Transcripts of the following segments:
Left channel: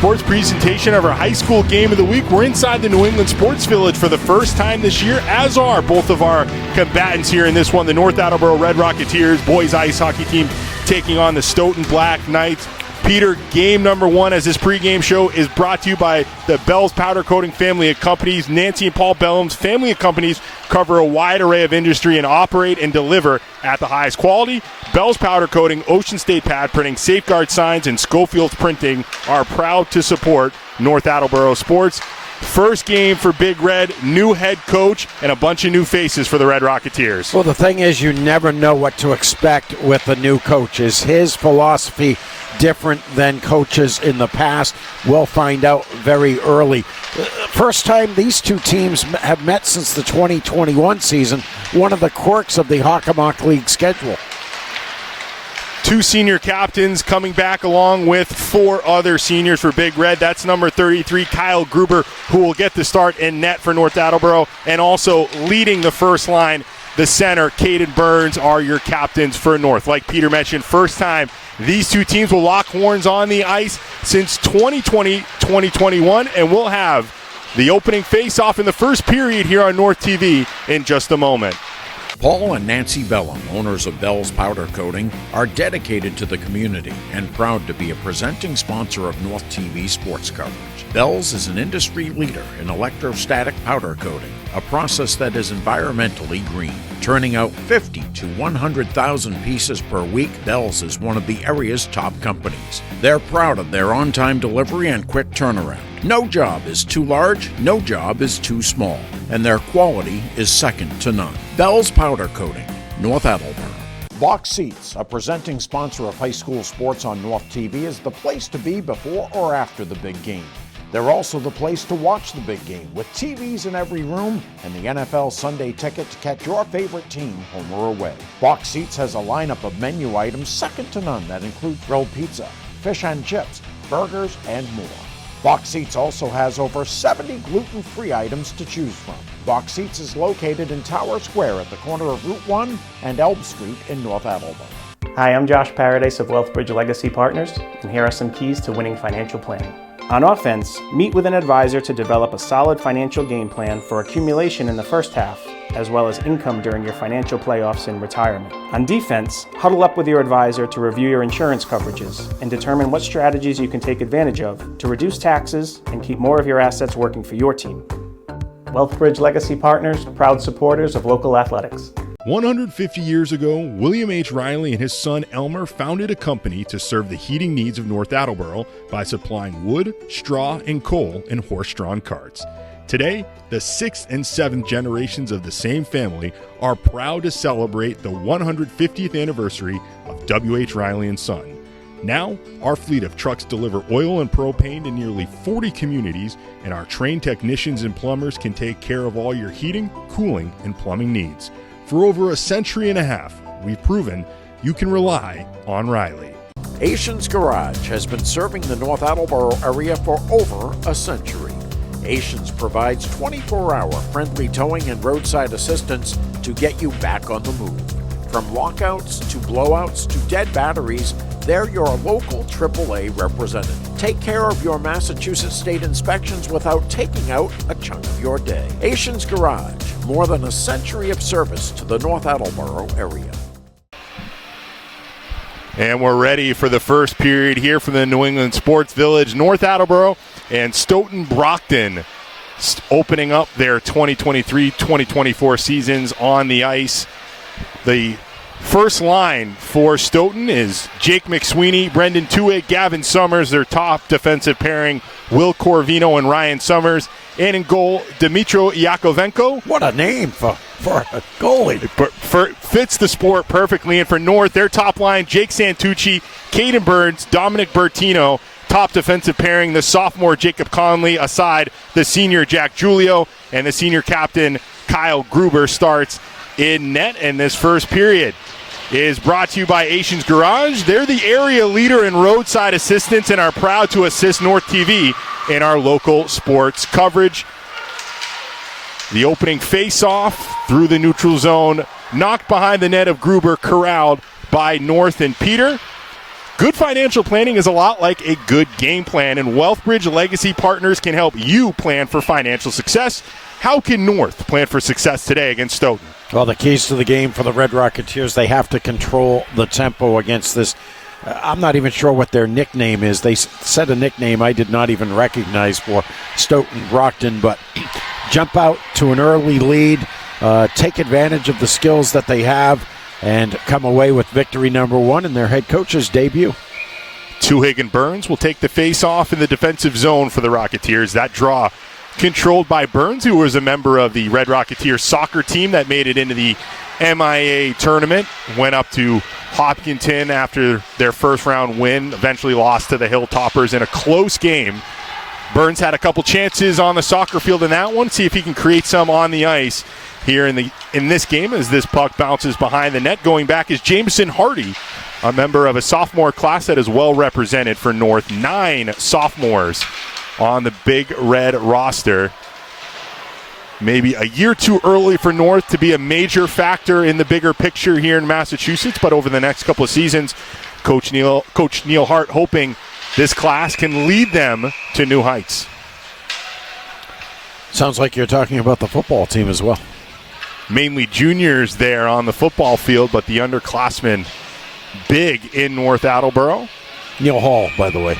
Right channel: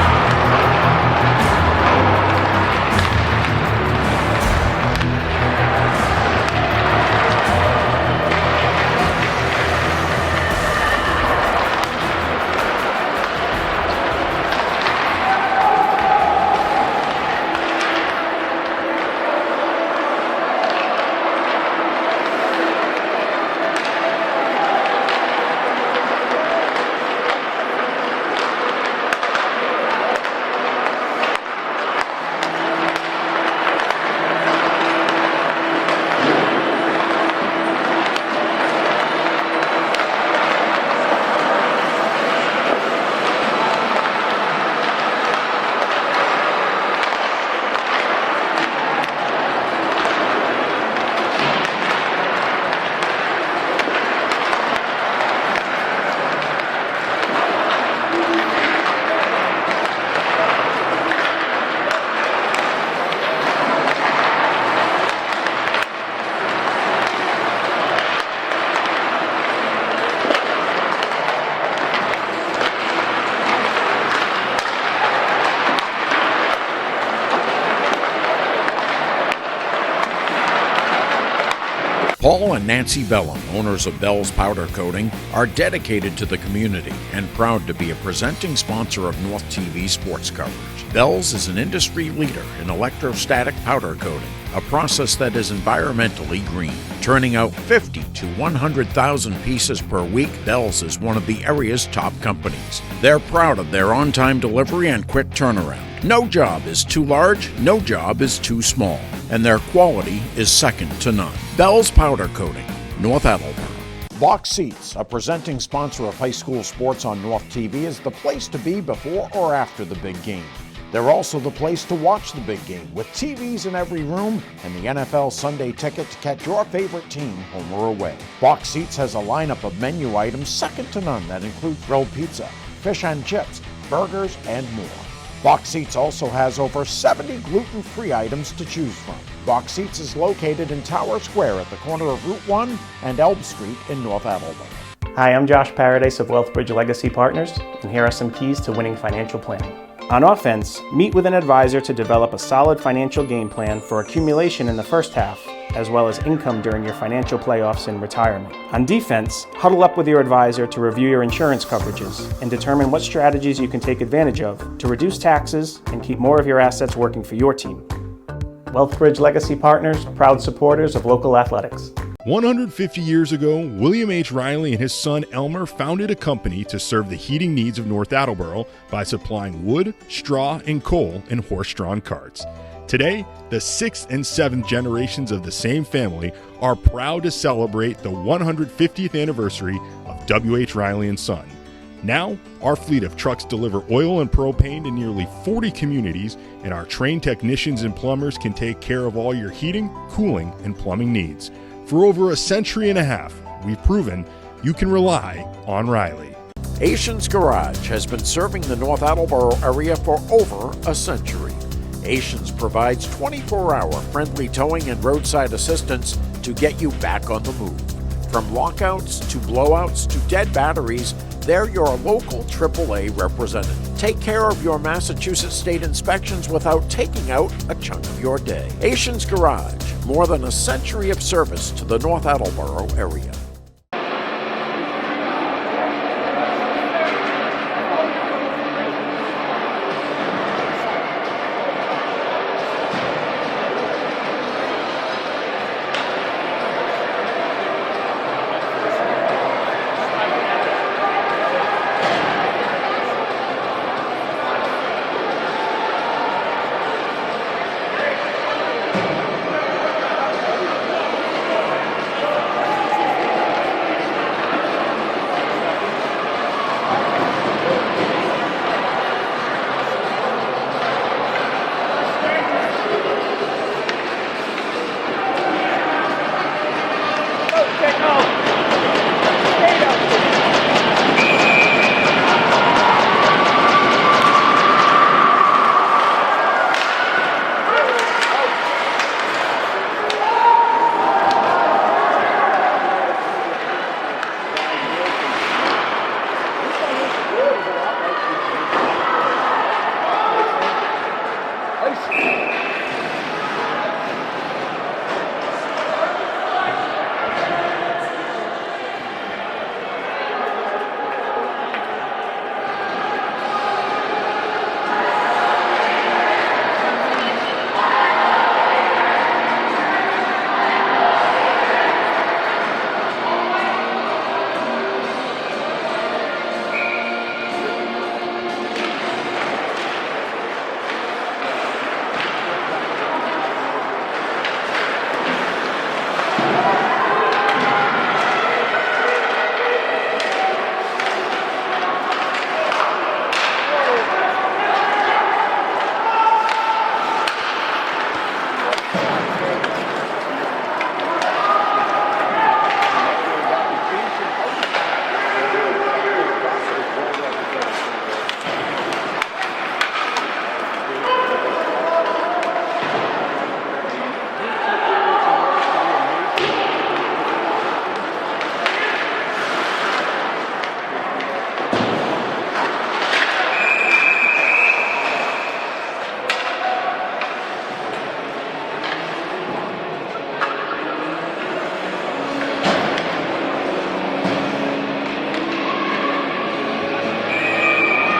Sports presentation of our high school game of the week. We're inside the New England Sports Village for the first time this year, as are both of our combatants here in this one. The North Attleboro Red Rocketeers boys ice hockey team taking on the Stoughton Black Knights. Peter, game number one as this pregame show is brought to you by the Bell's Powder Coating family of companies. Nancy and Paul Bellum's family of companies cover a wide array of industry and operate and deliver at the highest quality. Bell's Powder Coating, Ocean State Pad Printing, Safeguard Signs, and Schofield's Printing are proud to support North Attleboro sports. First game for Big Red, new head coach, and a bunch of new faces for the Red Rocketeers. Well, the thing is, you never know what to expect with the new coaches. His philosophy different than coaches in the past. We'll find out very early. First time these two teams have met since the 2021 season, one of the quirks of the Hockomock League schedule. Two senior captains coming back along with four other seniors for Big Red. That's number 33, Kyle Gruber, who will get the start in net for North Attleboro, and also leading the first line, the center, Caden Burns, are your captains for North. Like Peter mentioned, first time these two teams will lock horns on the ice since 2020-2021, and we'll have the opening face-off in the first period here on North TV in just a moment. Paul and Nancy Bellum, owners of Bell's Powder Coating, are dedicated to the community and proud to be a presenting sponsor of North TV sports coverage. Bell's is an industry leader in electrostatic powder coating, a process that is environmentally green. Turning out 50 to 100,000 pieces per week, Bell's is one of the area's top companies. They're proud of their on-time delivery and quick turnaround. No job is too large, no job is too small, and their quality is second to none. Bell's Powder Coating, North Attleboro. Box Seats, a presenting sponsor of high school sports on North TV, is the place to be before or after the big game. They're also the place to watch the big game, with TVs in every room and the NFL Sunday ticket to catch your favorite team home or away. Box Seats has a lineup of menu items second to none that include grilled pizza, fish and chips, burgers, and more. Box Seats also has over 70 gluten-free items to choose from. Box Seats is located in Tower Square at the corner of Route 1 and Elm Street in North Attleboro. Hi, I'm Josh Paradise of Wealthbridge Legacy Partners, and here are some keys to winning financial planning. On offense, meet with an advisor to develop a solid financial game plan for accumulation in the first half, as well as income during your financial playoffs and retirement. On defense, huddle up with your advisor to review your insurance coverages and determine what strategies you can take advantage of to reduce taxes and keep more of your assets working for your team. Wealthbridge Legacy Partners, proud supporters of local athletics. 150 years ago, William H. Riley and his son Elmer founded a company to serve the heating needs of North Attleboro by supplying wood, straw, and coal in horse-drawn carts. Today, the 6th and 7th generations of the same family are proud to celebrate the 150th anniversary of W.H. Riley & Son. Now, our fleet of trucks deliver oil and propane to nearly 40 communities, and our trained technicians and plumbers can take care of all your heating, cooling, and plumbing needs. For over a century and a half, we've proven you can rely on Riley. Asians Garage has been serving the North Attleboro area for over a century. Asians provides 24-hour friendly towing and roadside assistance to get you back on the move. From lockouts to blowouts to dead batteries, they're your local AAA representative. Take care of your Massachusetts state inspections without taking out a chunk of your day. Asians Garage, more than a century of service to the North Attleboro area. And we're ready for the first period here from the New England Sports Village. North Attleboro and Stoughton Brockton opening up their 2023-2024 seasons on the ice. The first line for Stoughton is Jake McSweeney, Brendan Tuitt, Gavin Summers, their top defensive pairing, Will Corvino and Ryan Summers. And in goal, Dmitro Yakovenko. What a name for a goalie. Fits the sport perfectly. And for North, their top line, Jake Santucci, Caden Burns, Dominic Bertino. Top defensive pairing, the sophomore Jacob Conley, aside the senior Jack Julio, and the senior captain Kyle Gruber starts in net in this first period. It is brought to you by Asians Garage. They're the area leader in roadside assistance and are proud to assist North TV in our local sports coverage. The opening face-off through the neutral zone, knocked behind the net of Gruber, corralled by North and Peter. Good financial planning is a lot like a good game plan, and Wealthbridge Legacy Partners can help you plan for financial success. How can North plan for success today against Stoughton? Well, the keys to the game for the Red Rocketeers, they have to control the tempo against this. I'm not even sure what their nickname is. They said a nickname I did not even recognize for Stoughton Brockton, but jump out to an early lead, take advantage of the skills that they have, and come away with victory number 1 in their head coach's debut. Tuhig and Burns will take the face-off in the defensive zone for the Rocketeers. That draw controlled by Burns, who was a member of the Red Rocketeers soccer team that made it into the MIA tournament. Went up to Hopkinton after their first-round win, eventually lost to the Hilltoppers in a close game. Burns had a couple chances on the soccer field in that one. See if he can create some on the ice here in this game as this puck bounces behind the net. Going back is Jameson Hardy, a member of a sophomore class that is well represented for North. 9 sophomores on the Big Red roster. Maybe a year too early for North to be a major factor in the bigger picture here in Massachusetts, but over the next couple of seasons, Coach Neil Hart hoping this class can lead them to new heights. Sounds like you're talking about the football team as well. Mainly juniors there on the football field, but the underclassmen big in North Attleboro. Neil Hall, by the way.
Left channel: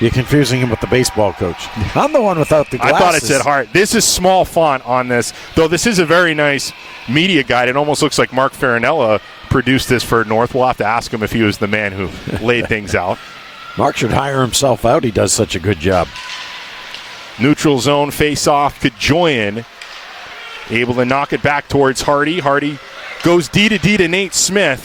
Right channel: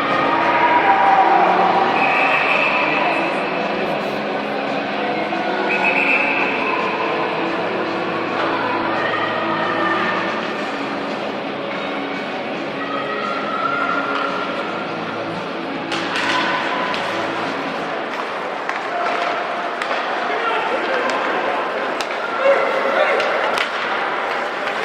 You're confusing him with the baseball coach. I'm the one without the glasses. I thought it said Hart. This is small font on this, though this is a very nice media guide. It almost looks like Mark Farinella produced this for North. We'll have to ask him if he was the man who laid things out. Mark should hire himself out. He does such a good job. Neutral zone face-off to Joyan. Able to knock it back towards Hardy. Hardy goes D to Nate Smith.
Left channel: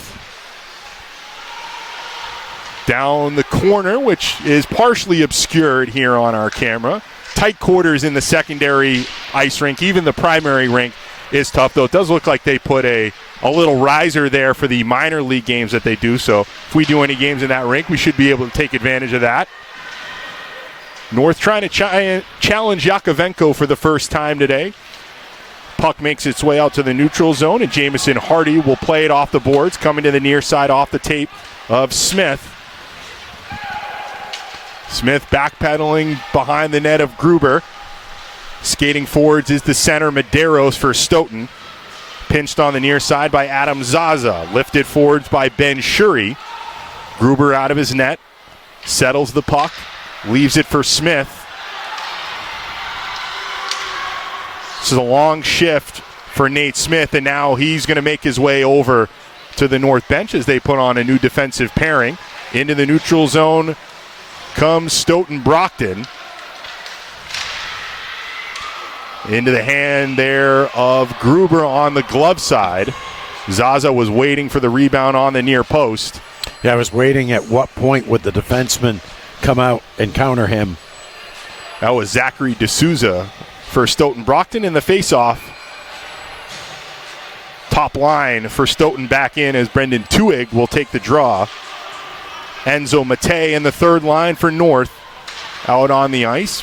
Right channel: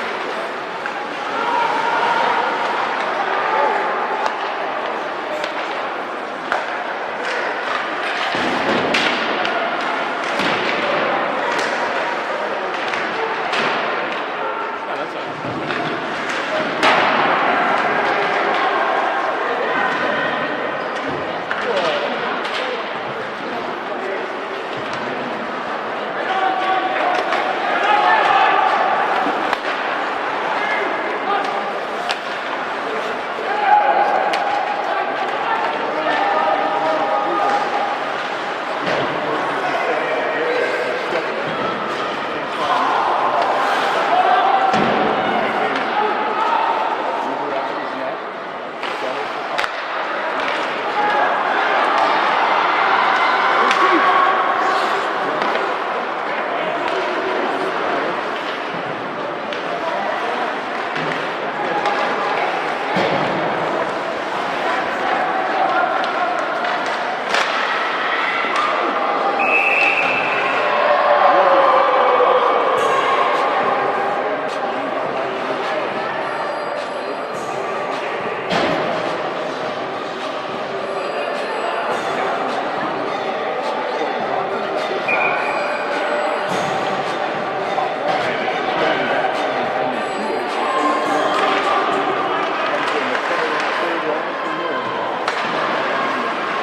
Down in the corner, which is partially obscured here on our camera. Tight quarters in the secondary ice rink. Even the primary rink is tough, though. It does look like they put a little riser there for the minor league games that they do. So if we do any games in that rink, we should be able to take advantage of that. North trying to challenge Yakovenko for the first time today. Puck makes its way out to the neutral zone, and Jameson Hardy will play it off the boards, coming to the near side off the tape of Smith. Smith backpedaling behind the net of Gruber. Skating forwards is the center Medeiros for Stoughton. Pinched on the near side by Adam Zaza. Lifted forwards by Ben Shuri. Gruber out of his net. Settles the puck. Leaves it for Smith. This is a long shift for Nate Smith, and now he's going to make his way over to the North bench as they put on a new defensive pairing. Into the neutral zone comes Stoughton Brockton. Into the hand there of Gruber on the glove side. Zaza was waiting for the rebound on the near post. Yeah, I was waiting at what point would the defenseman come out and counter him. That was Zachary D'Souza for Stoughton Brockton in the faceoff. Top line for Stoughton back in as Brendan Tuhig will take the draw. Enzo Mate in the third line for North. Out on the ice.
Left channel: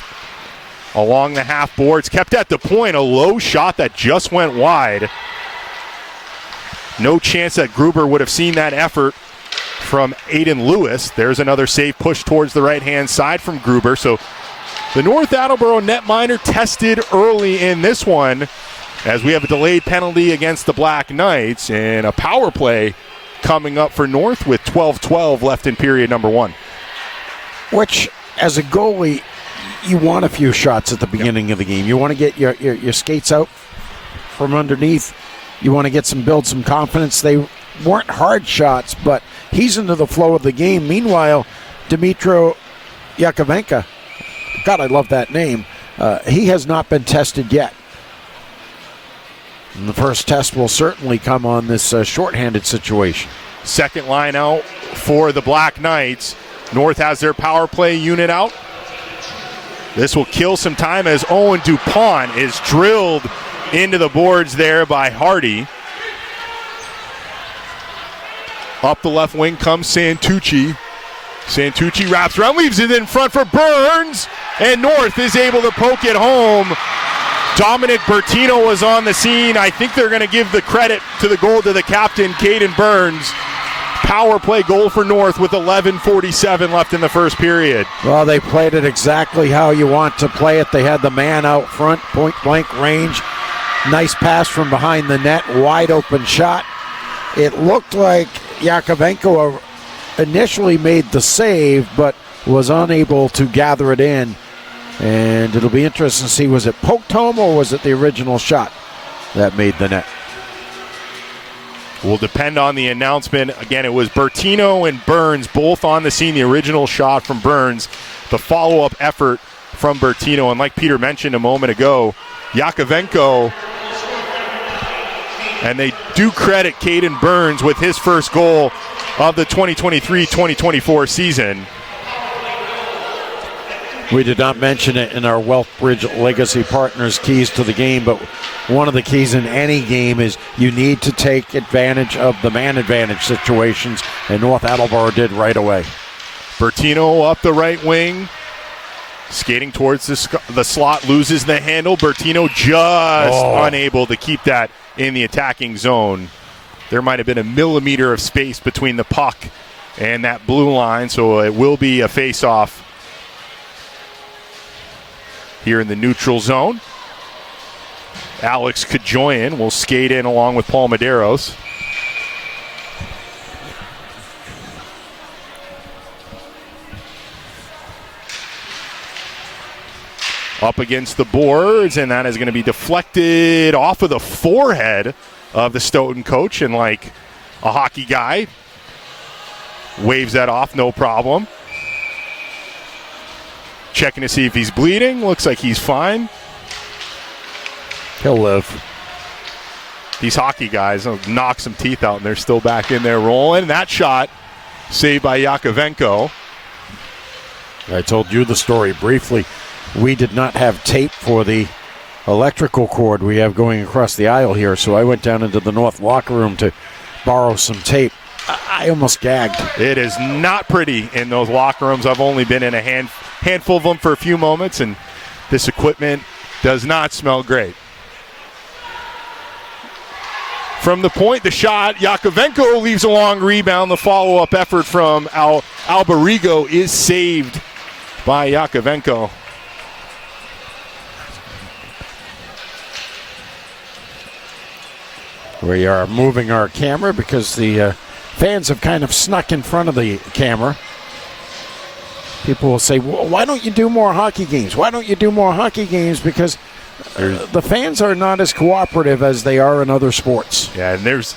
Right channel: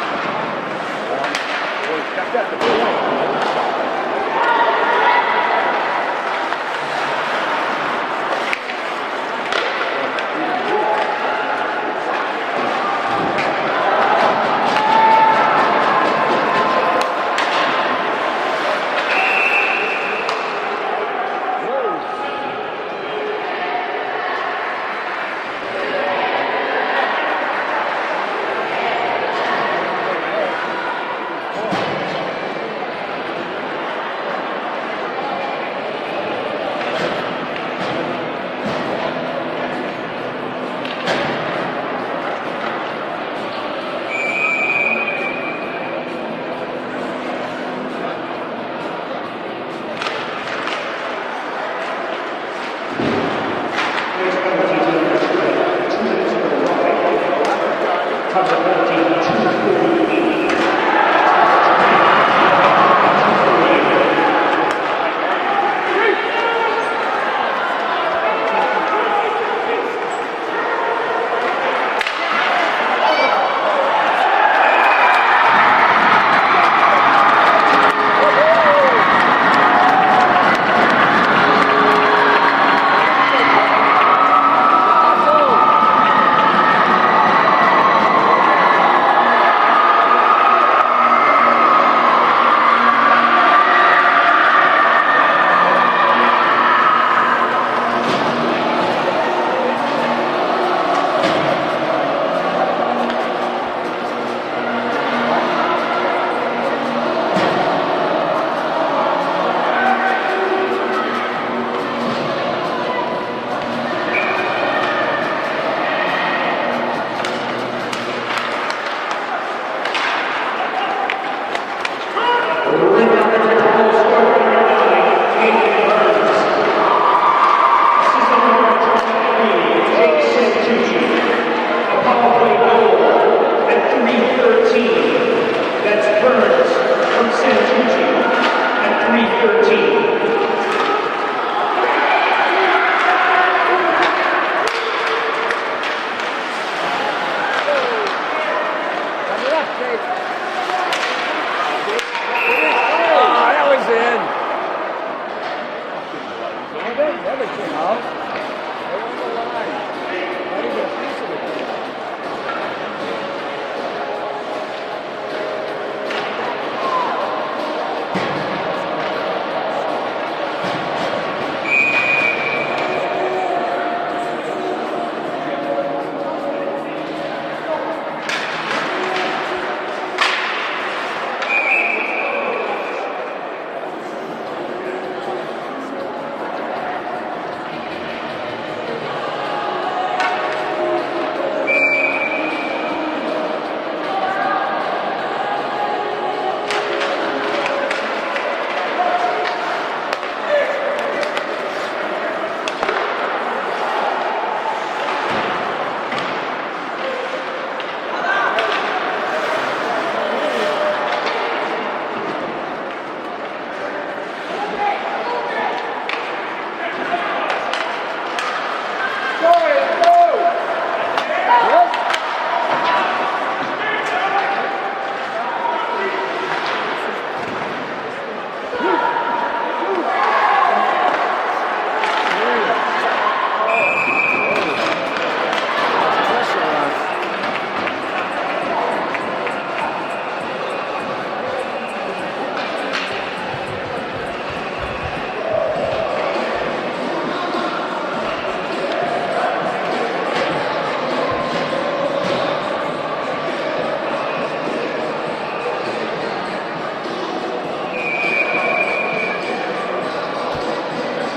Along the half boards, kept at the point, a low shot that just went wide. No chance that Gruber would have seen that effort from Aiden Lewis. There's another save push towards the right-hand side from Gruber. So the North Attleboro netminder tested early in this one as we have a delayed penalty against the Black Knights and a power play coming up for North with 12:12 left in period number 1. Which, as a goalie, you want a few shots at the beginning of the game. You want to get your skates out from underneath. You want to build some confidence. They weren't hard shots, but he's into the flow of the game. Meanwhile, Dmitro Yakovenko, God, I love that name. He has not been tested yet. And the first test will certainly come on this shorthanded situation. Second line out for the Black Knights. North has their power play unit out. This will kill some time as Owen DuPont is drilled into the boards there by Hardy. Up the left wing comes Santucci. Santucci wraps around, leaves it in front for Burns, and North is able to poke it home. Dominic Bertino was on the scene. I think they're going to give the credit to the goal to the captain, Caden Burns. power play goal for North with 11:47 left in the first period. Well, they played it exactly how you want to play it. They had the man out front, point-blank range. Nice pass from behind the net, wide open shot. It looked like Yakovenko initially made the save, but was unable to gather it in. And it'll be interesting to see, was it poked home or was it the original shot that made the net? Will depend on the announcement. Again, it was Bertino and Burns both on the scene. The original shot from Burns, the follow-up effort from Bertino. And like Peter mentioned a moment ago, Yakovenko, and they do credit Caden Burns with his first goal of the 2023-2024 season. We did not mention it in our Wealthbridge Legacy Partners keys to the game, but one of the keys in any game is you need to take advantage of the man advantage situations, and North Attleboro did right away. Bertino up the right wing, skating towards the slot, loses the handle. Bertino just unable to keep that in the attacking zone. There might have been a millimeter of space between the puck and that blue line, so it will be a face-off here in the neutral zone. Alex Kajoyan will skate in along with Paul Medeiros. Up against the boards, and that is going to be deflected off of the forehead of the Stoughton coach, and like a hockey guy, waves that off, no problem. Checking to see if he's bleeding. Looks like he's fine. He'll live. These hockey guys knock some teeth out, and they're still back in there rolling. That shot saved by Yakovenko. I told you the story briefly. We did not have tape for the electrical cord we have going across the aisle here, so I went down into the North locker room to borrow some tape. I almost gagged. It is not pretty in those locker rooms. I've only been in a handful of them for a few moments, and this equipment does not smell great. From the point, the shot, Yakovenko leaves a long rebound. The follow-up effort from Alberigo is saved by Yakovenko. We are moving our camera because the fans have kind of snuck in front of the camera. People will say, why don't you do more hockey games? Why don't you do more hockey games? Because the fans are not as cooperative as they are in other sports. Yeah, and there's,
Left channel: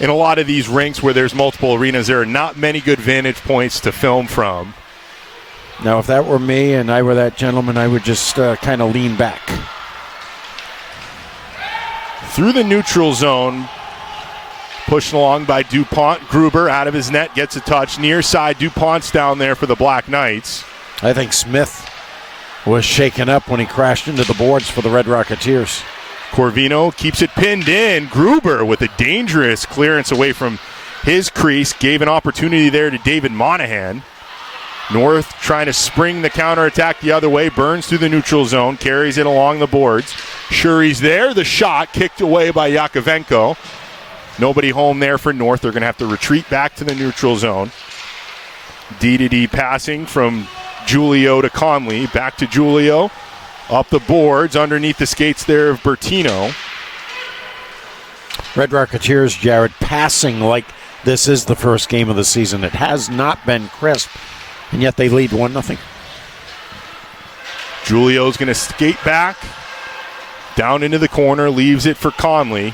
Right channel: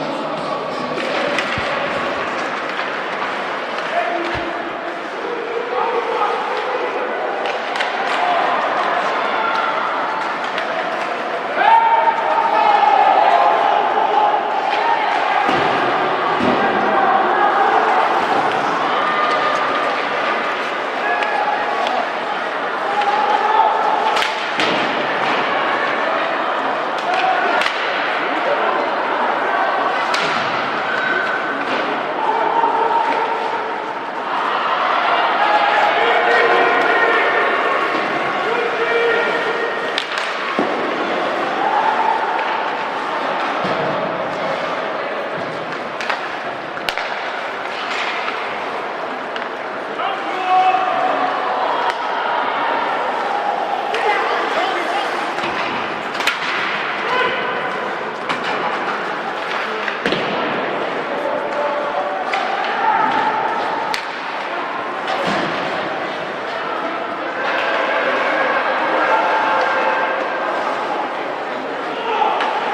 in a lot of these rinks where there's multiple arenas, there are not many good vantage points to film from. Now, if that were me and I were that gentleman, I would just kind of lean back. Through the neutral zone, pushed along by DuPont. Gruber out of his net, gets a touch. Near side, DuPont's down there for the Black Knights. I think Smith was shaken up when he crashed into the boards for the Red Rocketeers. Corvino keeps it pinned in. Gruber with a dangerous clearance away from his crease. Gave an opportunity there to David Monahan. North trying to spring the counterattack the other way. Burns through the neutral zone, carries it along the boards. Shuri's there. The shot kicked away by Yakovenko. Nobody home there for North. They're going to have to retreat back to the neutral zone. D-to-D passing from Julio to Conley. Back to Julio. Up the boards. Underneath the skates there of Bertino. Red Rocketeers, Jared, passing like this is the first game of the season. It has not been crisp, and yet they lead 1-0. Julio's going to skate back. Down into the corner, leaves it for Conley.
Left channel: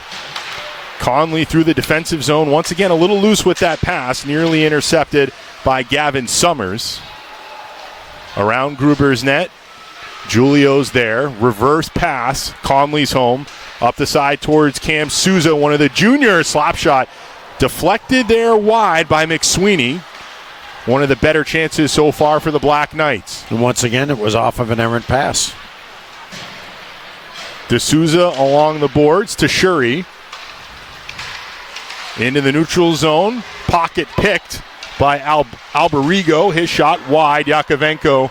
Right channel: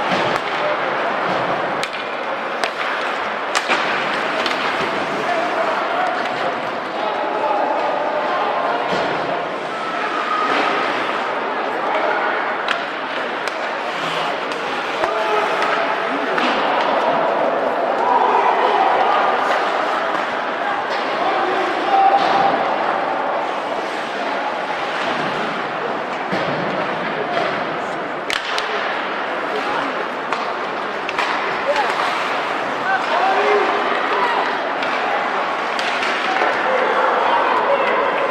Conley through the defensive zone. Once again, a little loose with that pass. Nearly intercepted by Gavin Summers. Around Gruber's net. Julio's there. Reverse pass. Conley's home. Up the side towards Cam Souza. One of the juniors. Slap shot. Deflected there wide by McSweeney. One of the better chances so far for the Black Knights. And once again, it was off of an errant pass. D'Souza along the boards to Shuri. Into the neutral zone. Pocket picked by Alberigo. His shot wide. Yakovenko.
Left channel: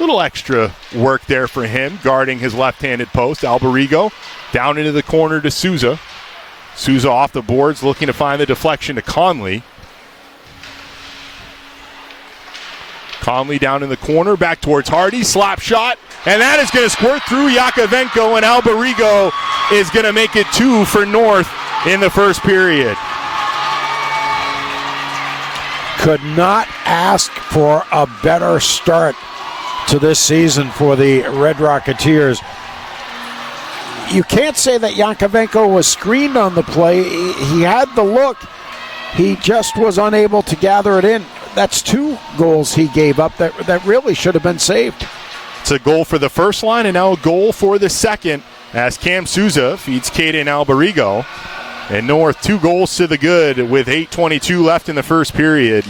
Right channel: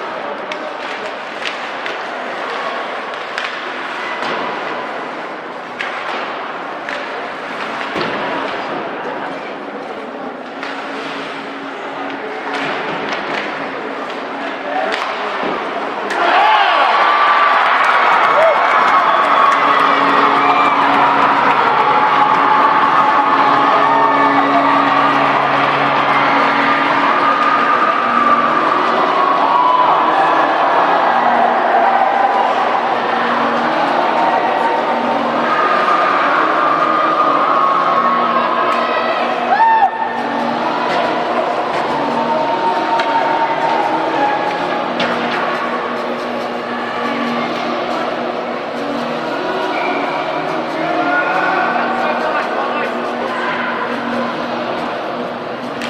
Little extra work there for him, guarding his left-handed post. Alberigo down into the corner to Souza. Souza off the boards, looking to find the deflection to Conley. Conley down in the corner, back towards Hardy, slap shot, and that is going to squirt through Yakovenko, and Alberigo is going to make it 2 for North in the first period. Could not ask for a better start to this season for the Red Rocketeers. You can't say that Yakovenko was screened on the play. He had the look. He just was unable to gather it in. That's 2 goals he gave up that really should have been saved. It's a goal for the first line and now a goal for the second as Cam Souza feeds Caden Alberigo. And North 2 goals to the good with 8:22 left in the first period.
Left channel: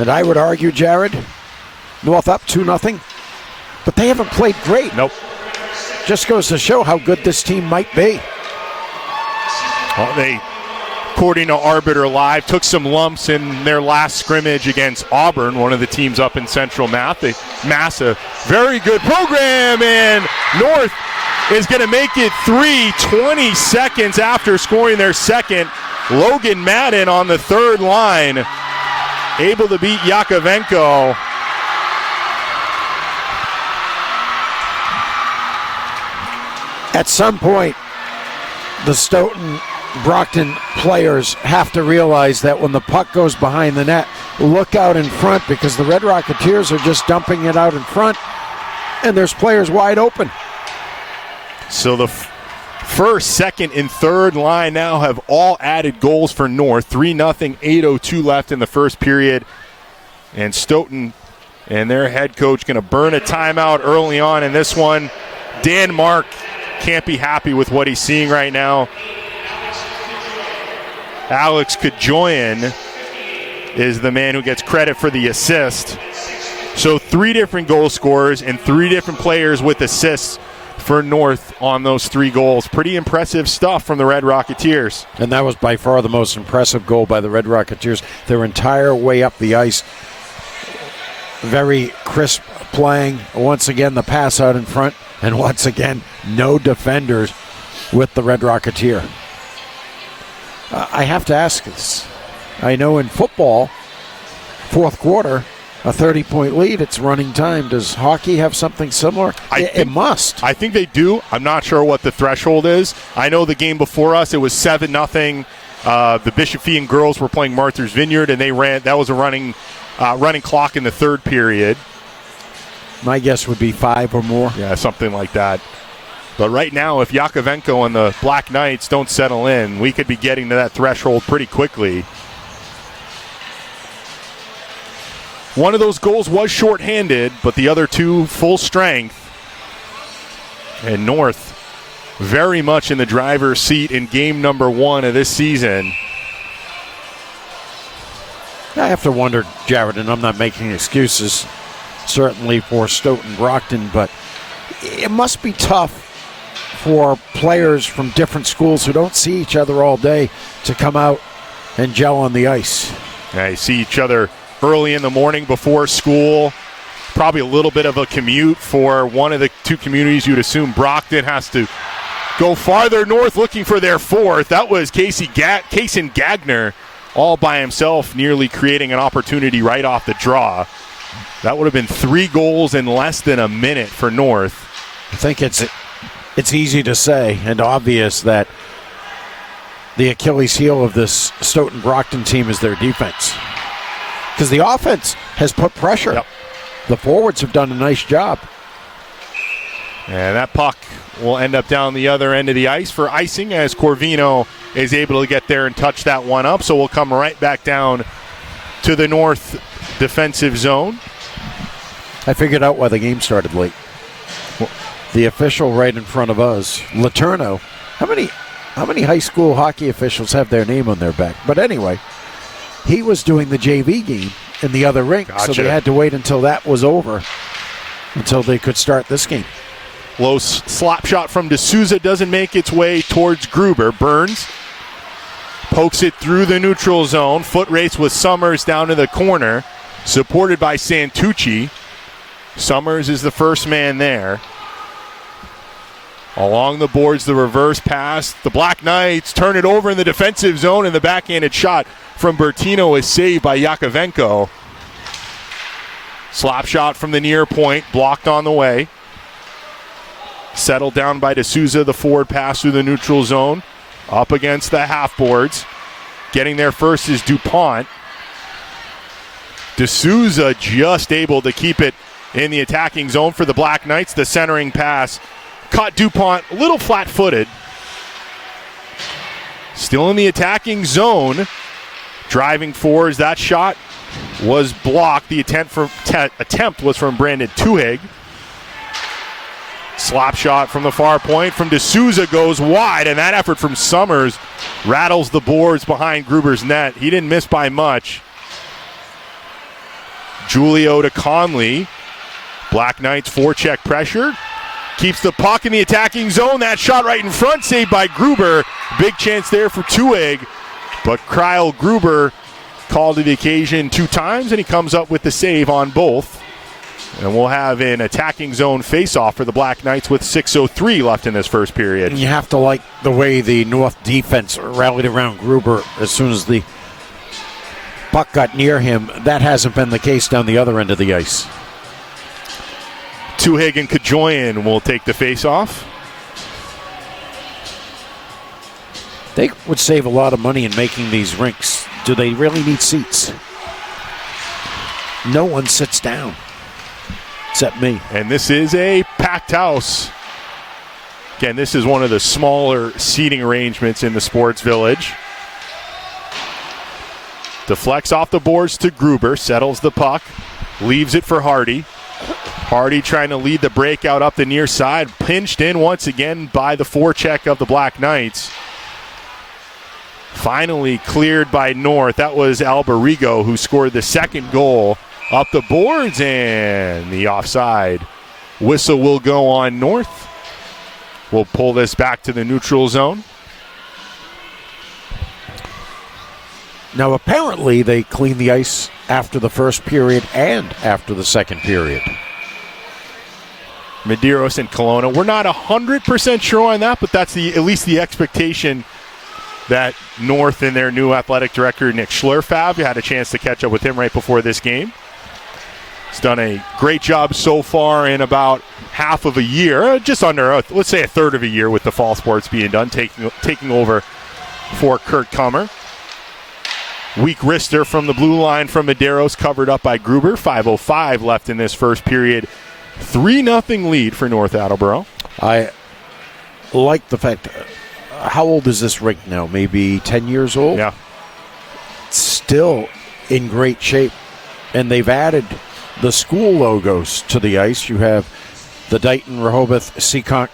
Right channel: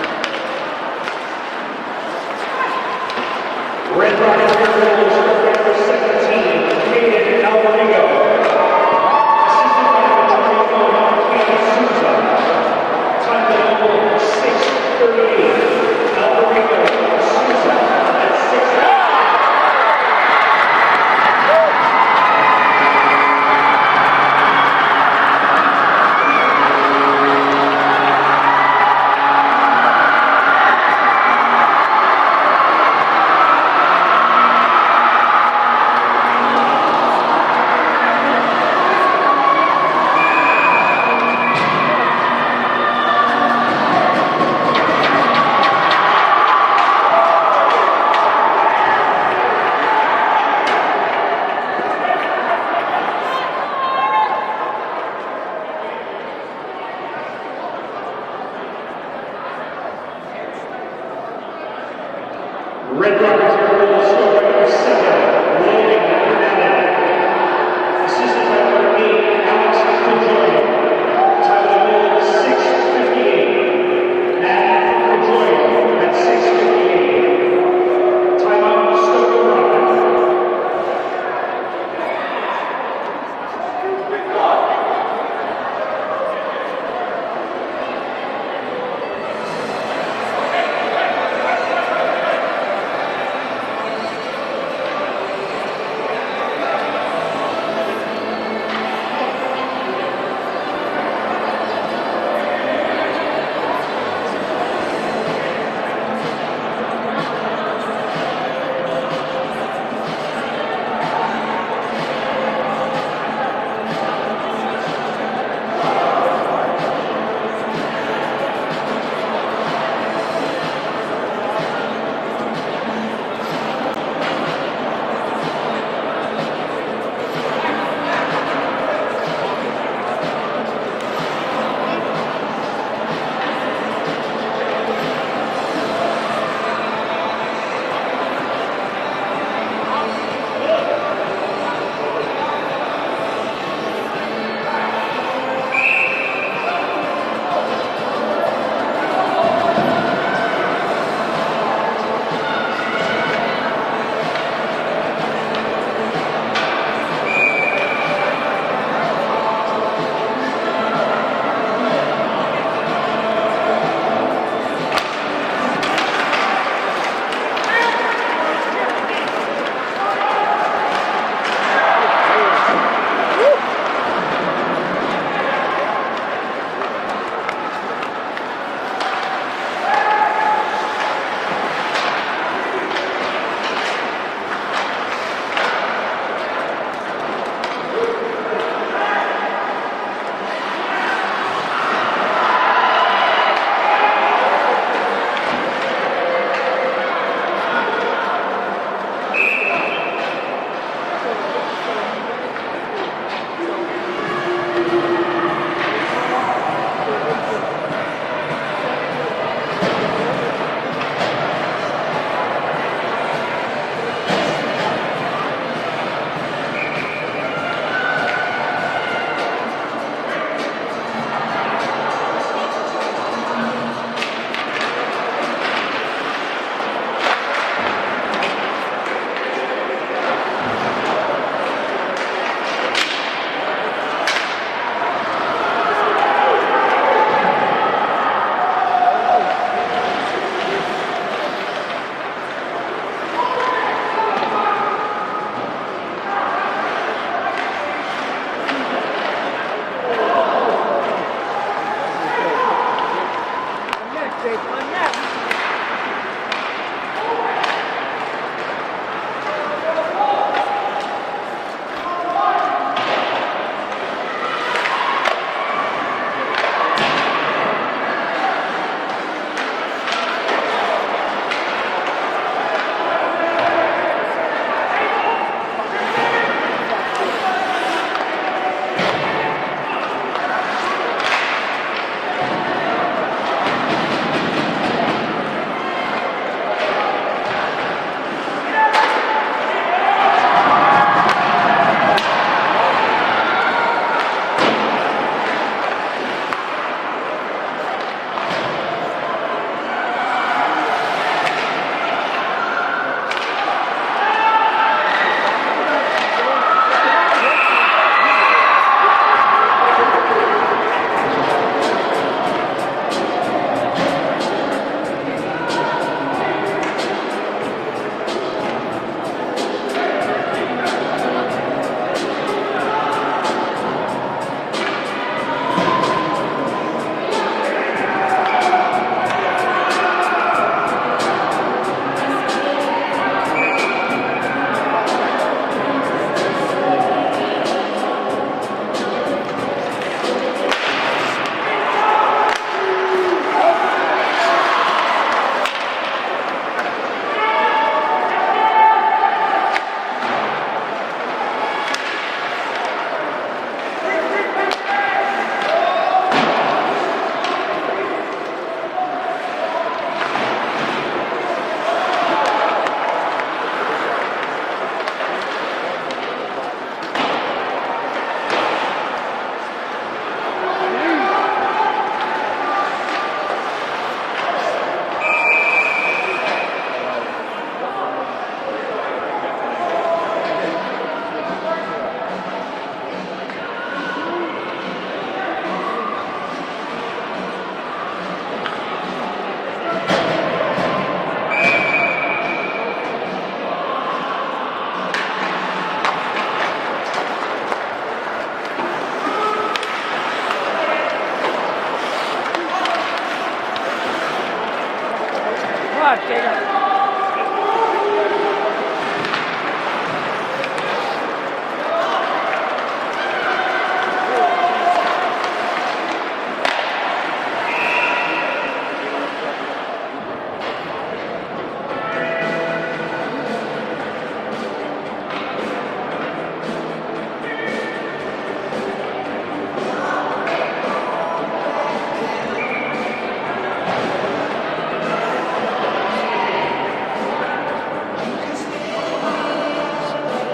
And I would argue, Jared, North up 2-0, but they haven't played great. Nope. Just goes to show how good this team might be. Well, they, according to Arbiter Live, took some lumps in their last scrimmage against Auburn, one of the teams up in Central Mass. A very good program, and North is going to make it 20 seconds after scoring their second. Logan Madden on the third line, able to beat Yakovenko. At some point, the Stoughton Brockton players have to realize that when the puck goes behind the net, look out in front, because the Red Rocketeers are just dumping it out in front, and there's players wide open. So the first, second, and third line now have all added goals for North. 3-0, 8:02 left in the first period. And Stoughton and their head coach going to burn a timeout early on in this one. Dan Mark can't be happy with what he's seeing right now. Alex Kajoyan is the man who gets credit for the assist. So 3 different goal scorers and 3 different players with assists for North on those 3 goals. Pretty impressive stuff from the Red Rocketeers. And that was by far the most impressive goal by the Red Rocketeers. Their entire way up the ice. Very crisp playing. Once again, the pass out in front. And once again, no defenders with the Red Rocketeer. I have to ask this. I know in football, fourth quarter, a 30-point lead, it's running time. Does hockey have something similar? It must. I think they do. I'm not sure what the threshold is. I know the game before us, it was 7-0. The Bishop Fee girls were playing Martha's Vineyard, and they ran. That was a running clock in the third period. My guess would be 5 or more. Yeah, something like that. But right now, if Yakovenko and the Black Knights don't settle in, we could be getting to that threshold pretty quickly. One of those goals was shorthanded, but the other 2 full strength. And North very much in the driver's seat in game number 1 of this season. I have to wonder, Jared, and I'm not making excuses, certainly for Stoughton Brockton, but it must be tough for players from different schools who don't see each other all day to come out and gel on the ice. Yeah, you see each other early in the morning before school. Probably a little bit of a commute for one of the 2 communities. You'd assume Brockton has to go farther north looking for their 4th. That was Kaysen Gagner all by himself, nearly creating an opportunity right off the draw. That would have been 3 goals in less than a minute for North. I think it's easy to say and obvious that the Achilles heel of this Stoughton Brockton team is their defense. Because the offense has put pressure. The forwards have done a nice job. And that puck will end up down the other end of the ice for icing as Corvino is able to get there and touch that one up. So we'll come right back down to the North defensive zone. I figured out why the game started late. The official right in front of us, Letourneau. How many high school hockey officials have their name on their back? But anyway, he was doing the JV game in the other rink, so they had to wait until that was over until they could start this game. Low slap shot from D'Souza doesn't make its way towards Gruber. Burns pokes it through the neutral zone. Foot race with Summers down to the corner, supported by Santucci. Summers is the first man there. Along the boards, the reverse pass. The Black Knights turn it over in the defensive zone, and the backhanded shot from Bertino is saved by Yakovenko. Slap shot from the near point, blocked on the way. Settled down by D'Souza, the forward pass through the neutral zone. Up against the half boards. Getting there first is DuPont. D'Souza just able to keep it in the attacking zone for the Black Knights. The centering pass caught DuPont a little flat-footed. Still in the attacking zone. Driving forwards, that shot was blocked. The attempt was from Brandon Tuhig. Slap shot from the far point from D'Souza goes wide, and that effort from Summers rattles the boards behind Gruber's net. He didn't miss by much. Julio to Conley. Black Knights forecheck pressure. Keeps the puck in the attacking zone. That shot right in front, saved by Gruber. Big chance there for Tuhig. But Kyle Gruber called to the occasion 2 times, and he comes up with the save on both. And we'll have an attacking zone face-off for the Black Knights with 6:03 left in this first period. You have to like the way the North defense rallied around Gruber as soon as the puck got near him. That hasn't been the case down the other end of the ice. Tuhig and Kajoyan will take the face-off. They would save a lot of money in making these rinks. Do they really need seats? No one sits down, except me. And this is a packed house. Again, this is one of the smaller seating arrangements in the Sports Village. Deflects off the boards to Gruber, settles the puck, leaves it for Hardy. Hardy trying to lead the breakout up the near side, pinched in once again by the forecheck of the Black Knights. Finally cleared by North. That was Alberigo who scored the second goal. Up the boards, and the offside whistle will go on North. We'll pull this back to the neutral zone. Now apparently they cleaned the ice after the first period and after the second period. Medeiros and Kelowna. We're not 100% sure on that, but that's at least the expectation that North and their new athletic director, Nick Schlurfab, you had a chance to catch up with him right before this game. He's done a great job so far in about half of a year, just under, let's say a third of a year with the fall sports being done, taking over for Kurt Kummer. Weak wrister from the blue line from Medeiros, covered up by Gruber. 5:05 left in this first period. 3-0 lead for North Attleboro. I like the fact, how old is this rink now? Maybe 10 years old? Yeah. Still in great shape. And they've added the school logos to the ice. You have the Dighton, Rehoboth, Seekonk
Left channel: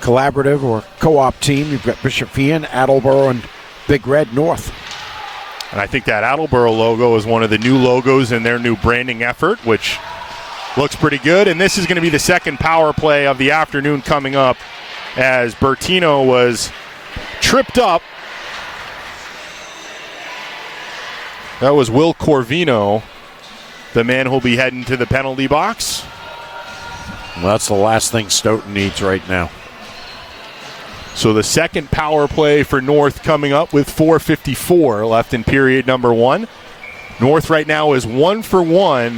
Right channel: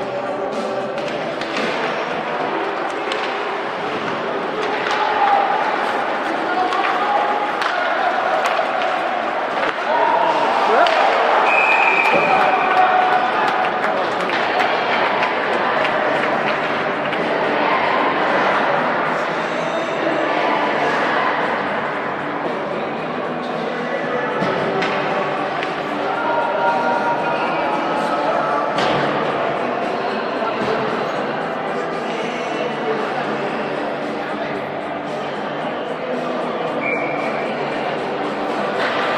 Collaborative or Co-op team. You've got Bishop Fian, Attleboro, and Big Red North. And I think that Attleboro logo is one of the new logos in their new branding effort, which looks pretty good. And this is going to be the second power play of the afternoon coming up, as Bertino was tripped up. That was Will Corvino, the man who'll be heading to the penalty box. Well, that's the last thing Stoughton needs right now. So the second power play for North coming up with 4:54 left in period number 1. North right now is 1 for 1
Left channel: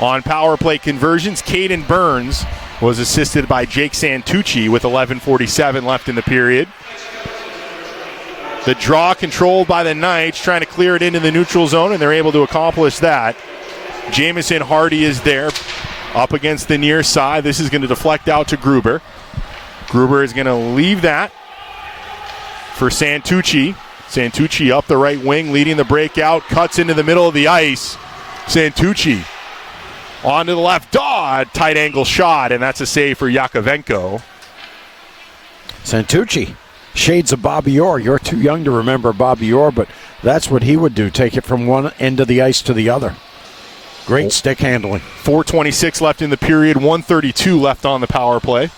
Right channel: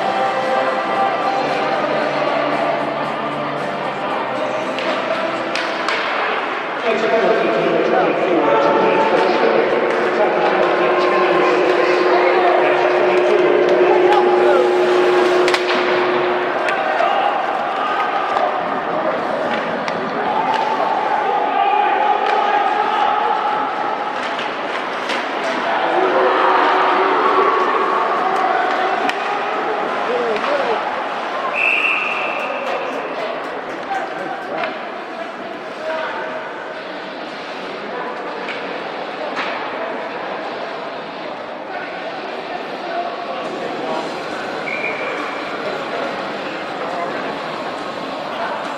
on power play conversions. Caden Burns was assisted by Jake Santucci with 11:47 left in the period. The draw controlled by the Knights, trying to clear it into the neutral zone, and they're able to accomplish that. Jamison Hardy is there, up against the near side. This is going to deflect out to Gruber. Gruber is going to leave that for Santucci. Santucci up the right wing, leading the breakout, cuts into the middle of the ice. Santucci onto the left. Tight angle shot, and that's a save for Yakovenko. Santucci, shades of Bobby Orr. You're too young to remember Bobby Orr, but that's what he would do, take it from one end of the ice to the other. Great stick handling. 4:26 left in the period, 1:32 left on the power play.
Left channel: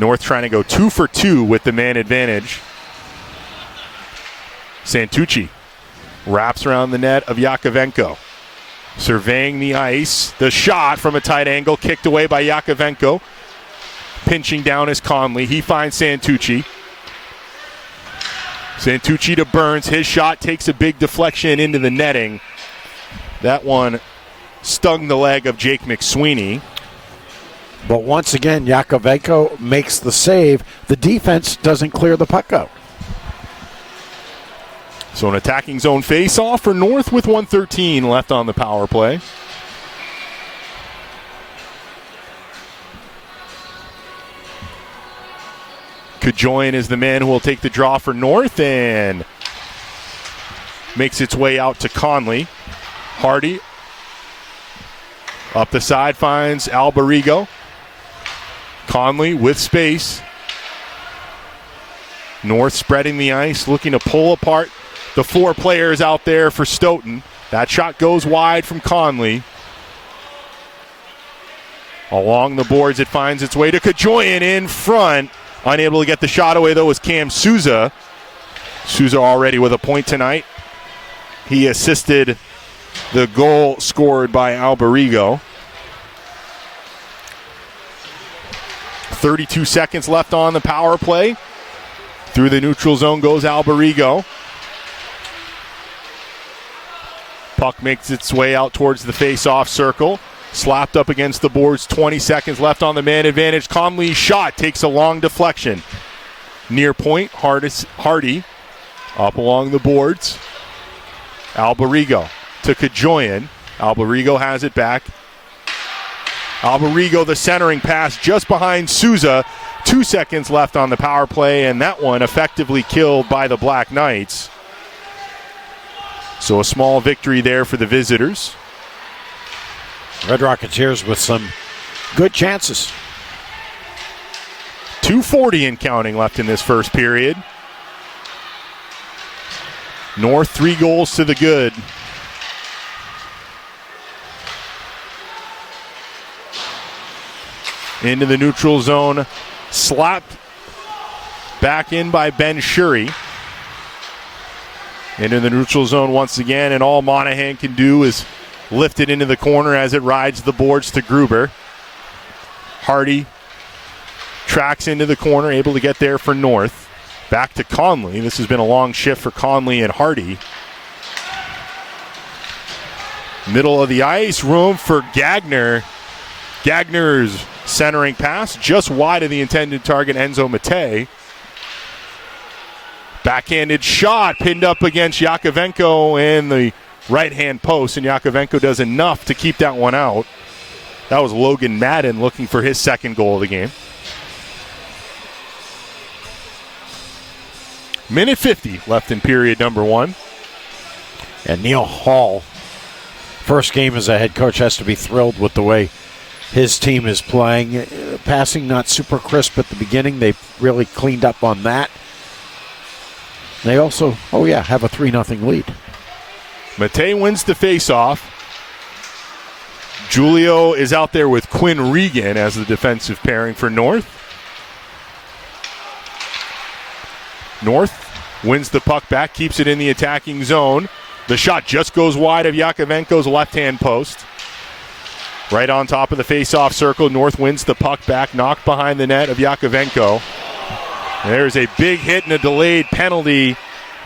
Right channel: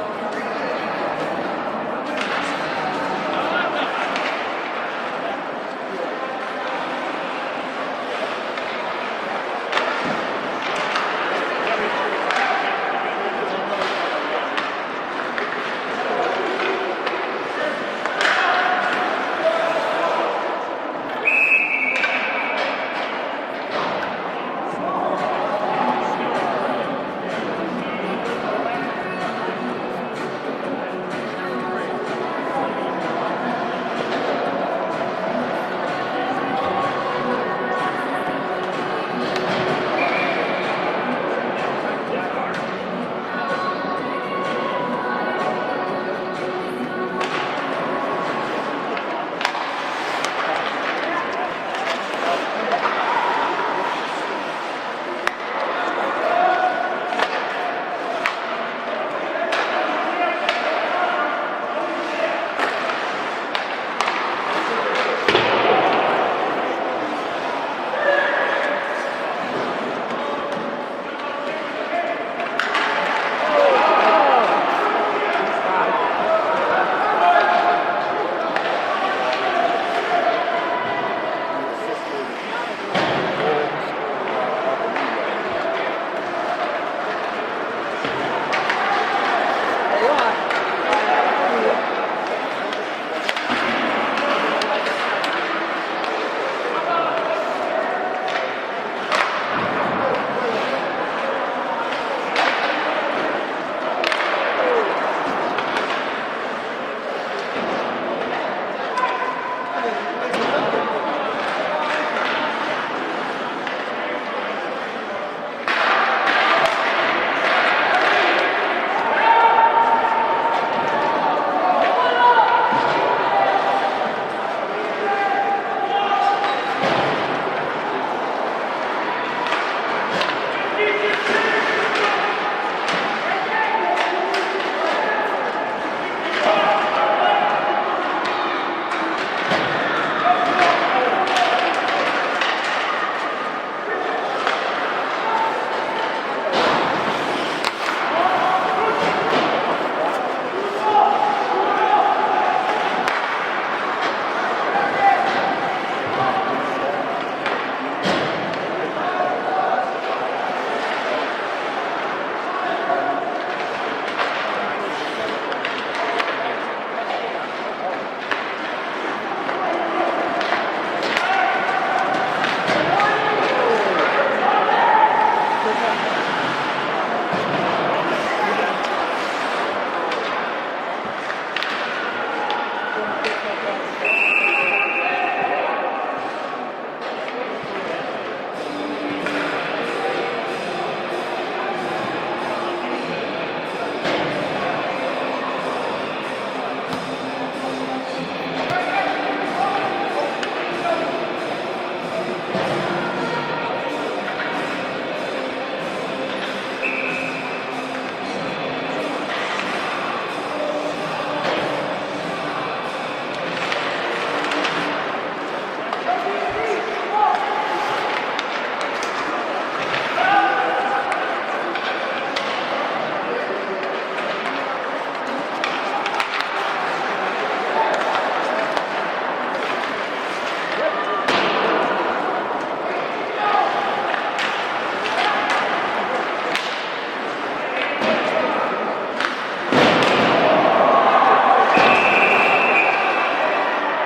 North trying to go 2 for 2 with the man advantage. Santucci wraps around the net of Yakovenko. Surveying the ice. The shot from a tight angle, kicked away by Yakovenko. Pinching down is Conley. He finds Santucci. Santucci to Burns. His shot takes a big deflection into the netting. That one stung the leg of Jake McSweeney. But once again, Yakovenko makes the save. The defense doesn't clear the puck up. So an attacking zone face-off for North with 1:13 left on the power play. Kajoyan is the man who will take the draw for North and makes its way out to Conley. Hardy up the side finds Alberigo. Conley with space. North spreading the ice, looking to pull apart the four players out there for Stoughton. That shot goes wide from Conley. Along the boards, it finds its way to Kajoyan in front. Unable to get the shot away, though, is Cam Souza. Souza already with a point tonight. He assisted the goal scored by Alberigo. 32 seconds left on the power play. Through the neutral zone goes Alberigo. Puck makes its way out towards the face-off circle. Slapped up against the boards, 20 seconds left on the man advantage. Conley's shot takes a long deflection. Near point, Hardy up along the boards. Alberigo to Kajoyan. Alberigo has it back. Alberigo, the centering pass just behind Souza. 2 seconds left on the power play, and that one effectively killed by the Black Knights. So a small victory there for the visitors. Red Rocketeers with some good chances. 2:40 and counting left in this first period. North 3 goals to the good. Into the neutral zone. Slapped back in by Ben Shuri. Into the neutral zone once again, and all Monahan can do is lift it into the corner as it rides the boards to Gruber. Hardy tracks into the corner, able to get there for North. Back to Conley. This has been a long shift for Conley and Hardy. Middle of the ice, room for Gagner. Gagner's centering pass just wide of the intended target, Enzo Mate. Backhanded shot pinned up against Yakovenko in the right-hand post, and Yakovenko does enough to keep that one out. That was Logan Madden looking for his second goal of the game. Minute 50 left in period number 1. And Neil Hall, first game as a head coach, has to be thrilled with the way his team is playing. Passing not super crisp at the beginning. They've really cleaned up on that. They also, have a 3-0 lead. Mate wins the faceoff. Julio is out there with Quinn Regan as the defensive pairing for North. North wins the puck back, keeps it in the attacking zone. The shot just goes wide of Yakovenko's left-hand post. Right on top of the face-off circle, North wins the puck back, knocked behind the net of Yakovenko. There's a big hit and a delayed penalty,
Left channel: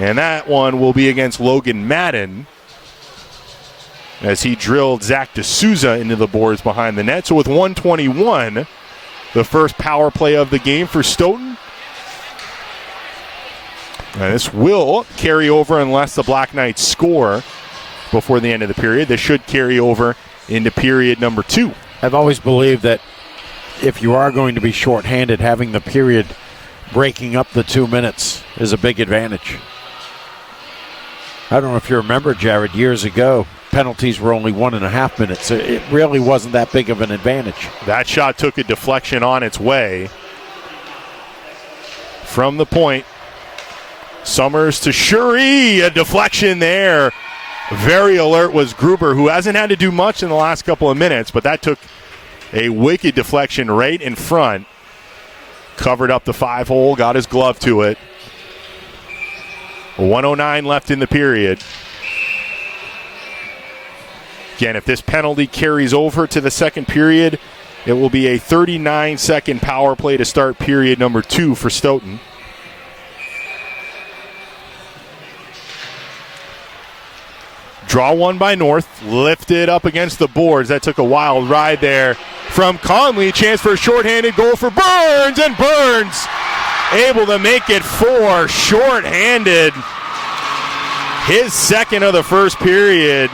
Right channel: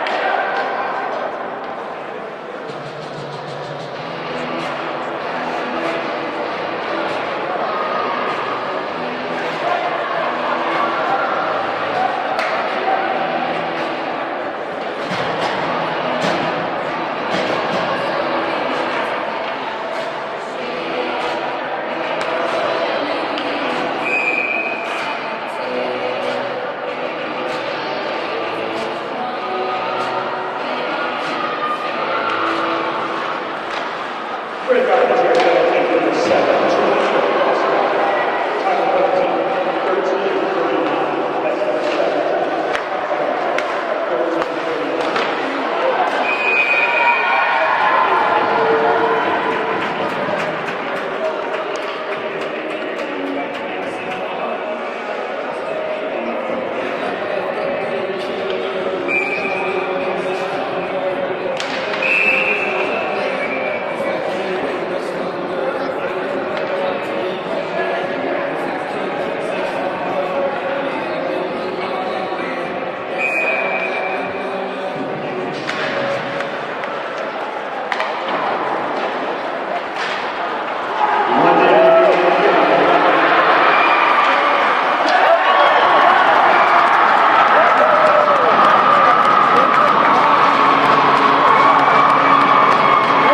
and that one will be against Logan Madden as he drilled Zach D'Souza into the boards behind the net. So with 1:21, the first power play of the game for Stoughton. And this will carry over unless the Black Knights score before the end of the period. They should carry over into period number 2. I've always believed that if you are going to be shorthanded, having the period breaking up the 2 minutes is a big advantage. I don't know if you remember, Jared, years ago, penalties were only 1.5 minutes. It really wasn't that big of an advantage. That shot took a deflection on its way. From the point, Summers to Shuri, a deflection there. Very alert was Gruber, who hasn't had to do much in the last couple of minutes, but that took a wicked deflection right in front. Covered up the 5-hole, got his glove to it. 1:09 left in the period. Again, if this penalty carries over to the second period, it will be a 39-second power play to start period number 2 for Stoughton. Draw one by North, lifted up against the boards. That took a wild ride there from Conley. Chance for a shorthanded goal for Burns, and Burns able to make it 4 shorthanded. His second of the first period.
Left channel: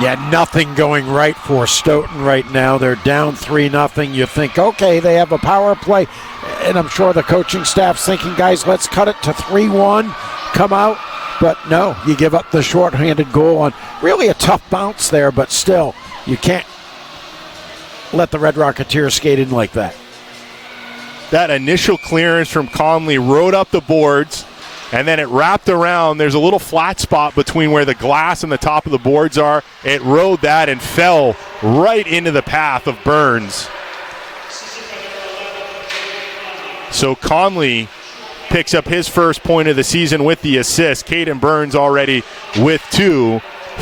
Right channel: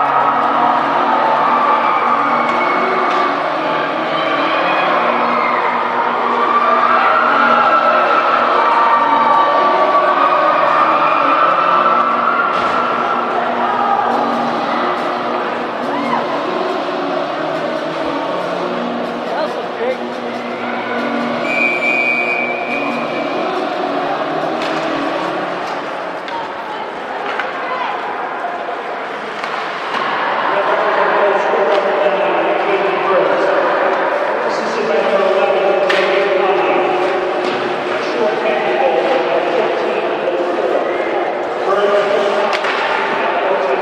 Yeah, nothing going right for Stoughton right now. They're down 3-0. You think, okay, they have a power play. And I'm sure the coaching staff's thinking, guys, let's cut it to 3-1, come out. But no, you give up the shorthanded goal on really a tough bounce there, but still, you can't let the Red Rocketeers skate in like that. That initial clearance from Conley rode up the boards, and then it wrapped around. There's a little flat spot between where the glass and the top of the boards are. It rode that and fell right into the path of Burns. So Conley picks up his first point of the season with the assist. Caden Burns already with 2.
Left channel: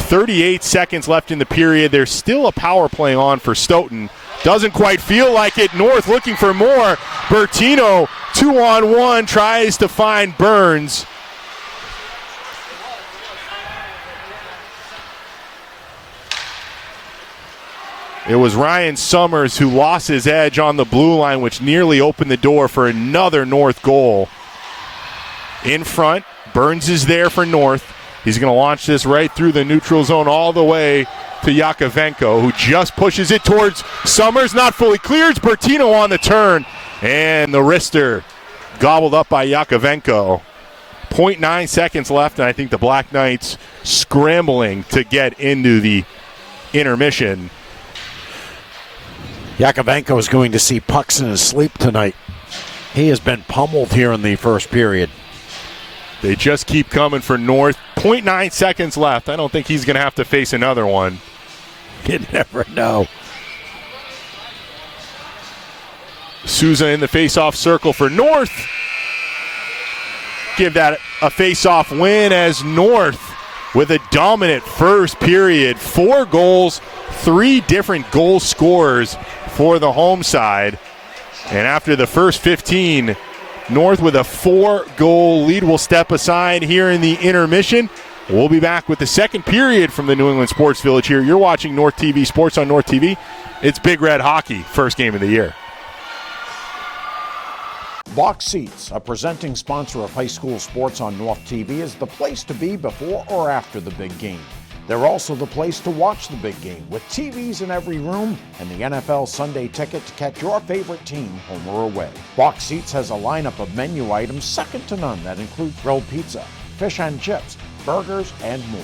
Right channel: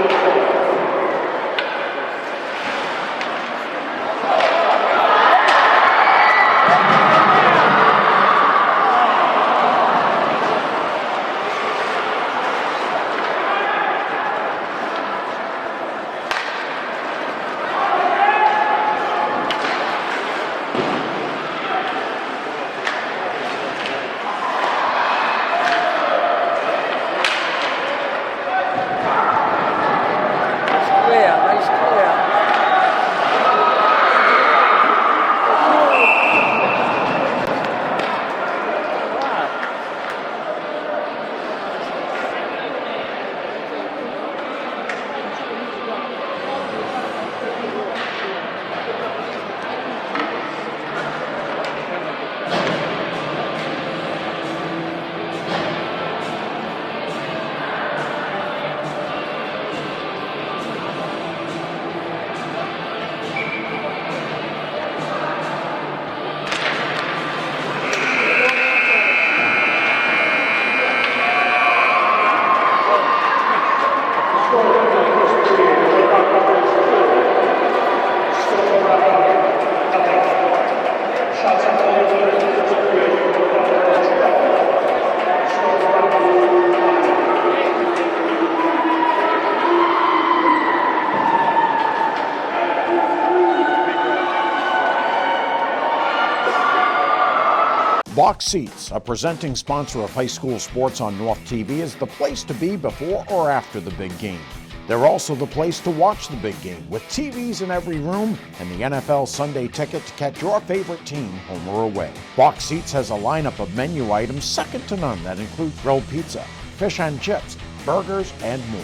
38 seconds left in the period. There's still a power play on for Stoughton. Doesn't quite feel like it. North looking for more. Bertino, 2-on-1, tries to find Burns. It was Ryan Summers who lost his edge on the blue line, which nearly opened the door for another North goal. In front, Burns is there for North. He's going to launch this right through the neutral zone all the way to Yakovenko, who just pushes it towards Summers. Not fully cleared. Bertino on the turn. And the wrister gobbled up by Yakovenko. 0.9 seconds left, and I think the Black Knights scrambling to get into the intermission. Yakovenko is going to see pucks in his sleep tonight. He has been pummeled here in the first period. They just keep coming for North. 0.9 seconds left. I don't think he's going to have to face another one. You never know. Souza in the face-off circle for North. Give that a face-off win as North with a dominant first period. 4 goals, 3 different goal scorers for the home side. And after the first 15, North with a 4-goal lead will step aside here in the intermission. We'll be back with the second period from the New England Sports Village here. You're watching North TV Sports on North TV. It's Big Red Hockey, first game of the year. Box Seats, a presenting sponsor of high school sports on North TV, is the place to be before or after the big game. They're also the place to watch the big game, with TVs in every room and the NFL Sunday ticket to catch your favorite team home or away. Box Seats has a lineup of menu items second to none that include grilled pizza, fish and chips, burgers, and more.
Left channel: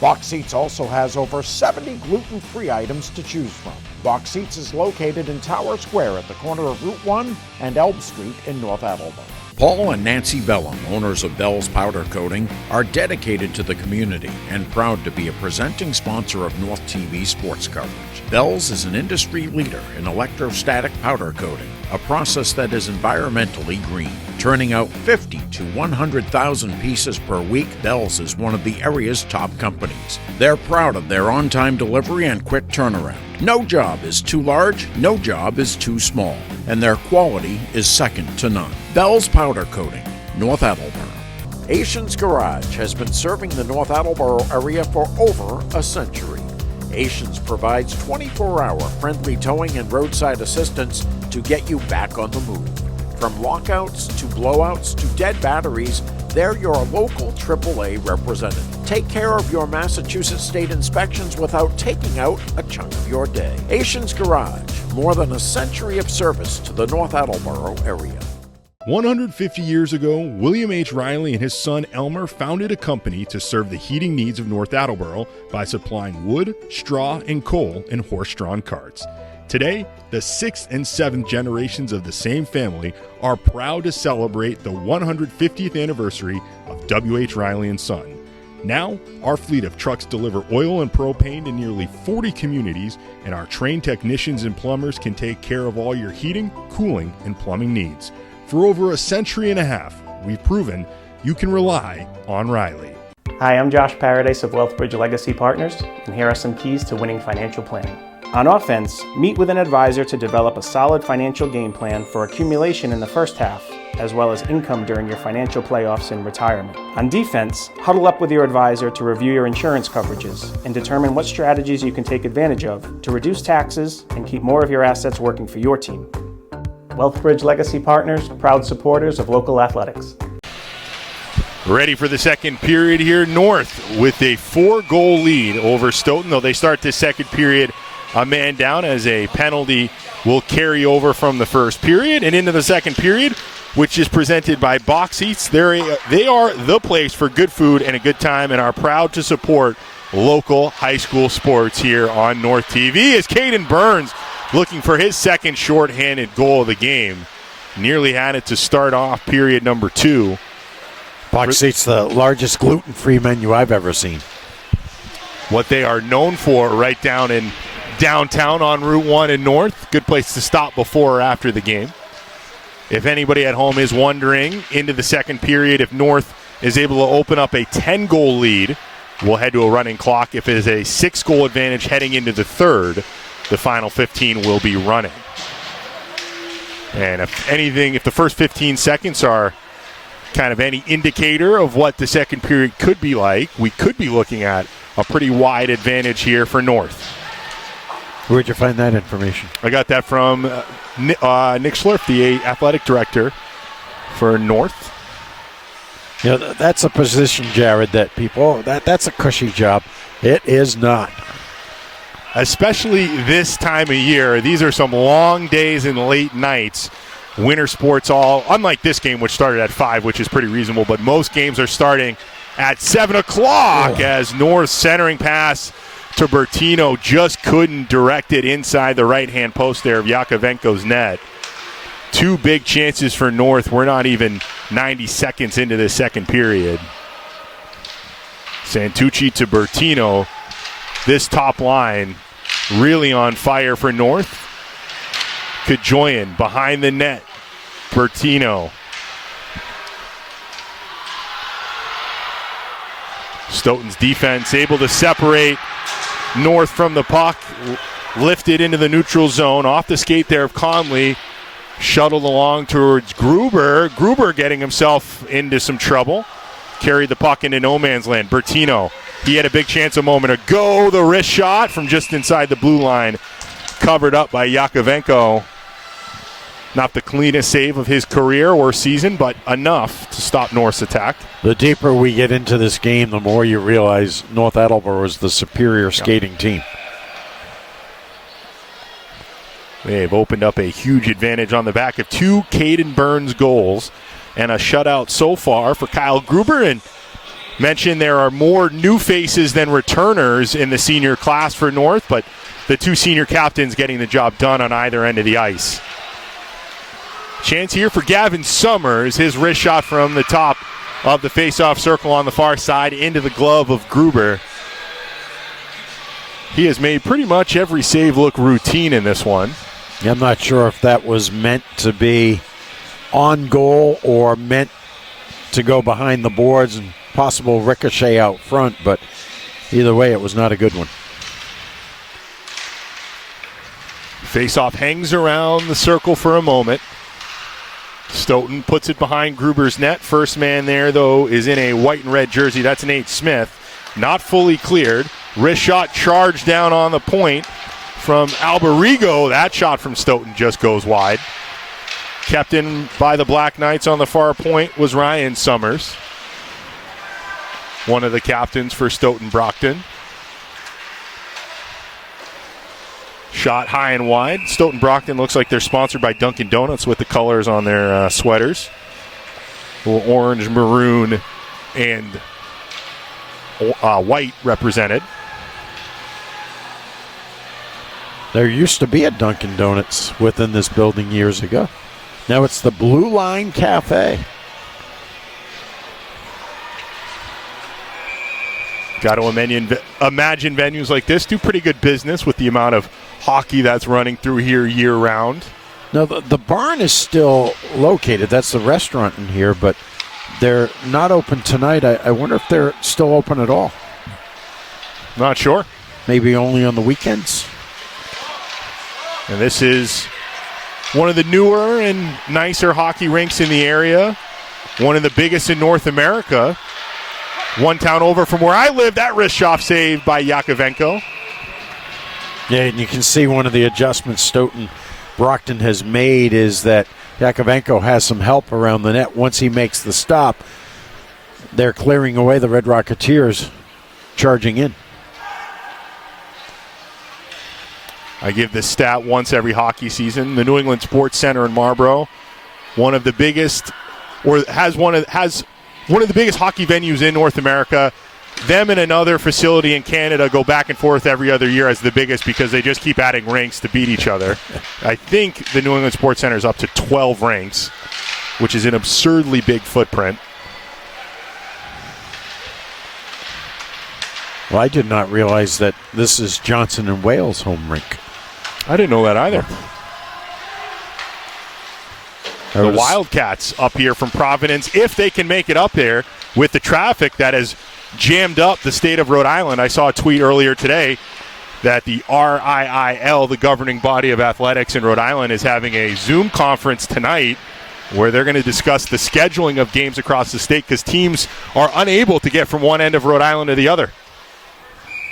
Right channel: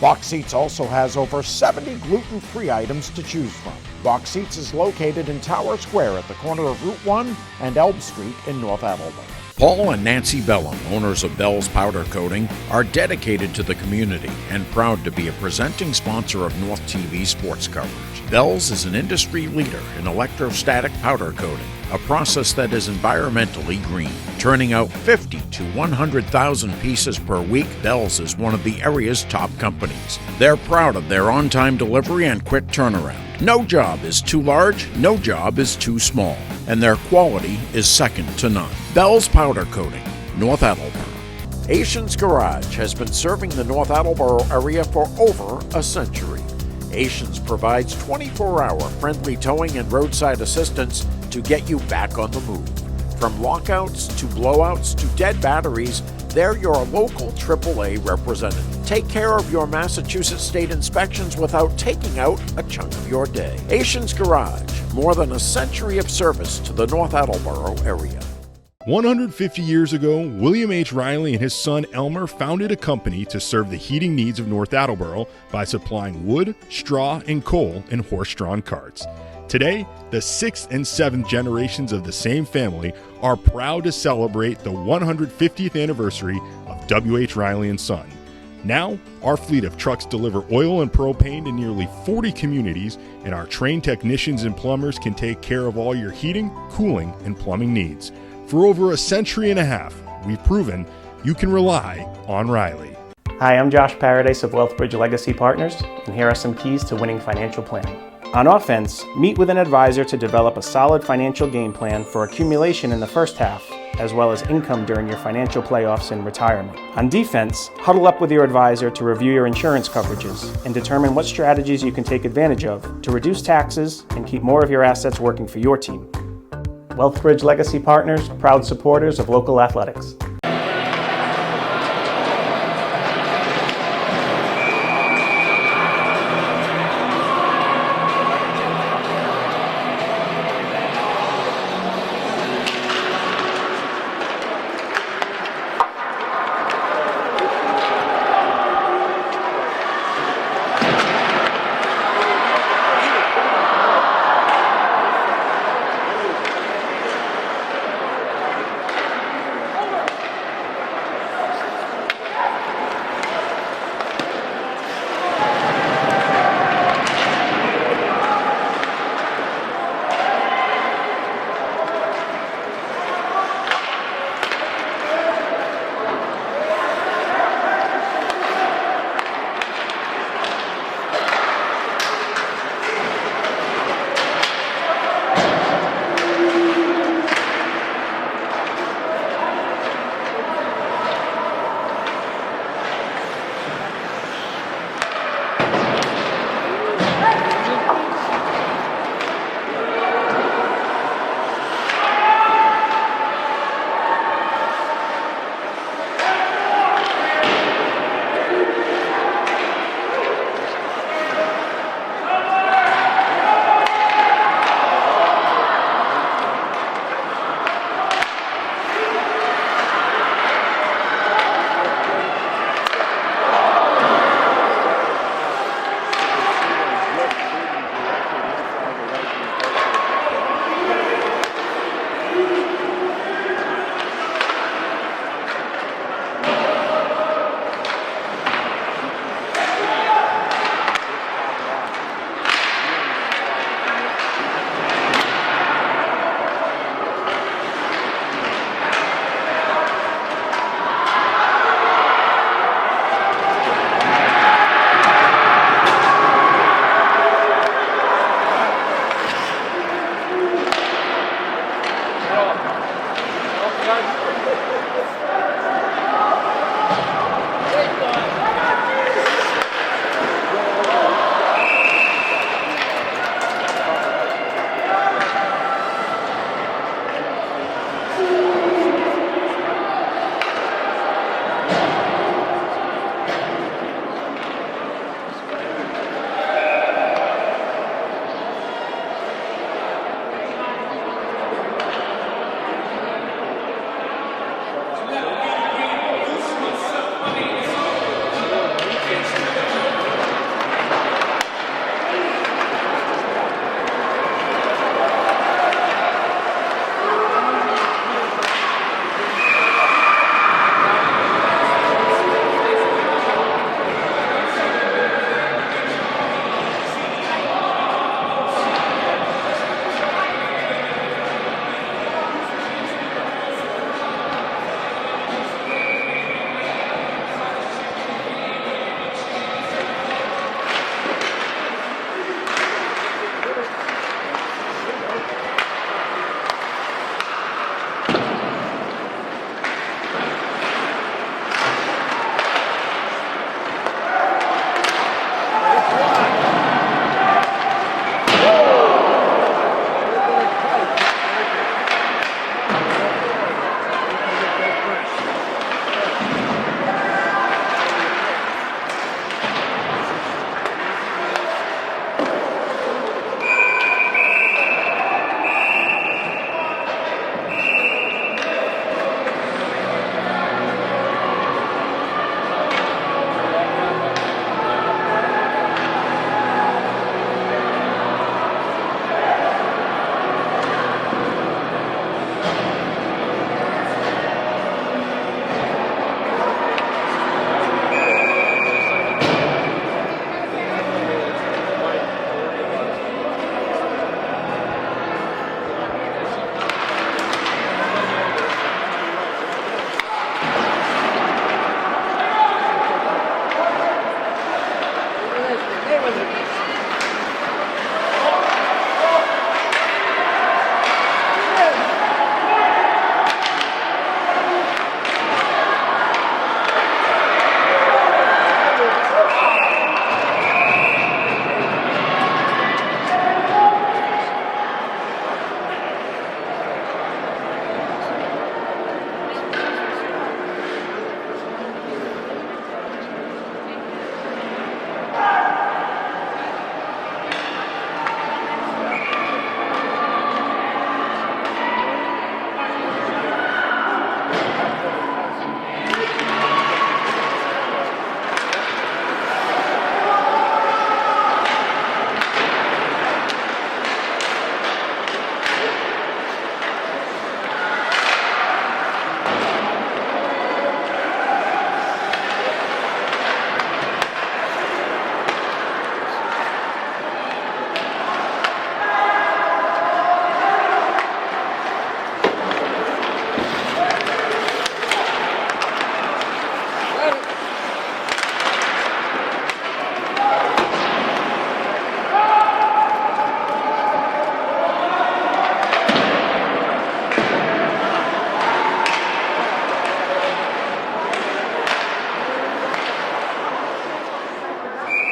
Box Seats also has over 70 gluten-free items to choose from. Box Seats is located in Tower Square at the corner of Route 1 and Elm Street in North Attleboro. Paul and Nancy Bellum, owners of Bell's Powder Coating, are dedicated to the community and proud to be a presenting sponsor of North TV sports coverage. Bell's is an industry leader in electrostatic powder coating, a process that is environmentally green. Turning out 50 to 100,000 pieces per week, Bell's is one of the area's top companies. They're proud of their on-time delivery and quick turnaround. No job is too large, no job is too small, and their quality is second to none. Bell's Powder Coating, North Attleboro. Asian's Garage has been serving the North Attleboro area for over a century. Asians provides 24-hour friendly towing and roadside assistance to get you back on the move. From lockouts to blowouts to dead batteries, they're your local AAA representative. Take care of your Massachusetts state inspections without taking out a chunk of your day. Asian's Garage, more than a century of service to the North Attleboro area. 150 years ago, William H. Riley and his son Elmer founded a company to serve the heating needs of North Attleboro by supplying wood, straw, and coal in horse-drawn carts. Today, the 6th and 7th generations of the same family are proud to celebrate the 150th anniversary of W.H. Riley & Son. Now, our fleet of trucks deliver oil and propane to nearly 40 communities, and our trained technicians and plumbers can take care of all your heating, cooling, and plumbing needs. For over a century and a half, we've proven you can rely on Riley. Hi, I'm Josh Paradise of Wealthbridge Legacy Partners, and here are some keys to winning financial planning. On offense, meet with an advisor to develop a solid financial game plan for accumulation in the first half, as well as income during your financial playoffs and retirement. On defense, huddle up with your advisor to review your insurance coverages and determine what strategies you can take advantage of to reduce taxes and keep more of your assets working for your team. Wealthbridge Legacy Partners, proud supporters of local athletics. Ready for the second period here, North with a 4-goal lead over Stoughton. Though they start this second period a man down as a penalty will carry over from the first period and into the second period, which is presented by Box Seats. They are the place for good food and a good time and are proud to support local high school sports here on North TV as Caden Burns looking for his second shorthanded goal of the game. Nearly had it to start off period number 2. Box Seats, the largest gluten-free menu I've ever seen. What they are known for right down in downtown on Route 1 in North. Good place to stop before or after the game. If anybody at home is wondering, into the second period, if North is able to open up a 10-goal lead, we'll head to a running clock. If it is a 6-goal advantage heading into the third, the final 15 will be running. And if the first 15 seconds are kind of any indicator of what the second period could be like, we could be looking at a pretty wide advantage here for North. Where'd you find that information? I got that from Nick Schliff, the athletic director for North. Now, that's a position, Jared, that people, that's a cushy job. It is not. Especially this time of year. These are some long days and late nights. Winter sports unlike this game, which started at 5, which is pretty reasonable, but most games are starting at 7 o'clock as North's centering pass to Bertino just couldn't direct it inside the right-hand post there of Yakovenko's net. 2 big chances for North. We're not even 90 seconds into this second period. Santucci to Bertino. This top line really on fire for North. Kajoyan behind the net. Bertino. Stoughton's defense able to separate North from the puck. Lifted into the neutral zone. Off the skate there of Conley. Shuttled along towards Gruber. Gruber getting himself into some trouble. Carried the puck into no man's land. Bertino. He had a big chance a moment ago. The wrist shot from just inside the blue line. Covered up by Yakovenko. Not the cleanest save of his career or season, but enough to stop North's attack. The deeper we get into this game, the more you realize North Attleboro is the superior skating team. They've opened up a huge advantage on the back of 2 Caden Burns goals and a shutout so far for Kyle Gruber. And mentioned there are more new faces than returners in the senior class for North, but the 2 senior captains getting the job done on either end of the ice. Chance here for Gavin Summers. His wrist shot from the top of the face-off circle on the far side into the glove of Gruber. He has made pretty much every save look routine in this one. I'm not sure if that was meant to be on goal or meant to go behind the boards and possible ricochet out front, but either way, it was not a good one. Face-off hangs around the circle for a moment. Stoughton puts it behind Gruber's net. First man there, though, is in a white and red jersey. That's Nate Smith. Not fully cleared. Wrist shot charged down on the point from Alberigo. That shot from Stoughton just goes wide. Kept in by the Black Knights on the far point was Ryan Summers, one of the captains for Stoughton Brockton. Shot high and wide. Stoughton Brockton looks like they're sponsored by Dunkin' Donuts with the colors on their sweaters. A little orange, maroon, and white represented. There used to be a Dunkin' Donuts within this building years ago. Now it's the Blue Line Cafe. Got to imagine venues like this do pretty good business with the amount of hockey that's running through here year-round. No, the barn is still located. That's the restaurant in here, but They're not open tonight. I wonder if they're still open at all. Not sure. Maybe only on the weekends. And this is one of the newer and nicer hockey rinks in the area. One of the biggest in North America. One town over from where I live. That wrist shot saved by Yakovenko. Yeah, and you can see one of the adjustments Stoughton Brockton has made is that Yakovenko has some help around the net. Once he makes the stop, they're clearing away the Red Rocketeers charging in. I give this stat once every hockey season. The New England Sports Center in Marlborough, one of the biggest, or has one of the biggest hockey venues in North America. Them and another facility in Canada go back and forth every other year as the biggest because they just keep adding rinks to beat each other. I think the New England Sports Center is up to 12 rinks, which is an absurdly big footprint. Well, I did not realize that this is Johnson and Wales' home rink. I didn't know that either. The Wildcats up here from Providence, if they can make it up there with the traffic that has jammed up the state of Rhode Island. I saw a tweet earlier today that the RIIL, the governing body of athletics in Rhode Island, is having a Zoom conference tonight where they're going to discuss the scheduling of games across the state because teams are unable to get from one end of Rhode Island to the other.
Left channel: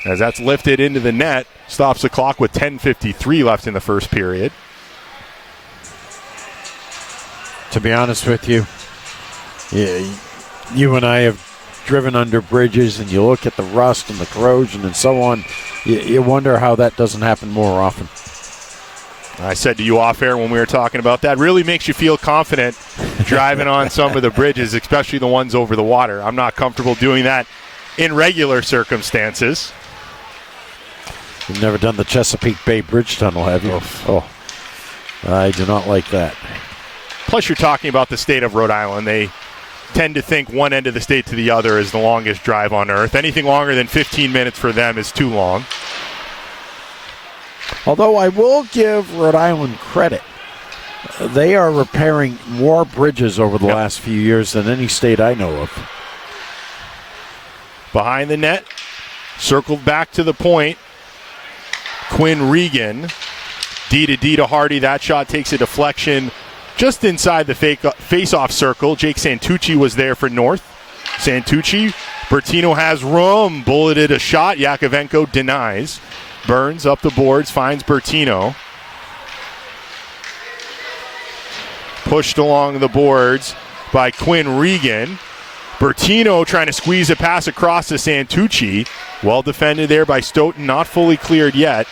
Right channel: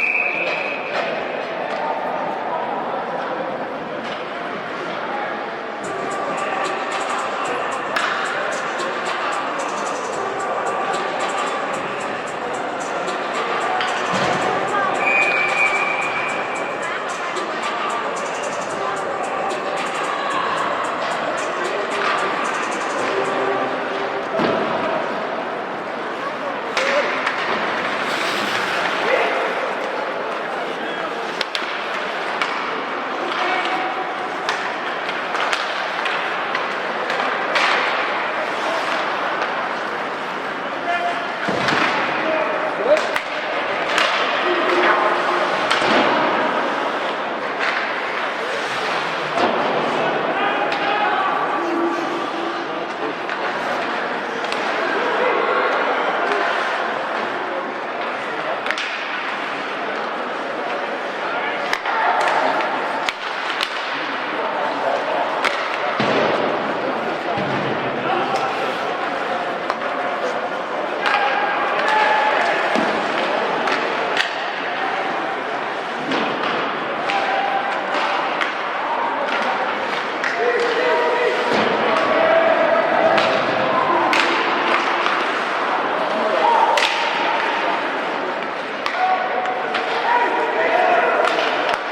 As that's lifted into the net, stops the clock with 10:53 left in the first period. To be honest with you, you and I have driven under bridges and you look at the rust and the corrosion and so on, you wonder how that doesn't happen more often. I said to you off air when we were talking about that, really makes you feel confident driving on some of the bridges, especially the ones over the water. I'm not comfortable doing that in regular circumstances. You've never done the Chesapeake Bay Bridge Tunnel, have you? Oh, I do not like that. Plus, you're talking about the state of Rhode Island. They tend to think one end of the state to the other is the longest drive on earth. Anything longer than 15 minutes for them is too long. Although I will give Rhode Island credit. They are repairing more bridges over the last few years than any state I know of. Behind the net, circled back to the point. Quinn Regan, D to Hardy. That shot takes a deflection just inside the face-off circle. Jake Santucci was there for North. Santucci, Bertino has room, bulleted a shot. Yakovenko denies. Burns up the boards, finds Bertino. Pushed along the boards by Quinn Regan. Bertino trying to squeeze a pass across to Santucci. Well defended there by Stoughton, not fully cleared yet.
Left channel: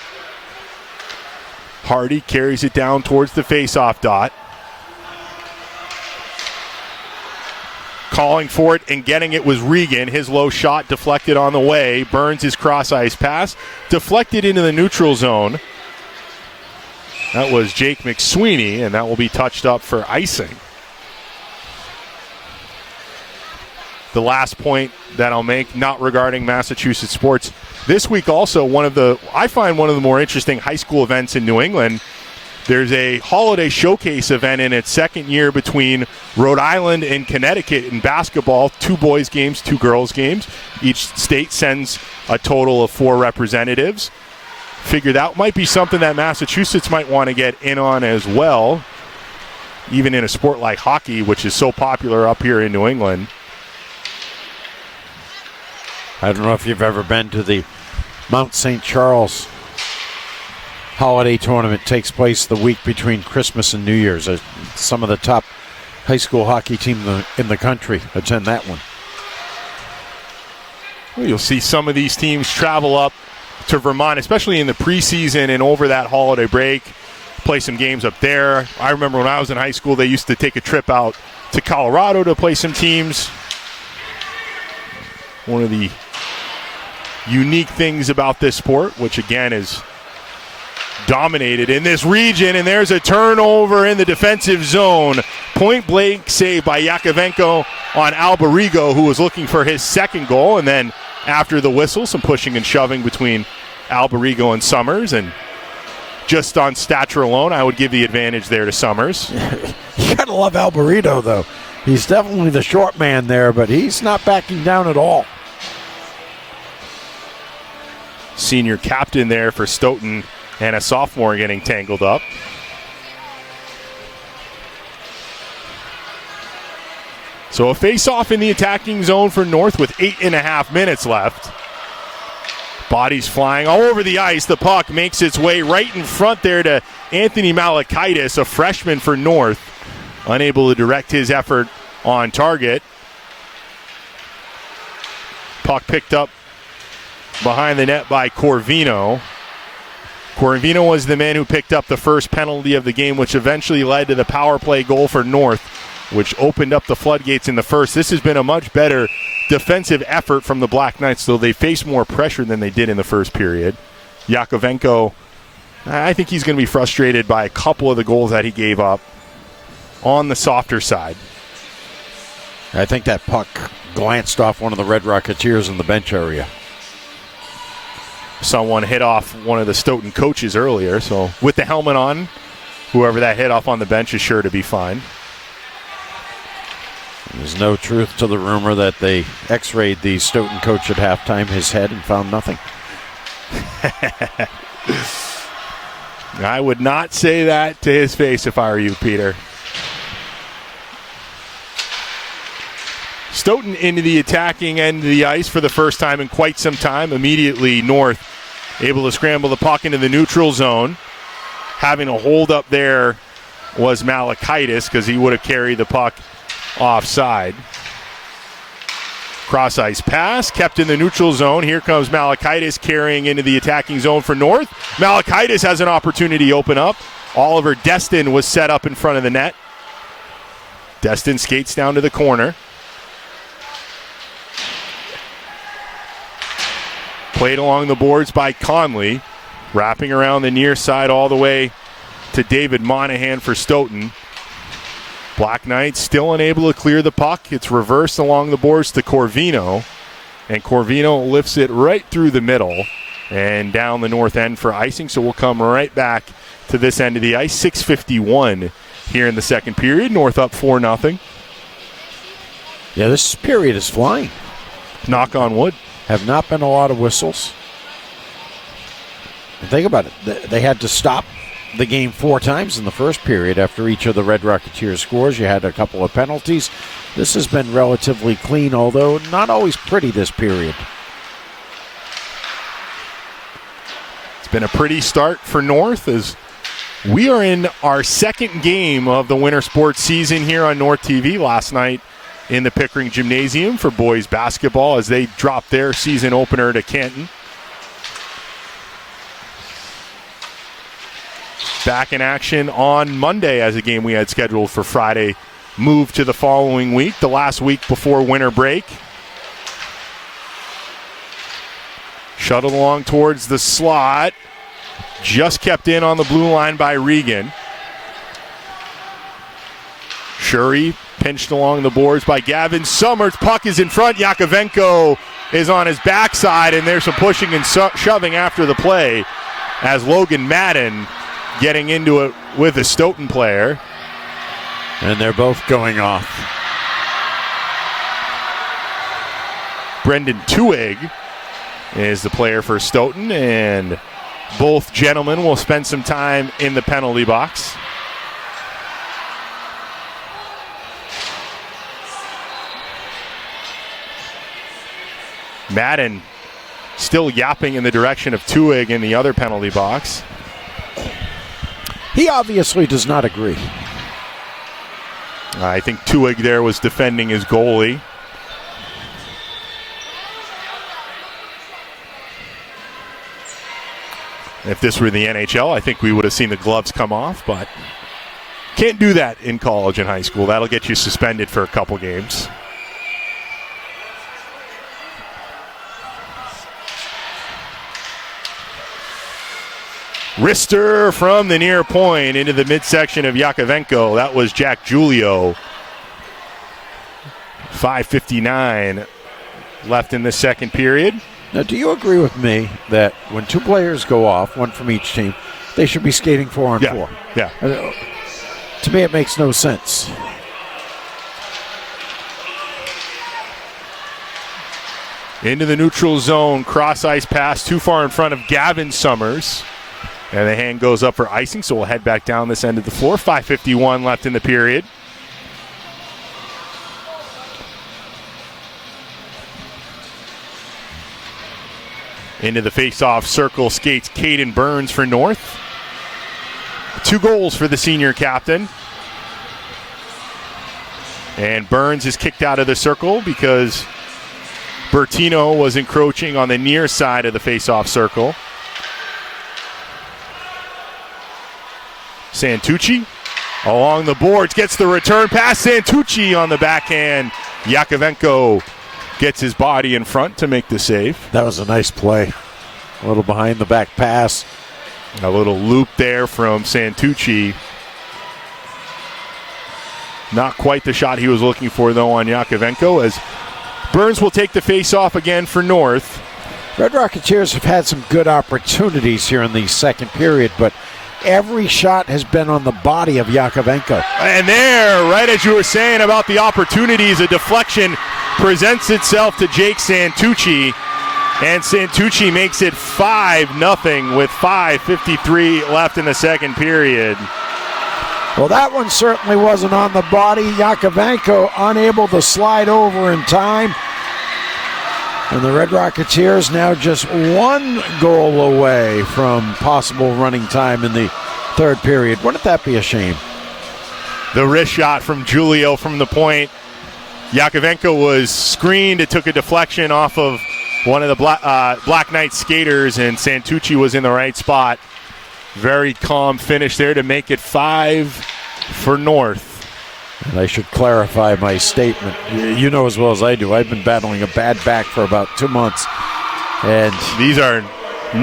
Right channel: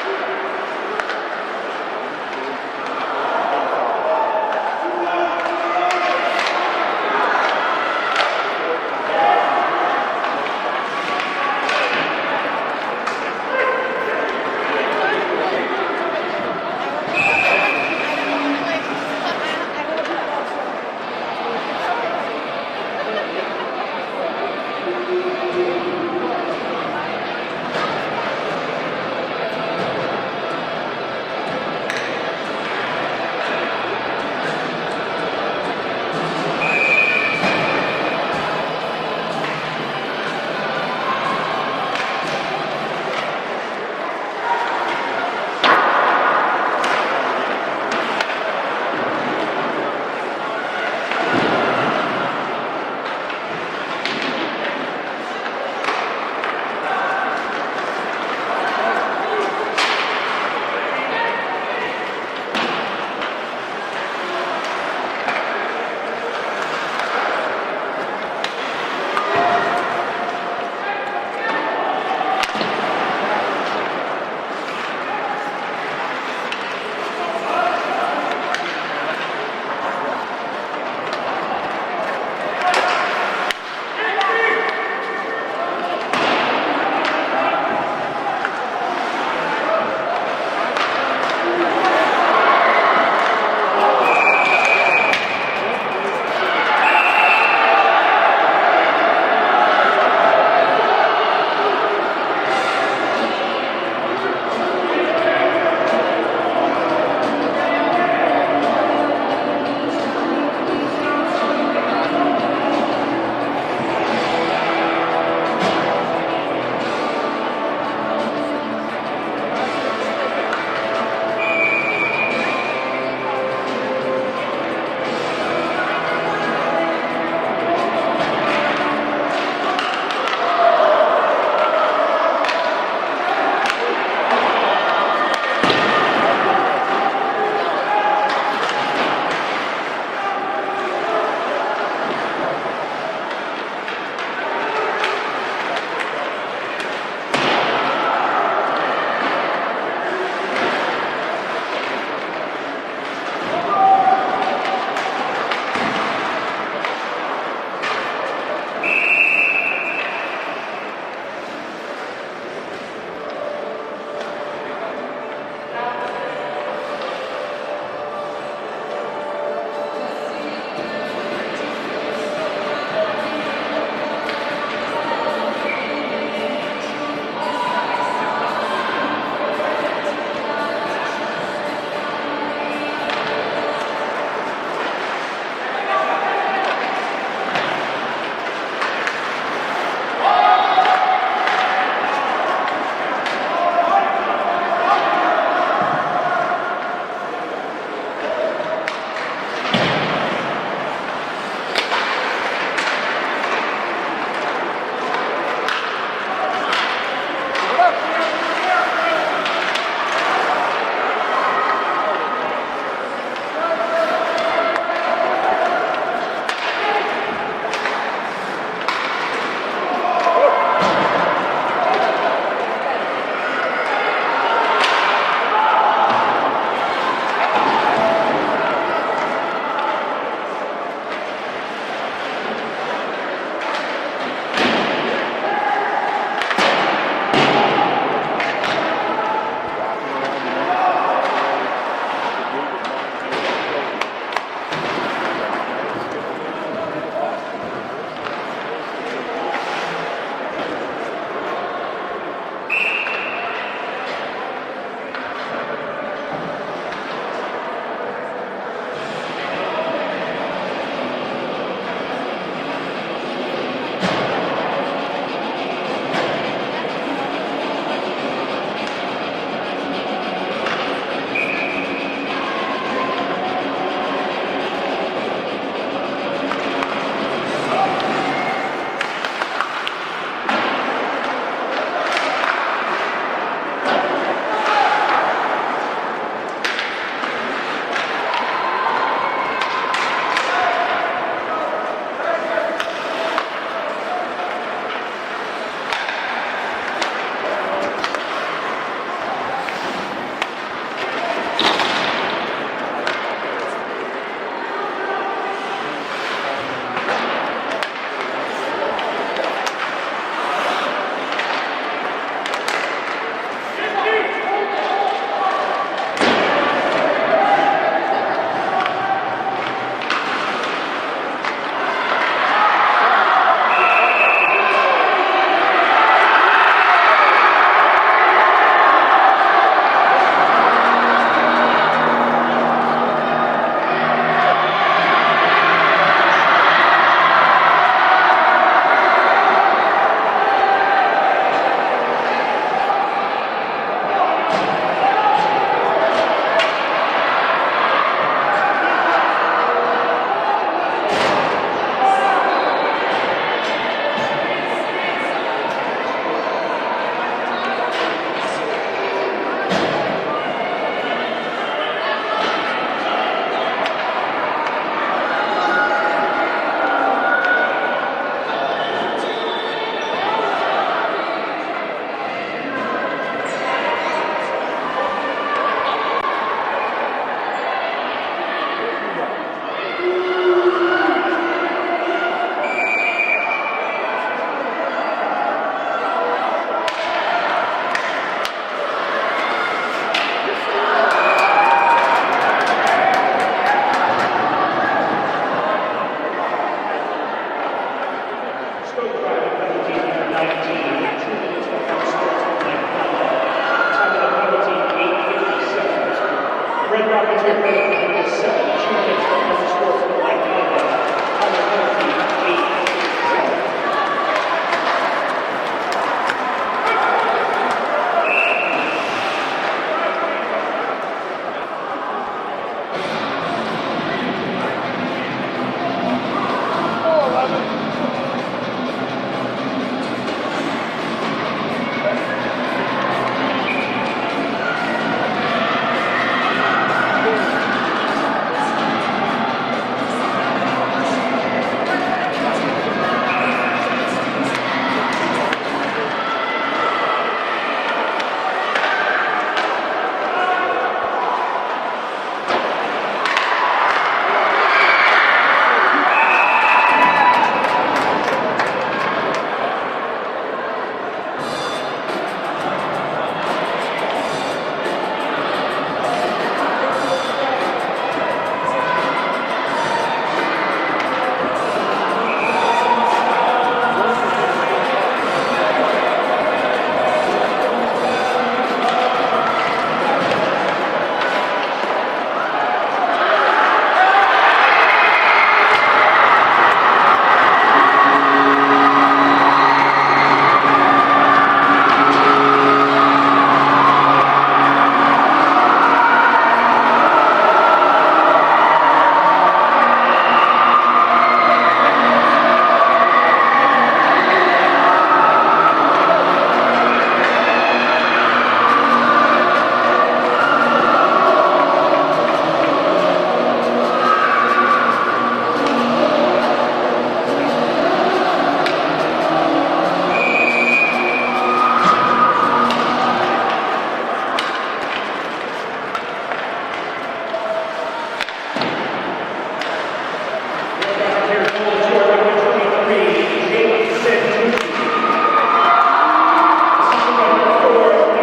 Hardy carries it down towards the face-off dot. Calling for it and getting it was Regan. His low shot deflected on the way. Burns his cross-ice pass. Deflected into the neutral zone. That was Jake McSweeney, and that will be touched up for icing. The last point that I'll make, not regarding Massachusetts sports. This week also, I find one of the more interesting high school events in New England. There's a holiday showcase event in its second year between Rhode Island and Connecticut in basketball. 2 boys games, 2 girls games. Each state sends a total of 4 representatives. Figure that might be something that Massachusetts might want to get in on as well, even in a sport like hockey, which is so popular up here in New England. I don't know if you've ever been to the Mount St. Charles holiday tournament. It takes place the week between Christmas and New Year's. Some of the top high school hockey teams in the country attend that one. You'll see some of these teams travel up to Vermont, especially in the preseason and over that holiday break, play some games up there. I remember when I was in high school, they used to take a trip out to Colorado to play some teams. One of the unique things about this sport, which again is dominated in this region, and there's a turnover in the defensive zone. Point blank save by Yakovenko on Alberigo, who was looking for his second goal, and then after the whistle, some pushing and shoving between Alberigo and Summers, and just on stature alone, I would give the advantage there to Summers. You gotta love Alberigo, though. He's definitely the short man there, but he's not backing down at all. Senior captain there for Stoughton and a sophomore getting tangled up. So a face-off in the attacking zone for North with 8.5 minutes left. Bodies flying all over the ice. The puck makes its way right in front there to Anthony Malakaitis, a freshman for North. Unable to direct his effort on target. Puck picked up behind the net by Corvino. Corvino was the man who picked up the first penalty of the game, which eventually led to the power play goal for North, which opened up the floodgates in the first. This has been a much better defensive effort from the Black Knights, though they faced more pressure than they did in the first period. Yakovenko, I think he's going to be frustrated by a couple of the goals that he gave up on the softer side. I think that puck glanced off one of the Red Rocketeers in the bench area. Someone hit off one of the Stoughton coaches earlier, so with the helmet on, whoever that hit off on the bench is sure to be fine. There's no truth to the rumor that they x-rayed the Stoughton coach at halftime, his head, and found nothing. I would not say that to his face if I were you, Peter. Stoughton into the attacking end of the ice for the first time in quite some time. Immediately North able to scramble the puck into the neutral zone. Having a hold up there was Malakaitis because he would have carried the puck offside. Cross ice pass kept in the neutral zone. Here comes Malakaitis carrying into the attacking zone for North. Malakaitis has an opportunity to open up. Oliver Destin was set up in front of the net. Destin skates down to the corner. Played along the boards by Conley. Wrapping around the near side all the way to David Monahan for Stoughton. Black Knights still unable to clear the puck. It's reversed along the boards to Corvino. And Corvino lifts it right through the middle and down the north end for icing. So we'll come right back to this end of the ice. 6:51 here in the second period. North up 4-0. Yeah, this period is flying. Knock on wood. Have not been a lot of whistles. Think about it. They had to stop the game 4 times in the first period after each of the Red Rocketeer scores. You had a couple of penalties. This has been relatively clean, although not always pretty this period. It's been a pretty start for North as we are in our second game of the winter sports season here on North TV. Last night in the Pickering Gymnasium for boys basketball as they dropped their season opener to Canton. Back in action on Monday as a game we had scheduled for Friday moved to the following week, the last week before winter break. Shuttled along towards the slot. Just kept in on the blue line by Regan. Shuri pinched along the boards by Gavin Summers. Puck is in front. Yakovenko is on his backside, and there's some pushing and shoving after the play as Logan Madden getting into it with the Stoughton player. And they're both going off. Brendan Tuig is the player for Stoughton, and both gentlemen will spend some time in the penalty box. Madden still yapping in the direction of Tuig in the other penalty box. He obviously does not agree. I think Tuig there was defending his goalie. If this were the NHL, I think we would have seen the gloves come off, but can't do that in college and high school. That'll get you suspended for a couple games. Wrister from the near point into the midsection of Yakovenko. That was Jack Giulio. 5:59 left in the second period. Now, do you agree with me that when 2 players go off, one from each team, they should be skating 4-on-4? Yeah. To me, it makes no sense. Into the neutral zone, cross ice pass too far in front of Gavin Summers. And the hand goes up for icing, so we'll head back down this end of the floor. 5:51 left in the period. Into the face-off circle skates Caden Burns for North. 2 goals for the senior captain. And Burns is kicked out of the circle because Bertino was encroaching on the near side of the face-off circle. Santucci along the boards, gets the return pass. Santucci on the backhand. Yakovenko gets his body in front to make the save. That was a nice play. A little behind the back pass. A little loop there from Santucci. Not quite the shot he was looking for, though, on Yakovenko, as Burns will take the face-off again for North. Red Rocketeers have had some good opportunities here in the second period, but every shot has been on the body of Yakovenko. And there, right as you were saying about the opportunities, a deflection presents itself to Jake Santucci, and Santucci makes it 5-0 with 5:53 left in the second period. Well, that one certainly wasn't on the body. Yakovenko unable to slide over in time. And the Red Rocketeers now just 1 goal away from possible running time in the third period. Wouldn't that be a shame? The wrist shot from Julio from the point. Yakovenko was screened. It took a deflection off of one of the Black Knights skaters, and Santucci was in the right spot. Very calm finish there to make it 5 for North. I should clarify my statement. You know as well as I do, I've been battling a bad back for about 2 months. And these are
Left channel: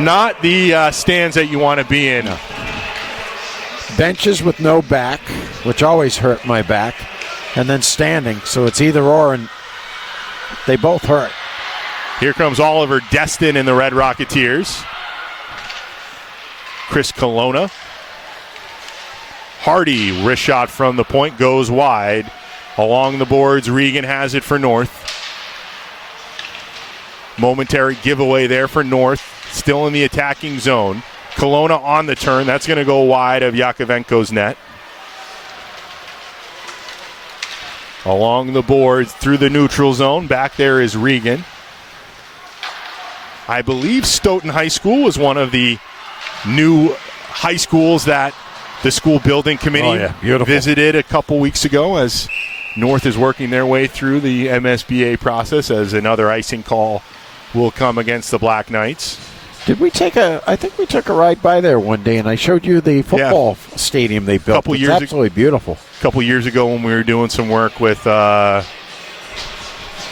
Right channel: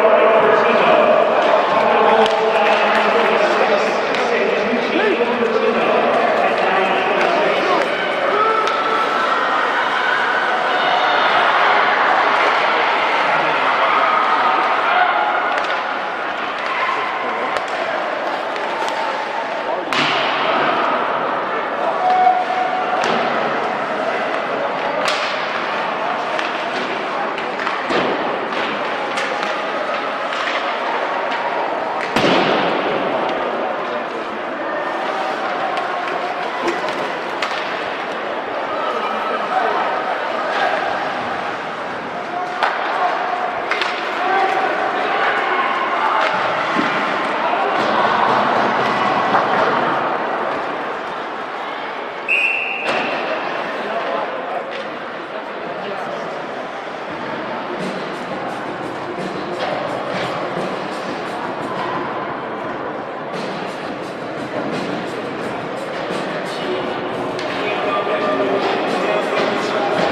not the stands that you want to be in. Benches with no back, which always hurt my back, and then standing, so it's either or, and they both hurt. Here comes Oliver Destin and the Red Rocketeers. Chris Colonna. Hardy, wrist shot from the point, goes wide. Along the boards, Regan has it for North. Momentary giveaway there for North. Still in the attacking zone. Colonna on the turn. That's going to go wide of Yakovenko's net. Along the boards, through the neutral zone. Back there is Regan. I believe Stoughton High School is one of the new high schools that the school building committee visited a couple weeks ago, as North is working their way through the MSBA process, as another icing call will come against the Black Knights. I think we took a ride by there one day, and I showed you the football stadium they built. It's absolutely beautiful. A couple years ago when we were doing some work with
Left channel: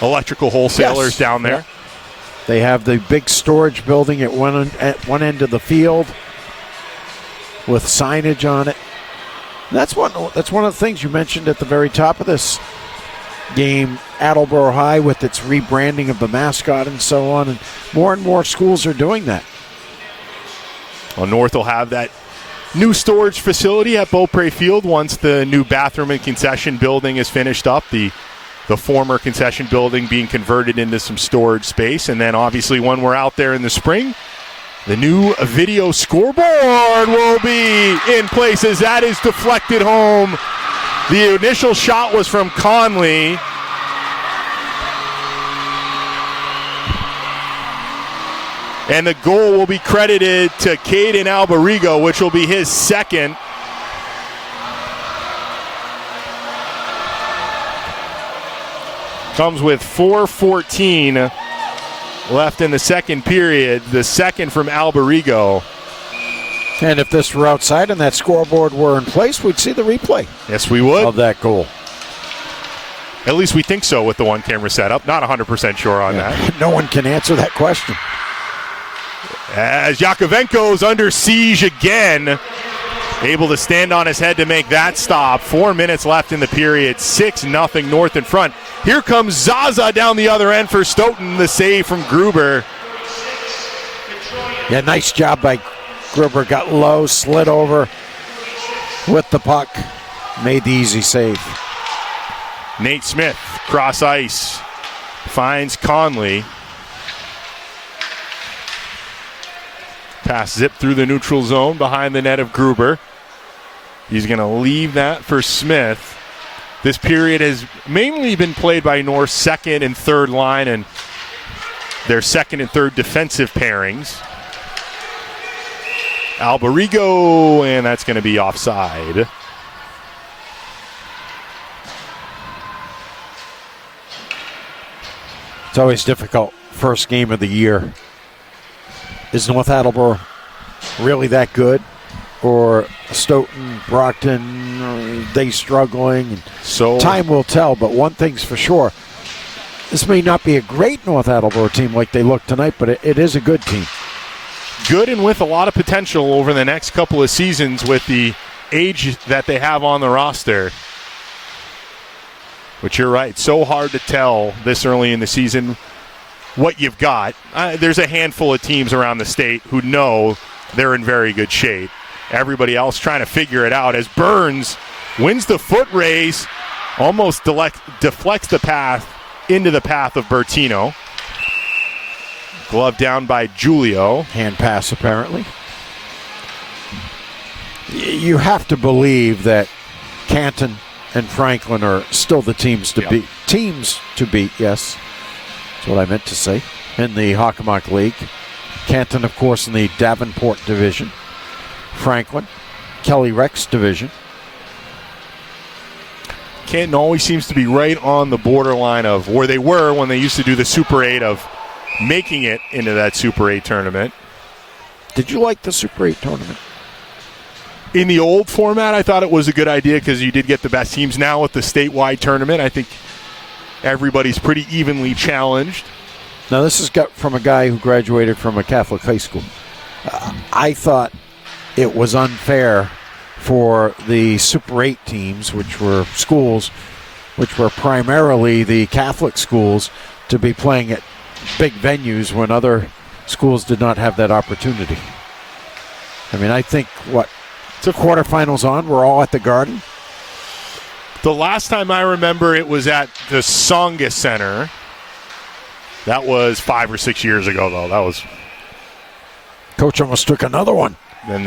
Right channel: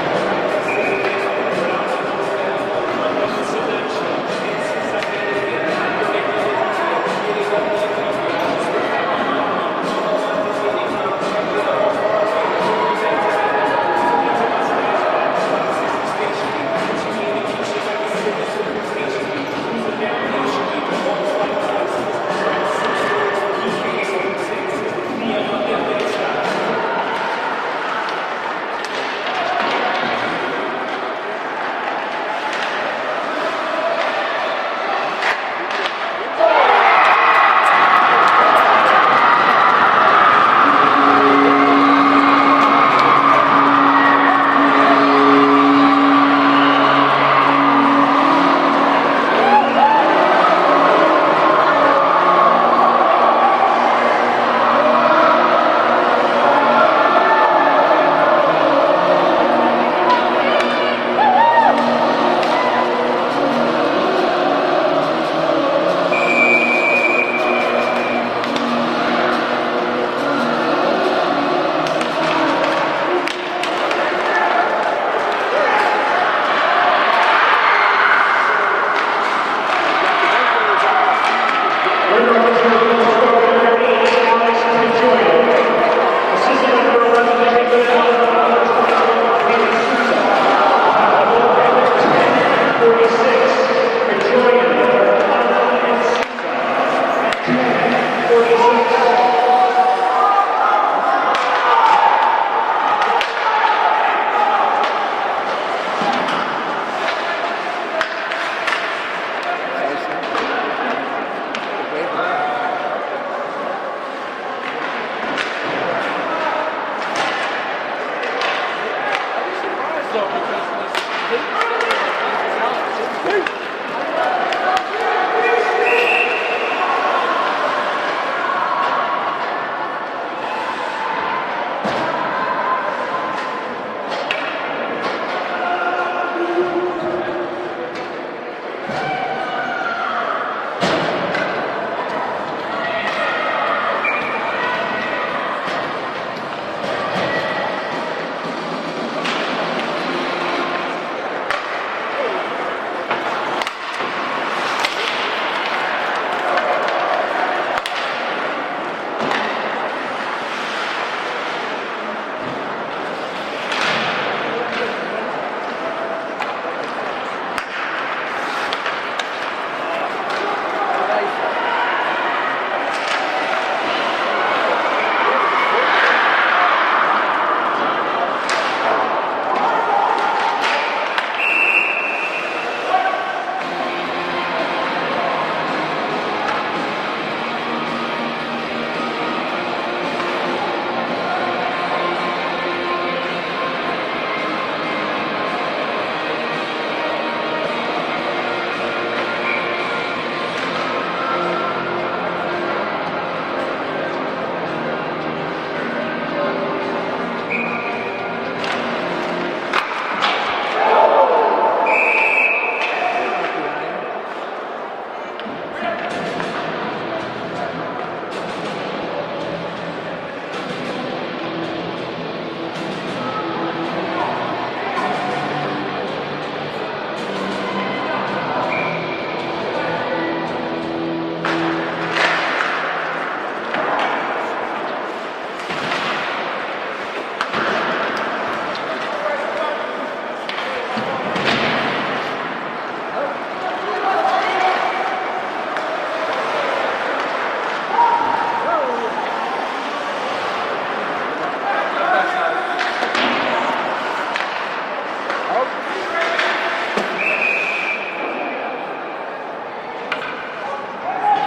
electrical wholesalers down there. They have the big storage building at one end of the field with signage on it. And that's one of the things you mentioned at the very top of this game, Attleboro High, with its rebranding of the mascot and so on. And more schools are doing that. Well, North will have that new storage facility at Beaupre Field once the new bathroom and concession building is finished up. The former concession building being converted into some storage space. And then obviously when we're out there in the spring, the new video scoreboard will be in place as that is deflected home. The initial shot was from Conley. And the goal will be credited to Caden Alberigo, which will be his second. Comes with 4:14 left in the second period. The second from Alberigo. And if this were outside and that scoreboard were in place, we'd see the replay. Yes, we would. Of that goal. At least we think so with the one camera setup. Not 100% sure on it. No one can answer that question. As Yakovenko is under siege again. Able to stand on his head to make that stop. 4 minutes left in the period. 6-0 North in front. Here comes Zaza down the other end for Stoughton. The save from Gruber. Yeah, nice job by Gruber. Got low, slid over with the puck. Made the easy save. Nate Smith, cross ice. Finds Conley. pass zipped through the neutral zone behind the net of Gruber. He's going to leave that for Smith. This period has mainly been played by North's second and third line and their second and third defensive pairings. Alberigo, and that's going to be offside. It's always difficult. First game of the year. Is North Attleboro really that good? Or Stoughton, Brockton, they struggling? So time will tell, but one thing's for sure. This may not be a great North Attleboro team like they look tonight, but it is a good team. Good and with a lot of potential over the next couple of seasons with the age that they have on the roster. But you're right, so hard to tell this early in the season what you've got. There's a handful of teams around the state who know they're in very good shape. Everybody else trying to figure it out as Burns wins the foot race, almost deflects the path into the path of Bertino. Glove down by Julio. Hand pass, apparently. You have to believe that Canton and Franklin are still the teams to beat. Yes. That's what I meant to say. In the Hockomock League. Canton, of course, in the Davenport division. Franklin, Kelly Rex division. Canton always seems to be right on the borderline of where they were when they used to do the Super 8 of making it into that Super 8 tournament. Did you like the Super 8 tournament? In the old format, I thought it was a good idea because you did get the best teams. Now with the statewide tournament, I think everybody's pretty evenly challenged. Now this is got from a guy who graduated from a Catholic high school. I thought it was unfair for the Super 8 teams, which were schools, which were primarily the Catholic schools, to be playing at big venues when other schools did not have that opportunity. I mean, I think, the quarterfinals on, we're all at the Garden. The last time I remember it was at the Songa Center. That was 5 or 6 years ago, though. That was... Coach almost took another one. When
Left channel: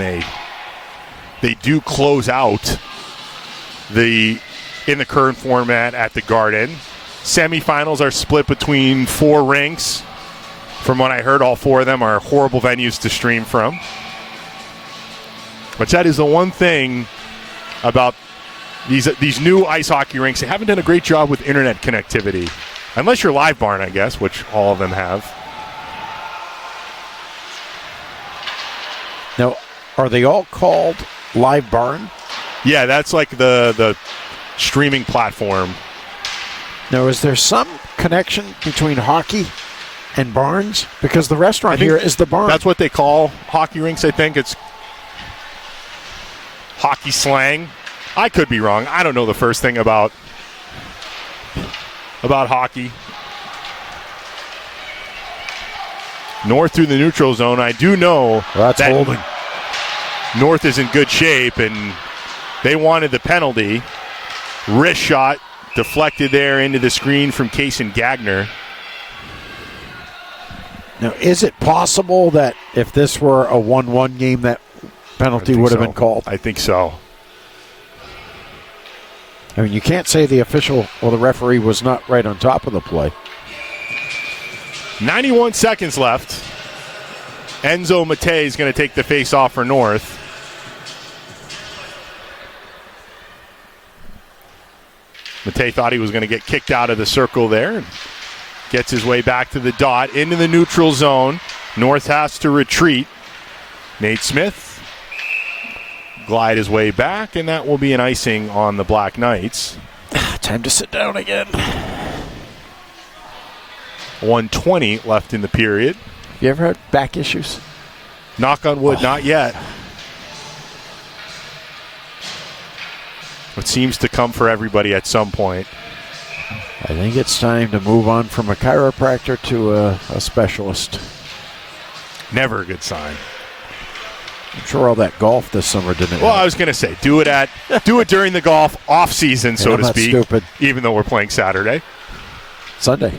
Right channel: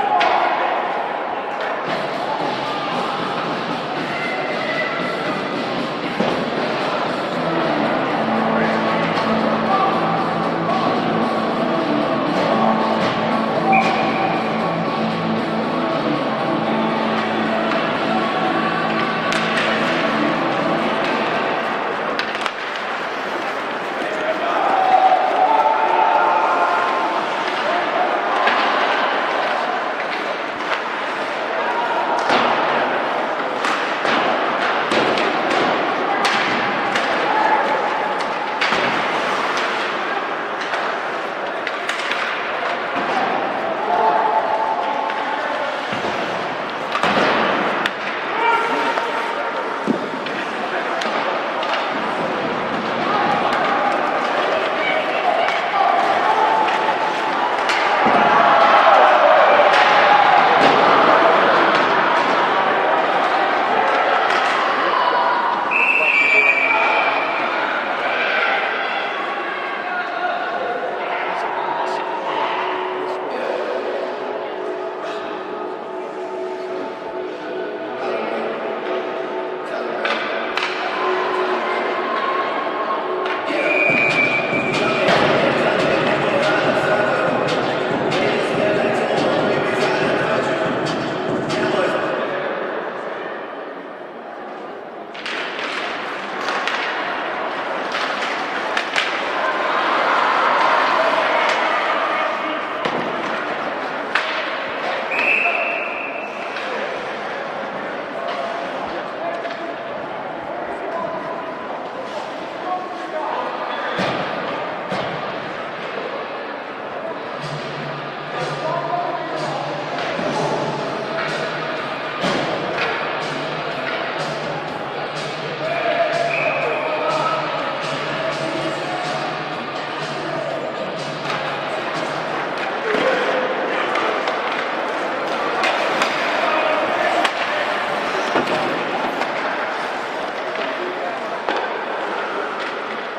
they do close out in the current format at the Garden. Semifinals are split between 4 rinks. From what I heard, all 4 of them are horrible venues to stream from. But that is the one thing about these new ice hockey rinks. They haven't done a great job with internet connectivity. Unless you're Live Barn, I guess, which all of them have. Now, are they all called Live Barn? Yeah, that's like the streaming platform. Now, is there some connection between hockey and barns? Because the restaurant here is the barn. That's what they call hockey rinks, I think. It's hockey slang. I could be wrong. I don't know the first thing about hockey. North through the neutral zone. I do know that North is in good shape, and they wanted the penalty. Wrist shot deflected there into the screen from Kaysen Gagner. Now, is it possible that if this were a 1-1 game, that penalty would have been called? I think so. I mean, you can't say the official or the referee was not right on top of the play. 91 seconds left. Enzo Matei is going to take the face-off for North. Matei thought he was going to get kicked out of the circle there. Gets his way back to the dot, into the neutral zone. North has to retreat. Nate Smith glide his way back, and that will be an icing on the Black Knights. Time to sit down again. 1:20 left in the period. You ever had back issues? Knock on wood, not yet. It seems to come for everybody at some point. I think it's time to move on from a chiropractor to a specialist. Never a good sign. I'm sure all that golf this summer didn't. Well, I was going to say, do it during the golf off season, so to speak. Stupid. Even though we're playing Saturday, Sunday.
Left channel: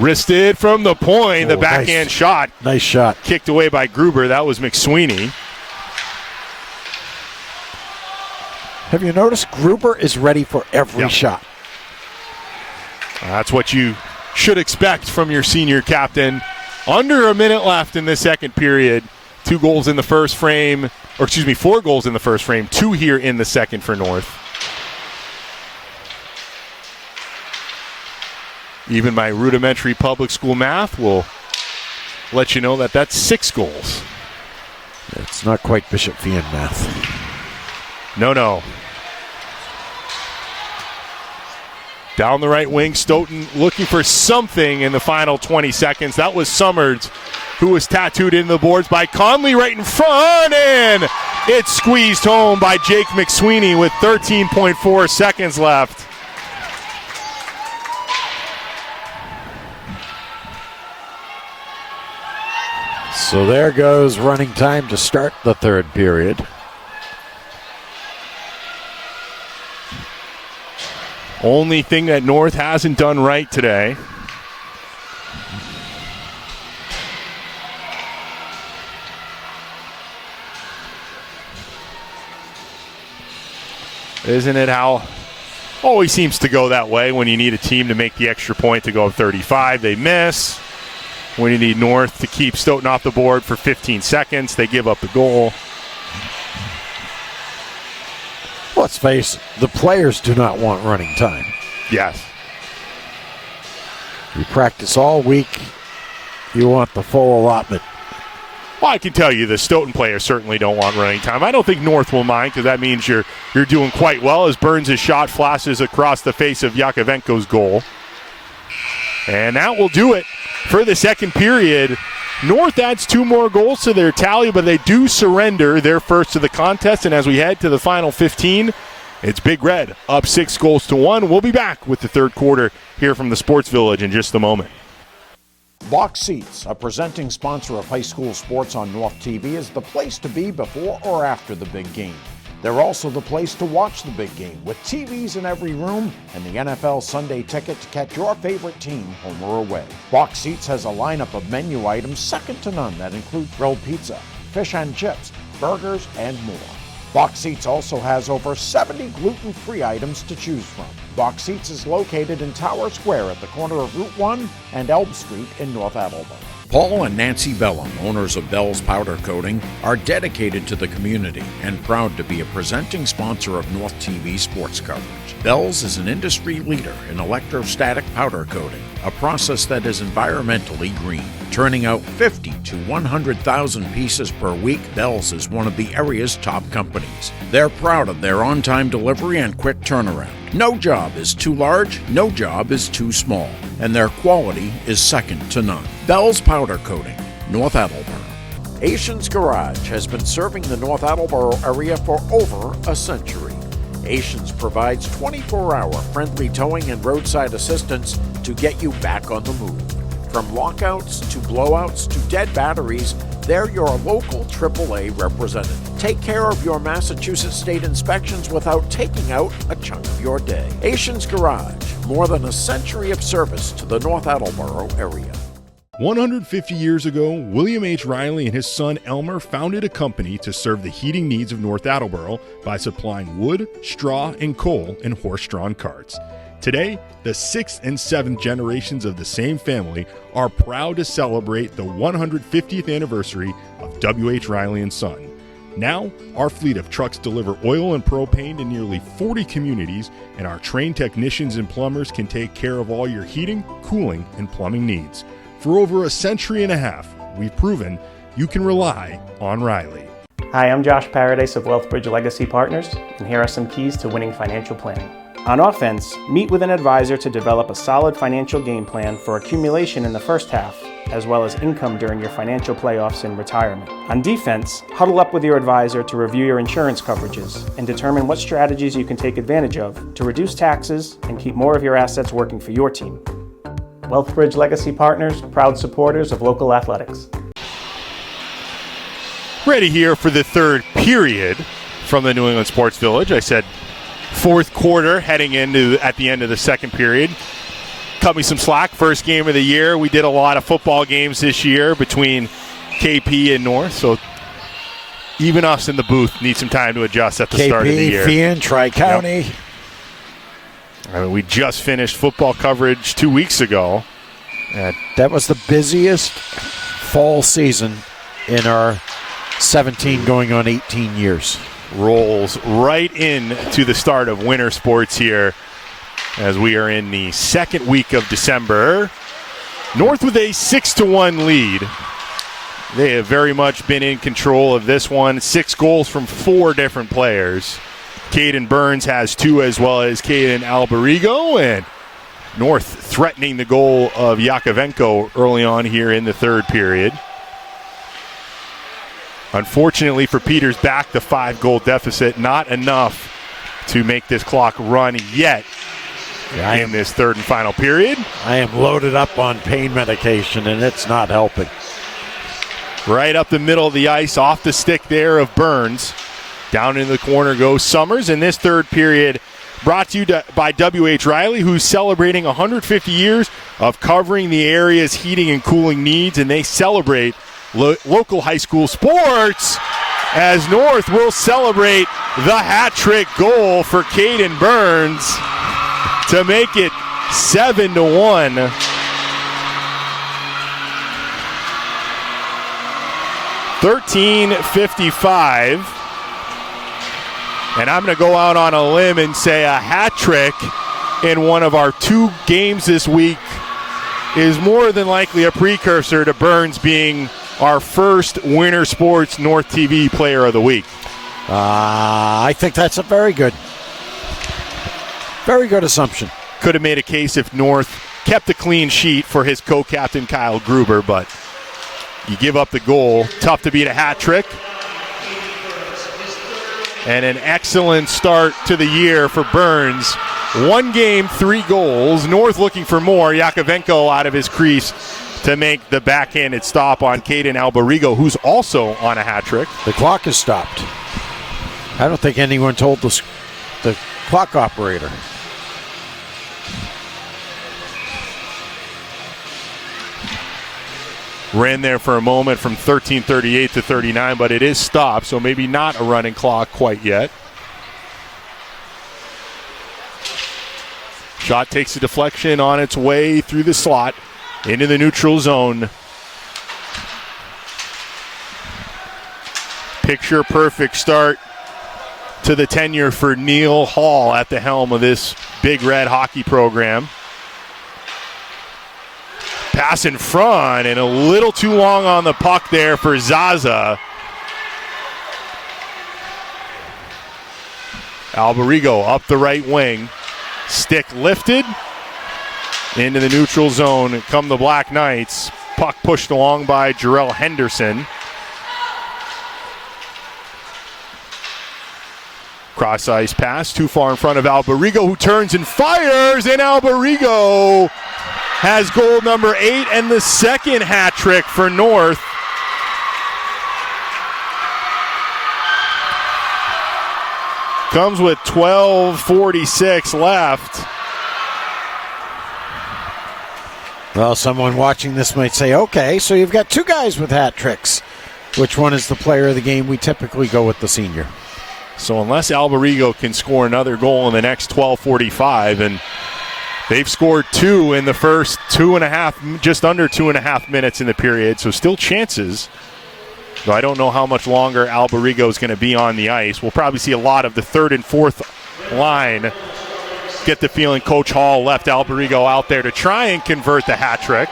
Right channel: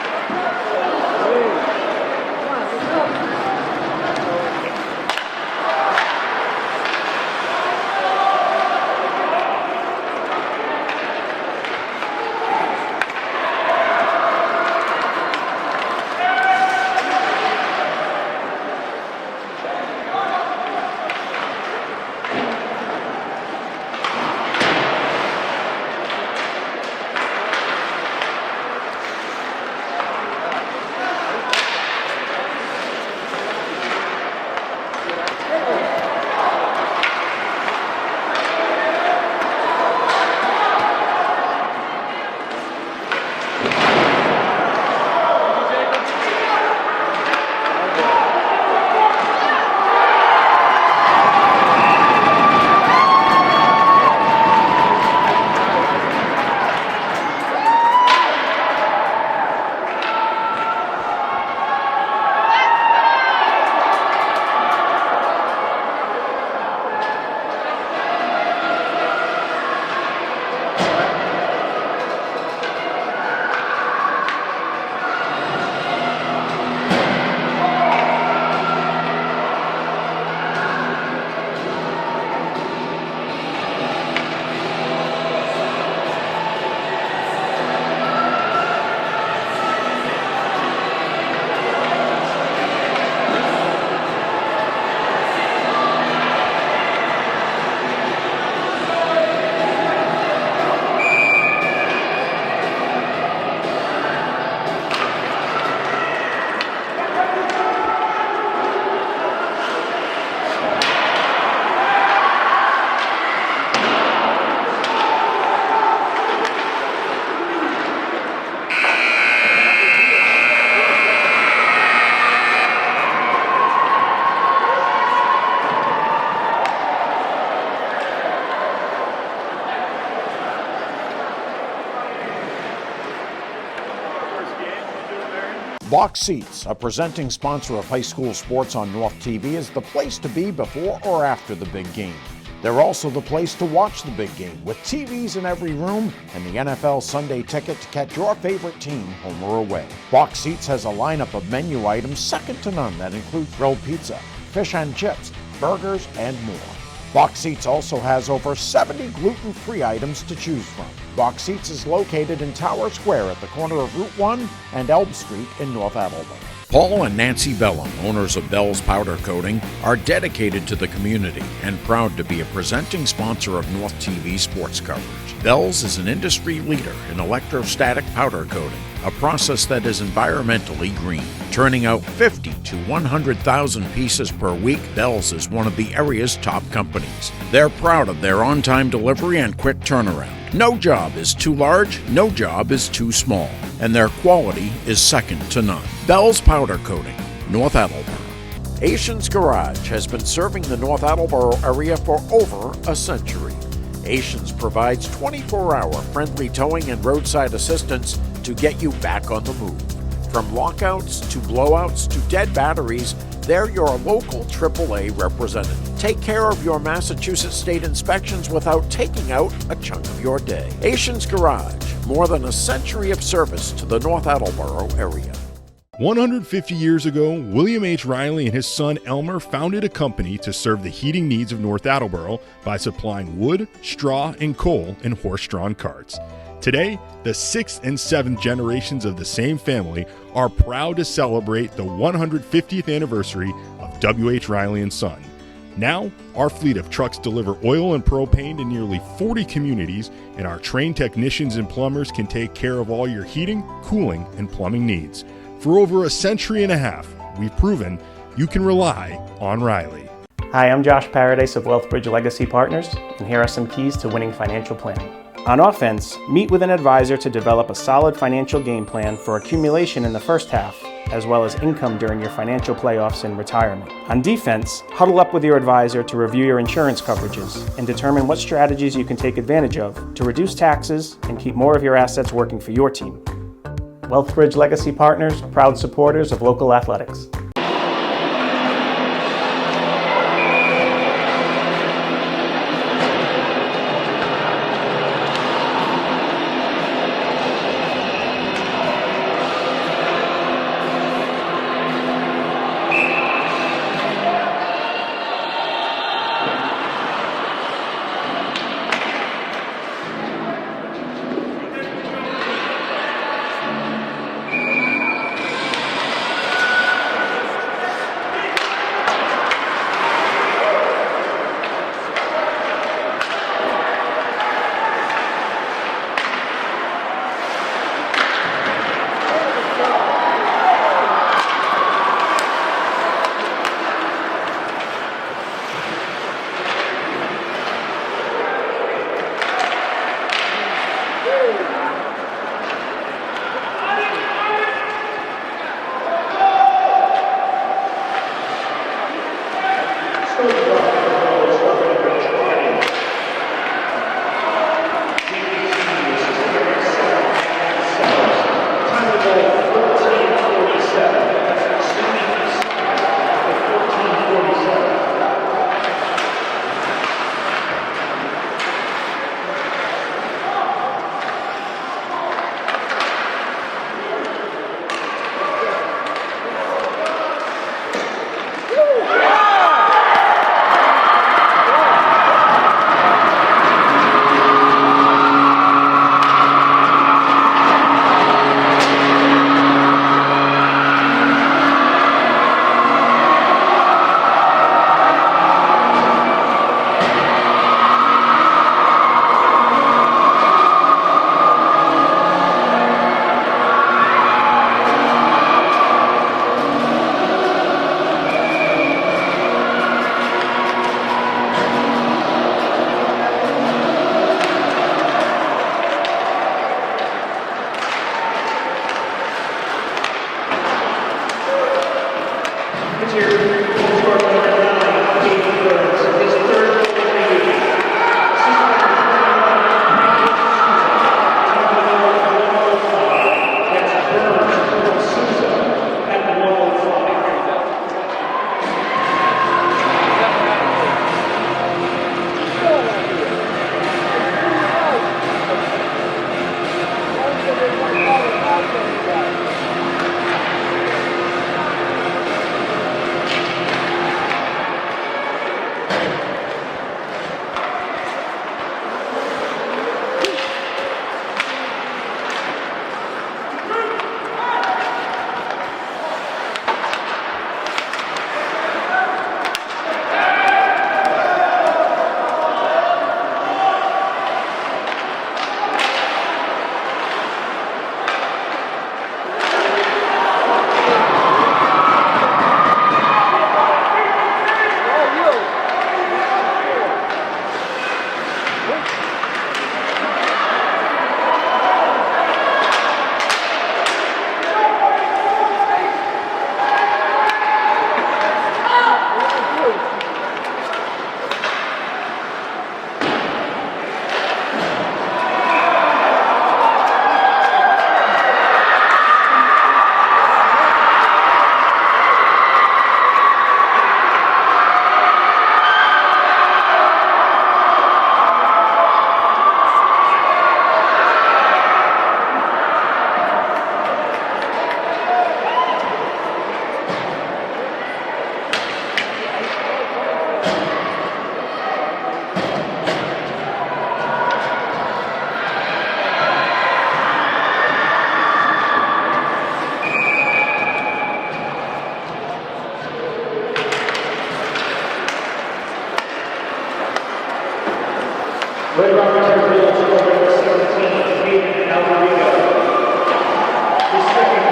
Wristed from the point, the backhand shot. Nice shot. Kicked away by Gruber. That was McSweeney. Have you noticed Gruber is ready for every shot? Well, that's what you should expect from your senior captain. Under a minute left in the second period. 4 goals in the first frame, 2 here in the second for North. Even my rudimentary public school math will let you know that that's 6 goals. It's not quite Bishop Fiend math. No. Down the right wing, Stoughton looking for something in the final 20 seconds. That was Summers, who was tattooed into the boards by Conley right in front, and it's squeezed home by Jake McSweeney with 13.4 seconds left. So there goes running time to start the third period. Only thing that North hasn't done right today. Isn't it how always seems to go that way when you need a team to make the extra point to go 35? They miss. When you need North to keep Stoughton off the board for 15 seconds, they give up a goal. Let's face it, the players do not want running time. Yes. You practice all week, you want the full allotment. Well, I can tell you the Stoughton players certainly don't want running time. I don't think North will mind, because that means you're doing quite well as Burns' shot flashes across the face of Yakovenko's goal. And that will do it for the second period. North adds 2 more goals to their tally, but they do surrender their first of the contest. And as we head to the final 15, it's Big Red up 6-1. We'll be back with the third quarter here from the Sports Village in just a moment. Box Seats, a presenting sponsor of high school sports on North TV, is the place to be before or after the big game. They're also the place to watch the big game, with TVs in every room and the NFL Sunday ticket to catch your favorite team home or away. Box Seats has a lineup of menu items second to none that include grilled pizza, fish and chips, burgers, and more. Box Seats also has over 70 gluten-free items to choose from. Box Seats is located in Tower Square at the corner of Route 1 and Elm Street in North Attleboro. Paul and Nancy Bellum, owners of Bell's Powder Coating, are dedicated to the community and proud to be a presenting sponsor of North TV sports coverage. Bell's is an industry leader in electrostatic powder coating, a process that is environmentally green. Turning out 50 to 100,000 pieces per week, Bell's is one of the area's top companies. They're proud of their on-time delivery and quick turnaround. No job is too large, no job is too small, and their quality is second to none. Bell's Powder Coating, North Attleboro. Asian's Garage has been serving the North Attleboro area for over a century. Asians provides 24-hour friendly towing and roadside assistance to get you back on the move. From lockouts to blowouts to dead batteries, they're your local AAA representative. Take care of your Massachusetts state inspections without taking out a chunk of your day. Asian's Garage, more than a century of service to the North Attleboro area. 150 years ago, William H. Riley and his son Elmer founded a company to serve the heating needs of North Attleboro by supplying wood, straw, and coal in horse-drawn carts. Today, the 6th and 7th generations of the same family are proud to celebrate the 150th anniversary of W.H. Riley & Son. Now, our fleet of trucks deliver oil and propane to nearly 40 communities, and our trained technicians and plumbers can take care of all your heating, cooling, and plumbing needs. For over a century and a half, we've proven you can rely on Riley. Hi, I'm Josh Paradise of Wealthbridge Legacy Partners, and here are some keys to winning financial planning. On offense, meet with an advisor to develop a solid financial game plan for accumulation in the first half, as well as income during your financial playoffs and retirement. On defense, huddle up with your advisor to review your insurance coverages and determine what strategies you can take advantage of to reduce taxes and keep more of your assets working for your team. Wealthbridge Legacy Partners, proud supporters of local athletics. Ready here for the third period from the New England Sports Village. I said fourth quarter heading into at the end of the second period. cut me some slack. First game of the year. We did a lot of football games this year between KP and North, so even us in the booth need some time to adjust at the start of the year. KP, Fian, Tri-County. We just finished football coverage 2 weeks ago. That was the busiest fall season in our 17 going on 18 years. Rolls right into the start of winter sports here as we are in the second week of December. North with a 6-1 lead. They have very much been in control of this one. 6 goals from 4 different players. Caden Burns has 2, as well as Caden Alberigo, and North threatening the goal of Yakovenko early on here in the third period. Unfortunately for Peters, back to 5-goal deficit. Not enough to make this clock run yet in this third and final period. I am loaded up on pain medication, and it's not helping. Right up the middle of the ice, off the stick there of Burns. Down in the corner goes Summers, and this third period brought to you by W.H. Riley, who's celebrating 150 years of covering the area's heating and cooling needs, and they celebrate local high school sports as North will celebrate the hat-trick goal for Caden Burns to make it 7-1. 13:55. And I'm going to go out on a limb and say a hat trick in one of our 2 games this week is more than likely a precursor to Burns being our first Winter Sports North TV Player of the Week. I think that's a very good assumption. Could have made a case if North kept a clean sheet for his co-captain Kyle Gruber, but you give up the goal. Tough to beat a hat trick. And an excellent start to the year for Burns. 1 game, 3 goals. North looking for more. Yakovenko out of his crease to make the backhanded stop on Caden Alberigo, who's also on a hat trick. The clock is stopped. I don't think anyone told the clock operator. Ran there for a moment from 13:38 to 39, but it is stopped, so maybe not a running clock quite yet. Shot takes a deflection on its way through the slot into the neutral zone. Picture perfect start to the tenure for Neil Hall at the helm of this Big Red hockey program. Pass in front and a little too long on the puck there for Zaza. Alberigo up the right wing. Stick lifted into the neutral zone. Come the Black Knights. Puck pushed along by Jarrell Henderson. Cross ice pass too far in front of Alberigo, who turns and fires, and Alberigo has goal number 8 and the second hat trick for North. Comes with 12:46 left. Well, someone watching this might say, okay, so you've got 2 guys with hat tricks. Which one is the player of the game? We typically go with the senior. So unless Alberigo can score another goal in the next 12:45, and they've scored 2 in the first 2.5, just under 2.5 minutes in the period, so still chances. So I don't know how much longer Alberigo is going to be on the ice. We'll probably see a lot of the third and fourth line. Get the feeling Coach Hall left Alberigo out there to try and convert the hat trick.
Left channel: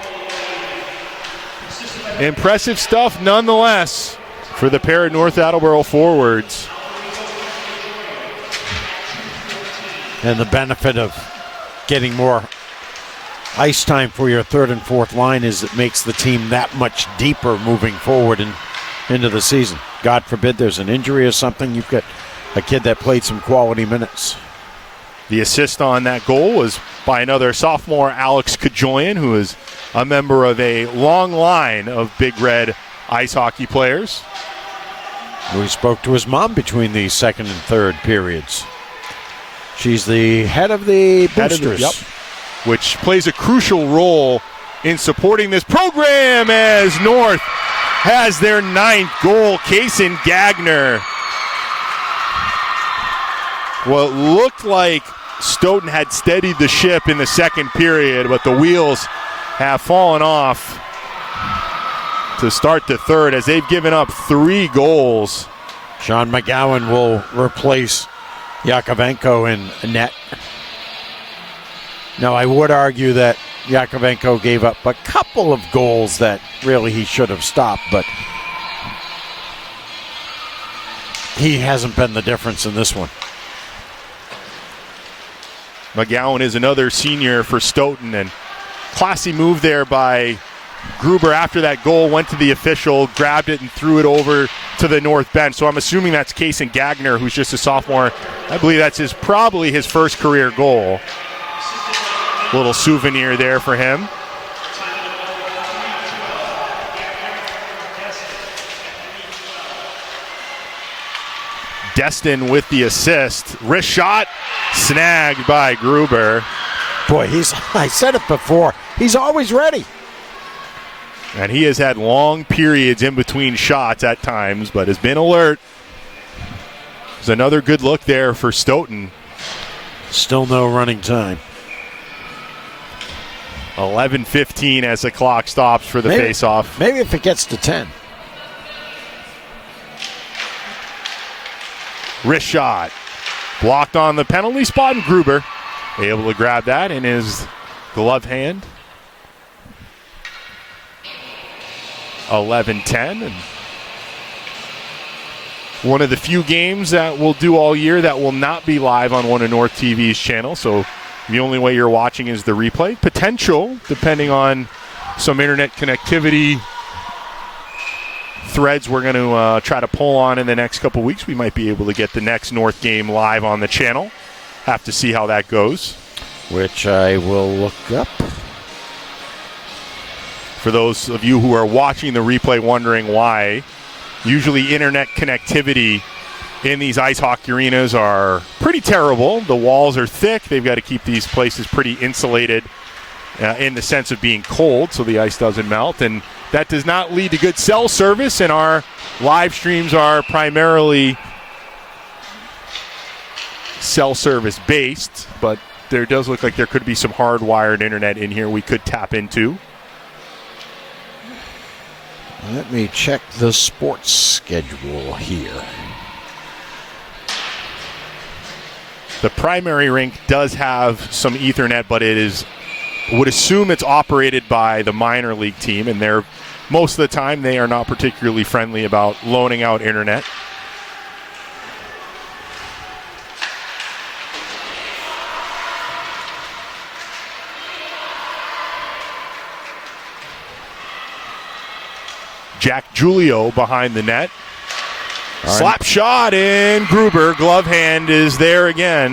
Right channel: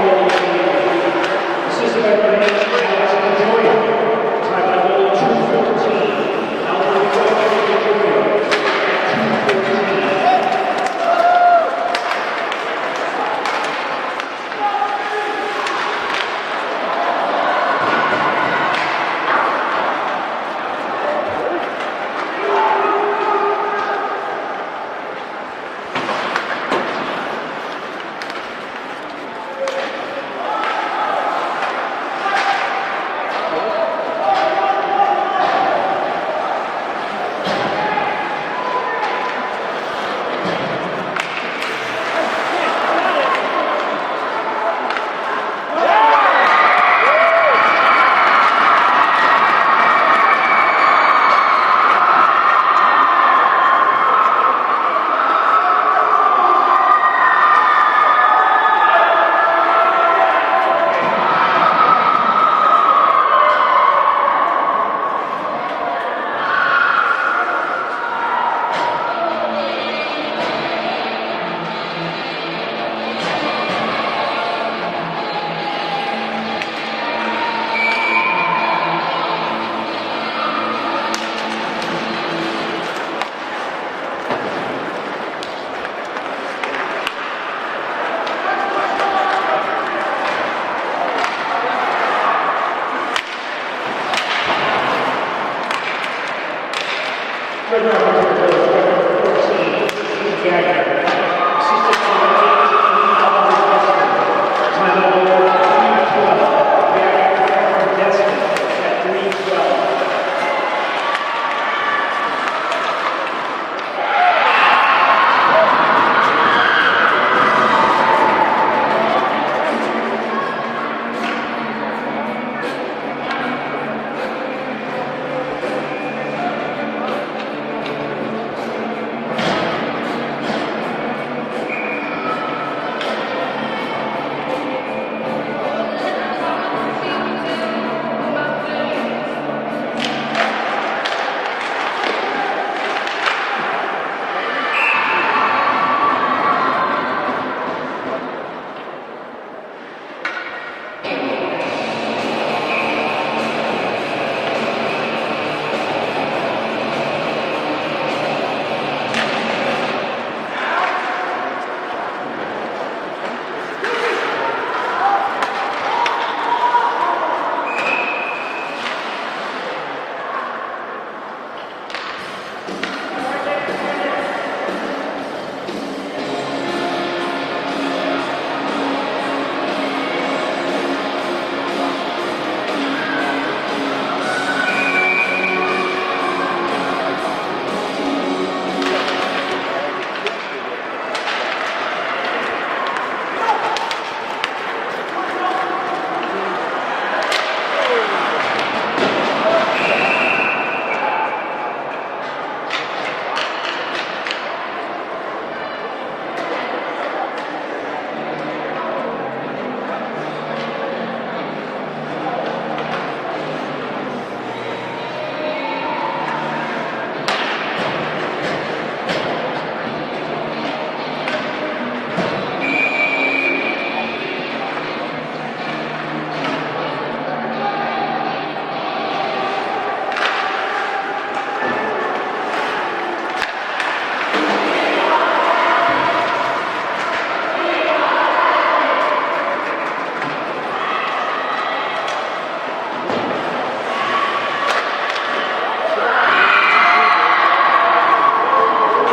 Impressive stuff nonetheless for the pair of North Attleboro forwards. And the benefit of getting more ice time for your third and fourth line is it makes the team that much deeper moving forward and into the season. God forbid there's an injury or something. You've got a kid that played some quality minutes. The assist on that goal was by another sophomore, Alex Kajoyan, who is a member of a long line of Big Red ice hockey players. We spoke to his mom between the second and third periods. She's the head of the boosters. which plays a crucial role in supporting this program as North has their 9th goal. Kaysen Gagner. What looked like Stoughton had steadied the ship in the second period, but the wheels have fallen off to start the third as they've given up 3 goals. Sean McGowan will replace Yakovenko in net. Now, I would argue that Yakovenko gave up a couple of goals that really he should have stopped, but he hasn't been the difference in this one. McGowan is another senior for Stoughton, and classy move there by Gruber after that goal, went to the official, grabbed it and threw it over to the north bench. So I'm assuming that's Kaysen Gagner, who's just a sophomore. I believe that's probably his first career goal. Little souvenir there for him. Destin with the assist. Wrist shot, snagged by Gruber. Boy, I said it before, he's always ready. And he has had long periods in between shots at times, but has been alert. There's another good look there for Stoughton. Still no running time. 11:15 as the clock stops for the face-off. Maybe if it gets to 10. Wrist shot. Blocked on the penalty spot, and Gruber able to grab that in his gloved hand. 11-10. One of the few games that we'll do all year that will not be live on one of North TV's channels, so the only way you're watching is the replay. Potential, depending on some internet connectivity threads we're going to try to pull on in the next couple weeks. We might be able to get the next North game live on the channel. Have to see how that goes. Which I will look up. For those of you who are watching the replay wondering why, usually internet connectivity in these ice hockey arenas are pretty terrible. The walls are thick. They've got to keep these places pretty insulated in the sense of being cold so the ice doesn't melt. And that does not lead to good cell service, and our live streams are primarily cell service based, but there does look like there could be some hardwired internet in here we could tap into. Let me check the sports schedule here. The primary rink does have some Ethernet, but would assume it's operated by the minor league team, and most of the time they are not particularly friendly about loaning out internet. Jack Julio behind the net. Slap shot in. Gruber, glove hand is there again.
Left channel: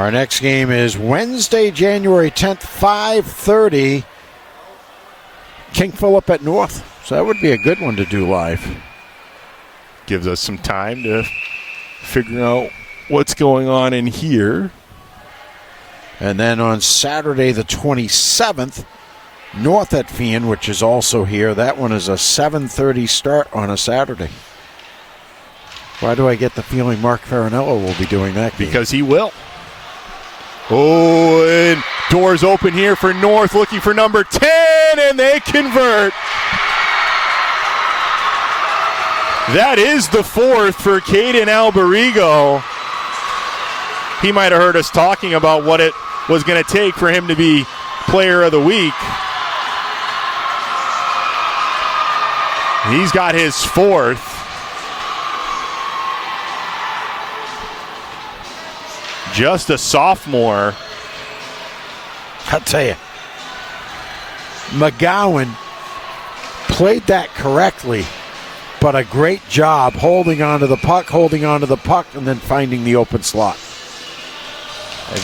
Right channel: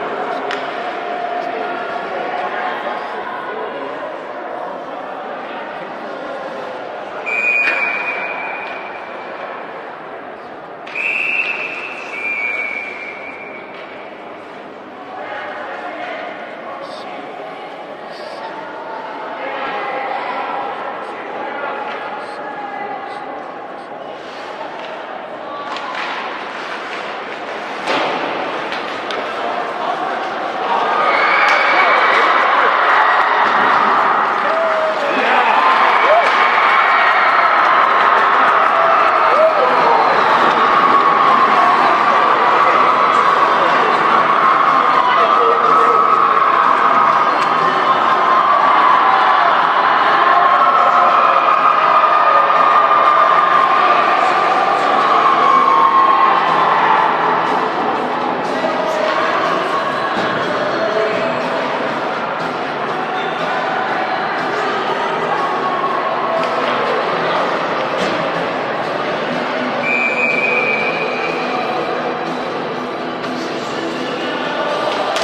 Our next game is Wednesday, January 10th, 5:30. King Philip at North. So that would be a good one to do live. Gives us some time to figure out what's going on in here. And then on Saturday, the 27th, North at Fian, which is also here. That one is a 7:30 start on a Saturday. Why do I get the feeling Mark Farinello will be doing that game? Because he will. Oh, and doors open here for North, looking for number 10, and they convert. That is the 4th for Caden Alberigo. He might have heard us talking about what it was going to take for him to be player of the week. He's got his 4th. Just a sophomore. I'll tell you, McGowan played that correctly, but a great job holding onto the puck, and then finding the open slot.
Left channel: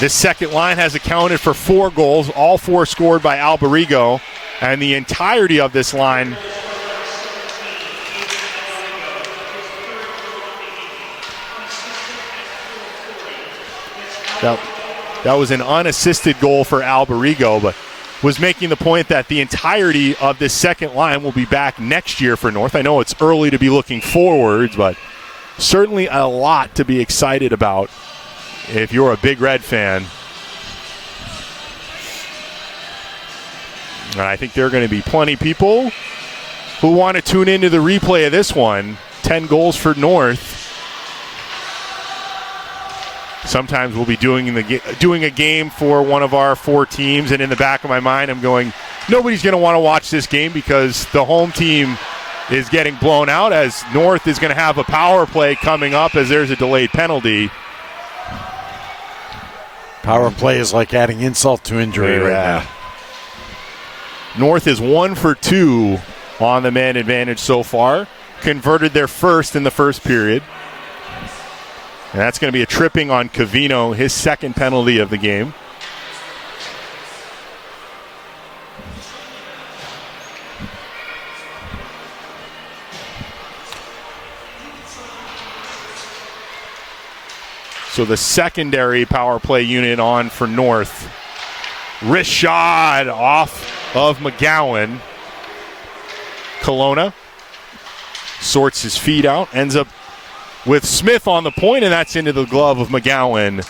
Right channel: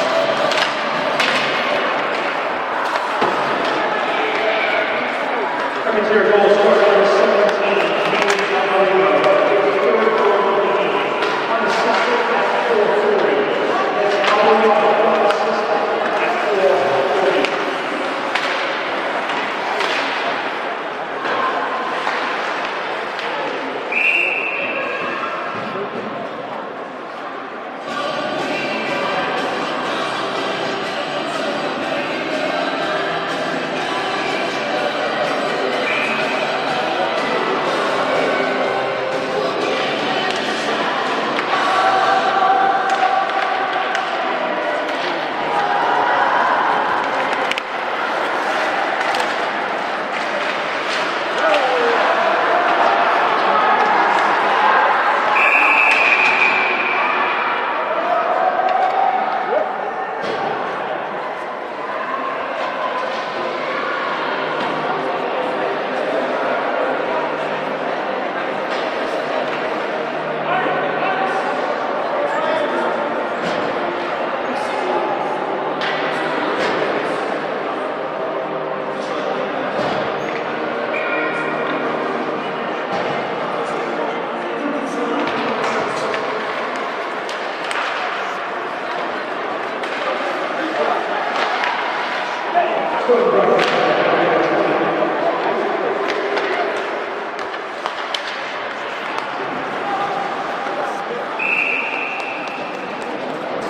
This second line has accounted for 4 goals, all 4 scored by Alberigo, and the entirety of this line That was an unassisted goal for Alberigo, but was making the point that the entirety of this second line will be back next year for North. I know it's early to be looking forwards, but certainly a lot to be excited about if you're a Big Red fan. And I think there are going to be plenty of people who want to tune into the replay of this one. 10 goals for North. Sometimes we'll be doing a game for one of our 4 teams, and in the back of my mind I'm going, nobody's going to want to watch this game because the home team is getting blown out, as North is going to have a power play coming up as there's a delayed penalty. Power play is like adding insult to injury right now. North is 1 for 2 on the man advantage so far. Converted their first in the first period. And that's going to be a tripping on Covino, his second penalty of the game. So the secondary power play unit on for North. Wrist shot off of McGowan. Kelowna sorts his feet out, ends up with Smith on the point, and that's into the glove of McGowan.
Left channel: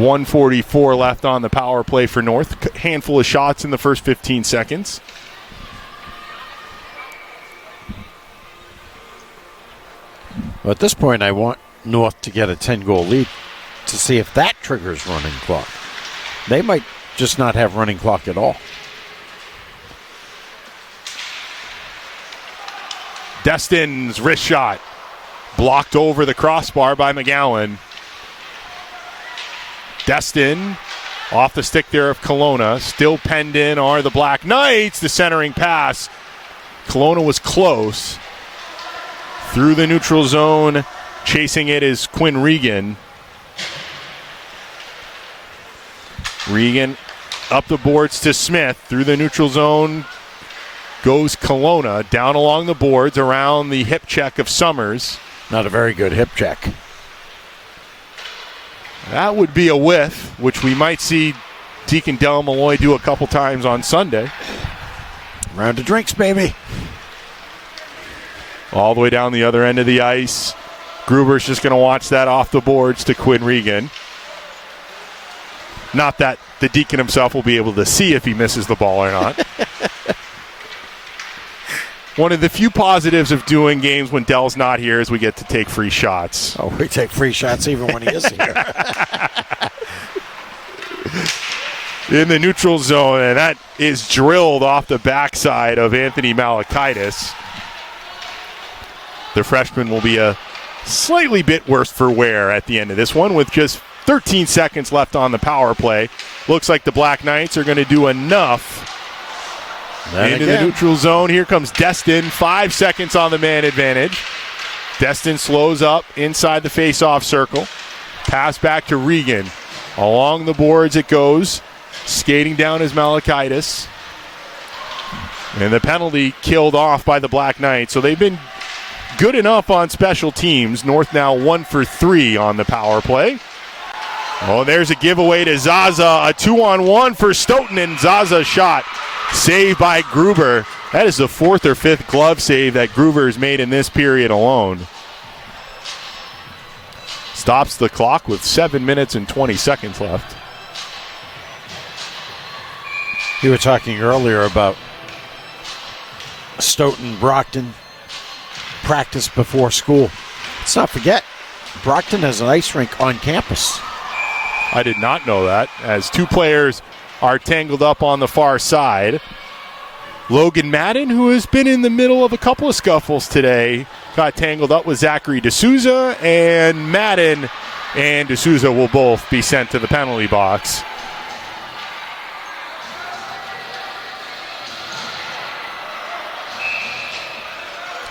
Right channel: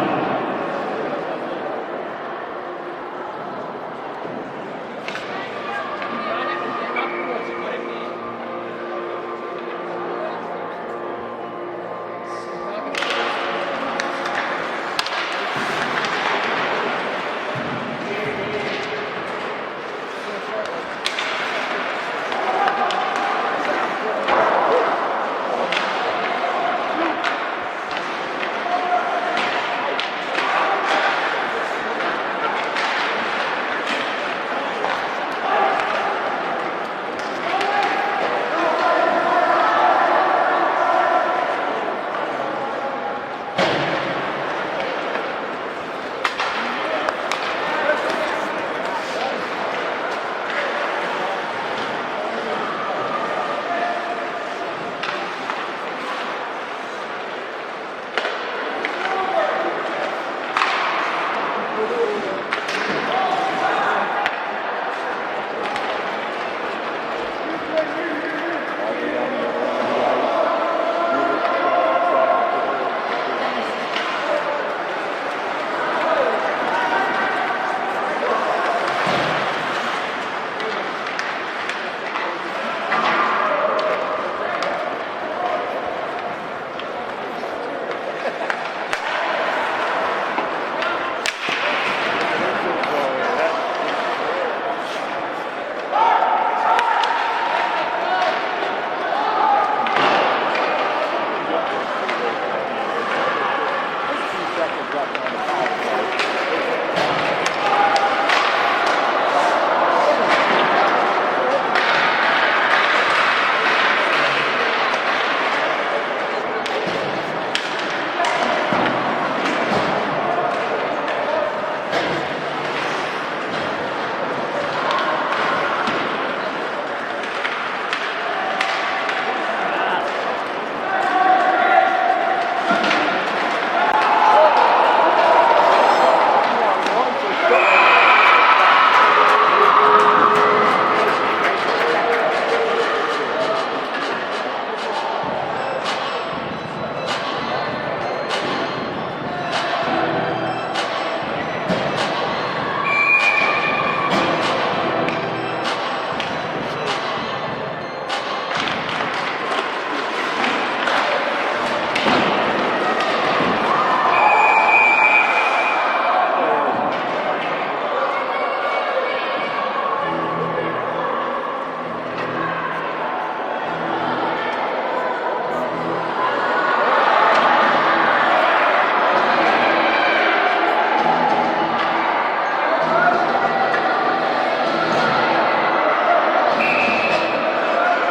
1:44 left on the power play for North. A handful of shots in the first 15 seconds. Well, at this point, I want North to get a 10-goal lead to see if that triggers running clock. They might just not have running clock at all. Destin's wrist shot blocked over the crossbar by McGowan. Destin off the stick there of Kelowna. Still penned in are the Black Knights. The centering pass. Kelowna was close. Through the neutral zone. Chasing it is Quinn Regan. Regan up the boards to Smith. Through the neutral zone goes Kelowna. Down along the boards around the hip check of Summers. Not a very good hip check. That would be a whiff, which we might see Deacon Del Malloy do a couple times on Sunday. Round of drinks, baby. All the way down the other end of the ice. Gruber's just going to watch that off the boards to Quinn Regan. Not that the Deacon himself will be able to see if he misses the ball or not. One of the few positives of doing games when Dell's not here is we get to take free shots. Oh, we take free shots even when he isn't here. In the neutral zone, and that is drilled off the backside of Anthony Malakaitis. The freshman will be a slightly bit worse for wear at the end of this one with just 13 seconds left on the power play. Looks like the Black Knights are going to do enough. Into the neutral zone. Here comes Destin. 5 seconds on the man advantage. Destin slows up inside the face-off circle. Pass back to Regan. Along the boards it goes. Skating down is Malakaitis. And the penalty killed off by the Black Knights. So they've been good enough on special teams. North now 1 for 3 on the power play. Oh, there's a giveaway to Zaza. A 2-on-1 for Stoughton, and Zaza shot. Saved by Gruber. That is the 4th or 5th glove save that Gruber has made in this period alone. Stops the clock with 7 minutes and 20 seconds left. We were talking earlier about Stoughton, Brockton, practice before school. Let's not forget, Brockton has an ice rink on campus. I did not know that, as 2 players are tangled up on the far side. Logan Madden, who has been in the middle of a couple of scuffles today, got tangled up with Zachary D'Souza, and Madden and D'Souza will both be sent to the penalty box.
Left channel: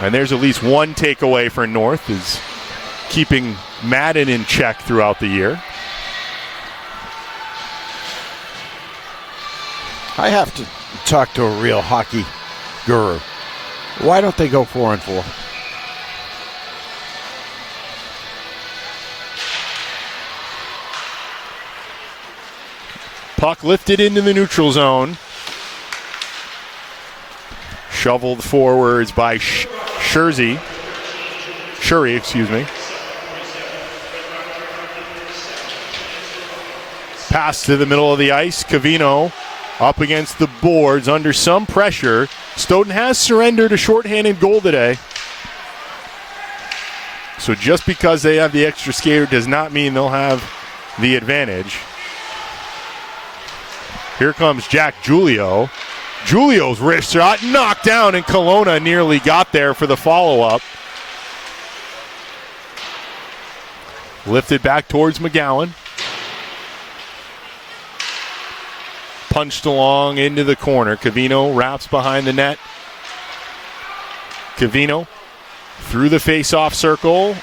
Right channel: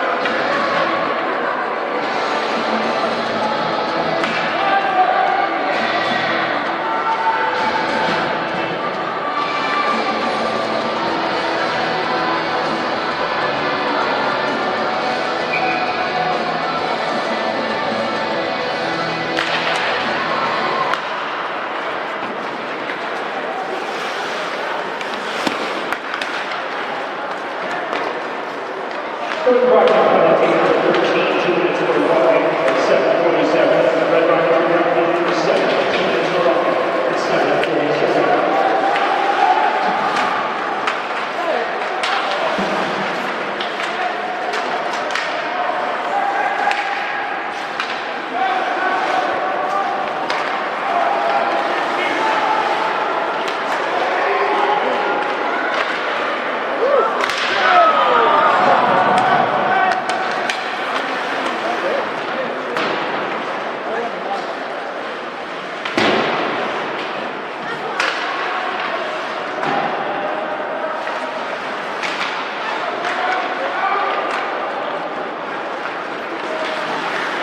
And there's at least one takeaway for North, is keeping Madden in check throughout the year. I have to talk to a real hockey guru. Why don't they go 4-on-4? Puck lifted into the neutral zone. Shoveled forwards by Shuri, excuse me. Pass to the middle of the ice. Covino up against the boards under some pressure. Stoughton has surrendered a shorthanded goal today. So just because they have the extra skater does not mean they'll have the advantage. Here comes Jack Julio. Julio's wrist shot knocked down, and Kelowna nearly got there for the follow-up. Lifted back towards McGowan. Punched along into the corner. Covino wraps behind the net. Covino through the face-off circle.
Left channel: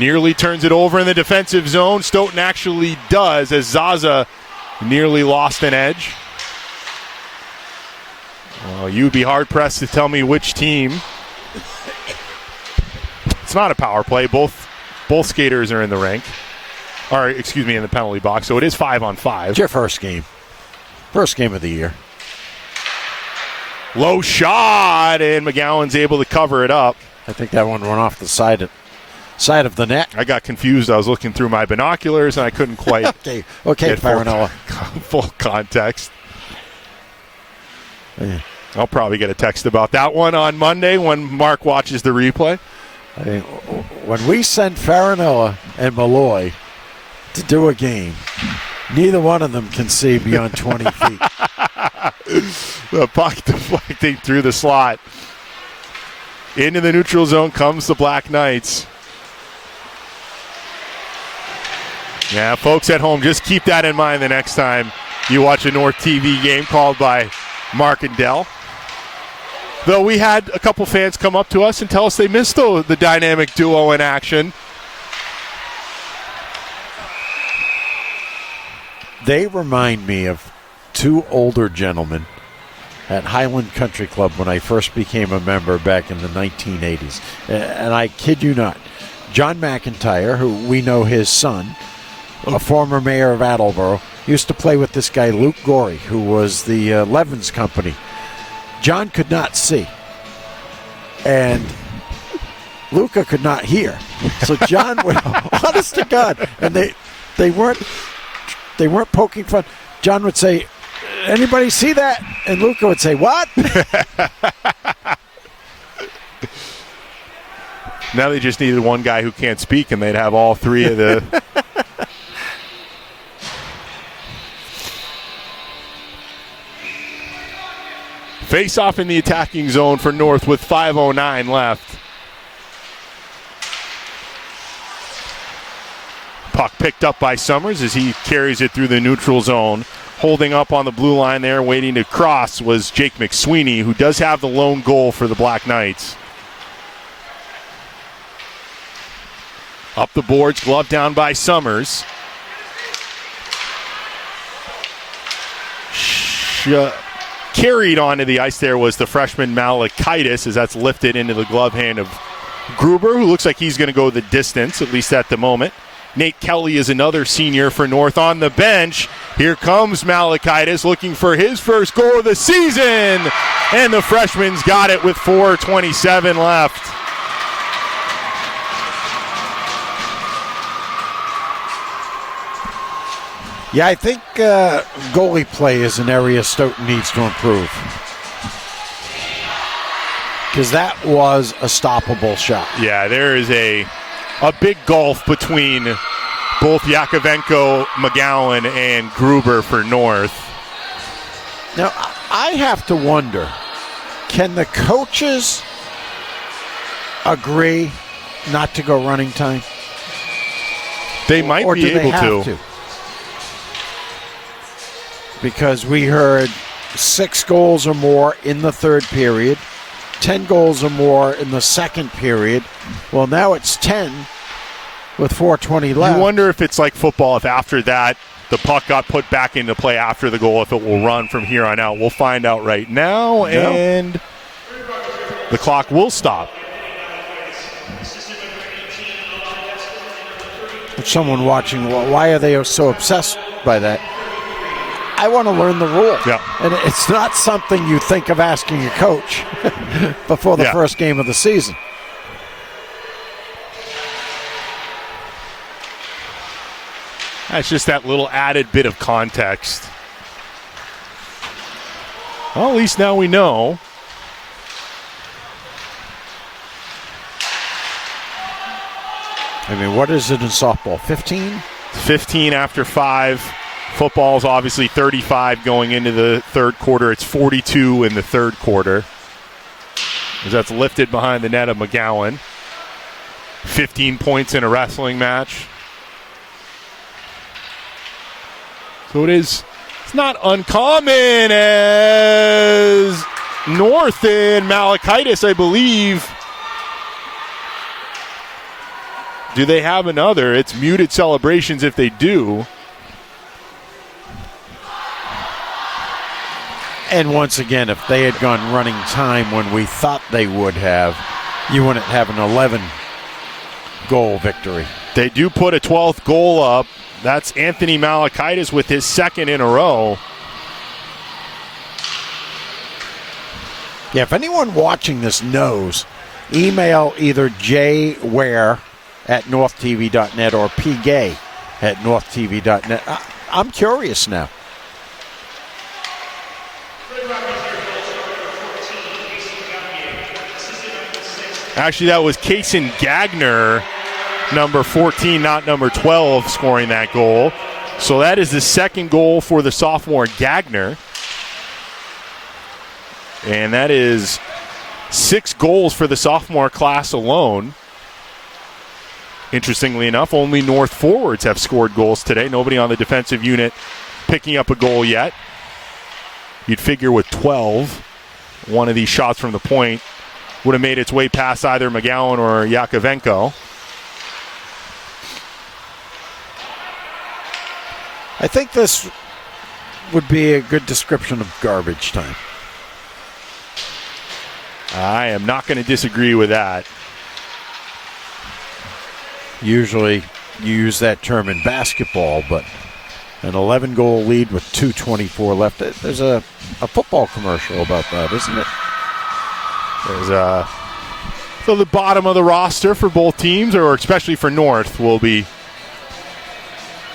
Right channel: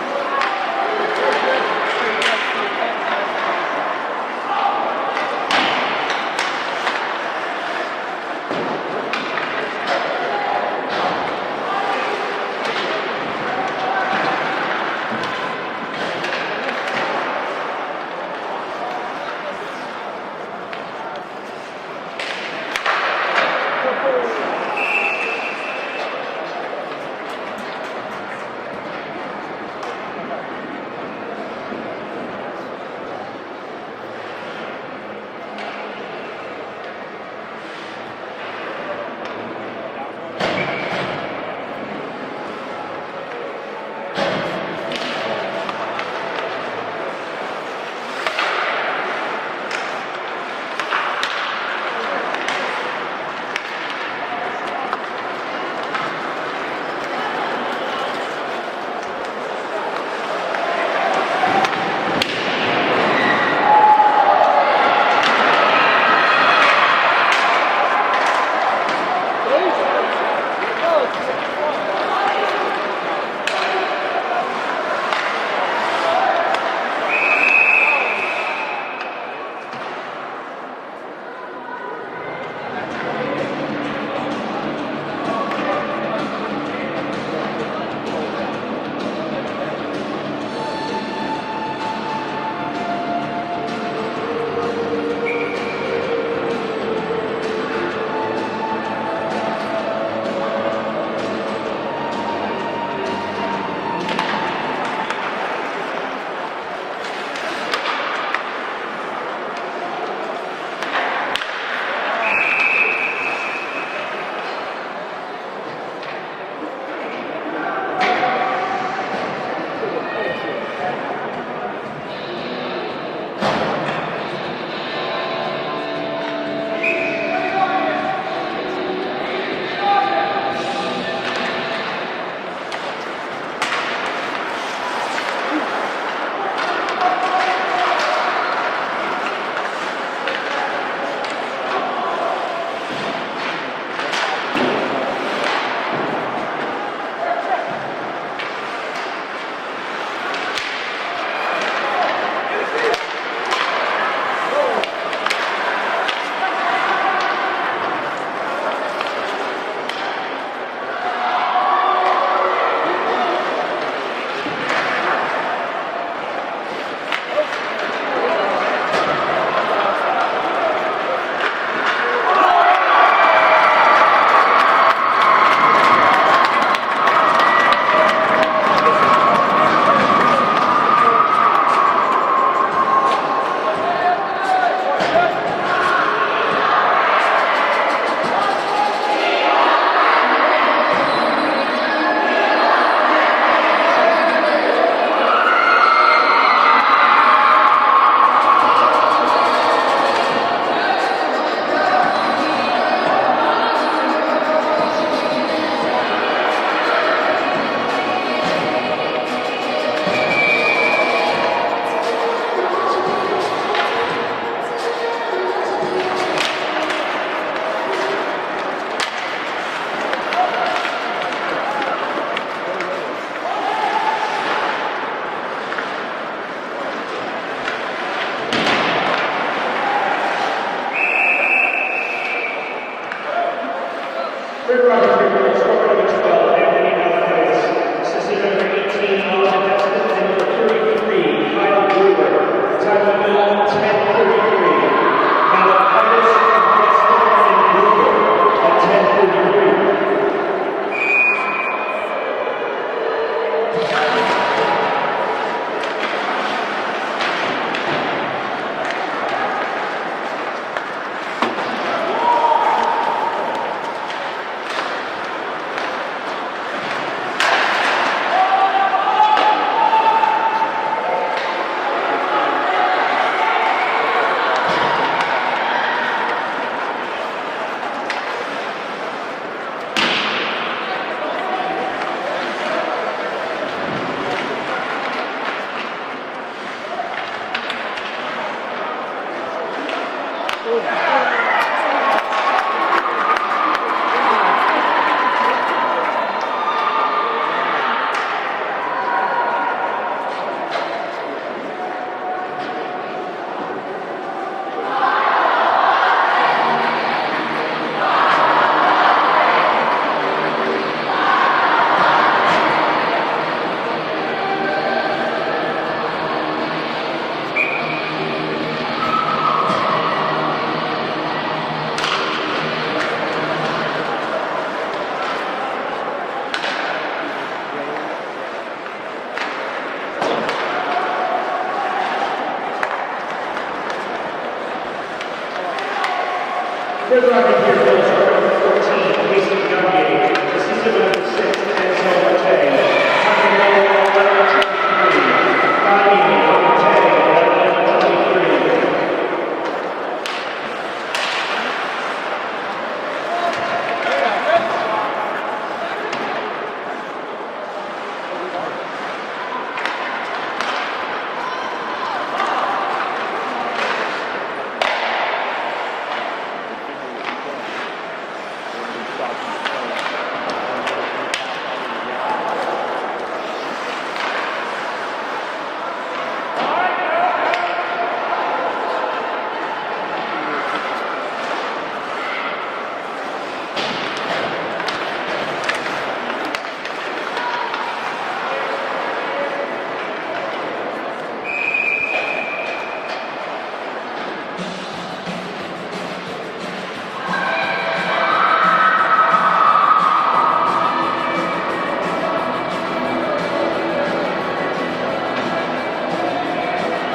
Nearly turns it over in the defensive zone. Stoughton actually does, as Zaza nearly lost an edge. You'd be hard-pressed to tell me which team. It's not a power play. Both skaters are in the rink. Or, excuse me, in the penalty box. So it is 5-on-5. It's your first game. First game of the year. Low shot, and McGowan's able to cover it up. I think that one went off the side of the net. I got confused. I was looking through my binoculars, and I couldn't quite okay, get Faranoa. full context. Yeah. I'll probably get a text about that one on Monday when Mark watches the replay. When we sent Faranoa and Malloy to do a game, neither one of them can see beyond 20 feet. The puck deflecting through the slot. Into the neutral zone comes the Black Knights. Yeah, folks at home, just keep that in mind the next time you watch a North TV game called by Mark and Dell. Though we had a couple fans come up to us and tell us they missed the dynamic duo in action. They remind me of two older gentlemen at Highland Country Club when I first became a member back in the 1980s. And I kid you not, John McIntyre, who we know his son, a former mayor of Attleboro, used to play with this guy Luke Gorey, who was the Levens company. John could not see, and Luca could not hear. So John would, honest to God, and they weren't poking fun. John would say, "Anybody see that?" And Luca would say, "What?" Now they just needed one guy who can't speak, and they'd have all three of the. Face off in the attacking zone for North with 5:09 left. Puck picked up by Summers as he carries it through the neutral zone. Holding up on the blue line there, waiting to cross, was Jake McSweeney, who does have the lone goal for the Black Knights. Up the boards, glove down by Summers. Carried onto the ice there was the freshman Malakaitis, as that's lifted into the glove hand of Gruber, who looks like he's going to go the distance, at least at the moment. Nate Kelly is another senior for North on the bench. Here comes Malakaitis looking for his first goal of the season, and the freshman's got it with 4:27 left. Yeah, I think goalie play is an area Stoughton needs to improve. Because that was a stoppable shot. Yeah, there is a big gulf between both Yakovenko, McGowan, and Gruber for North. Now, I have to wonder, can the coaches agree not to go running time? They might or be do able they have to. Because we heard 6 goals or more in the third period, 10 goals or more in the second period. Well, now it's 10 with 4:20 left. You wonder if it's like football, if after that the puck got put back into play after the goal, if it will run from here on out. We'll find out right now, and the clock will stop. Someone watching, why are they so obsessed by that? I want to learn the rules. Yep. And it's not something you think of asking a coach before the first game of the season. That's just that little added bit of context. Well, at least now we know. I mean, what is it in softball, 15? 15 after 5. Football's obviously 35 going into the third quarter. It's 42 in the third quarter. That's lifted behind the net of McGowan. 15 points in a wrestling match. So it's not uncommon as North and Malachitis, I believe. Do they have another? It's muted celebrations if they do. And once again, if they had gone running time when we thought they would have, you wouldn't have an 11-goal victory. They do put a 12th goal up. That's Anthony Malachitis with his second in a row. Yeah, if anyone watching this knows, email either jware@northtv.net or pgay@northtv.net. I'm curious now. Actually, that was Kason Gagner, number 14, not number 12, scoring that goal. So that is the second goal for the sophomore Gagner. And that is 6 goals for the sophomore class alone. Interestingly enough, only North forwards have scored goals today. Nobody on the defensive unit picking up a goal yet. You'd figure with 12, one of these shots from the point would have made its way past either McGowan or Yakovenko. I think this would be a good description of garbage time. I am not going to disagree with that. Usually you use that term in basketball, but an 11-goal lead with 2:24 left. There's a football commercial about that, isn't it? So the bottom of the roster for both teams, or especially for North, will be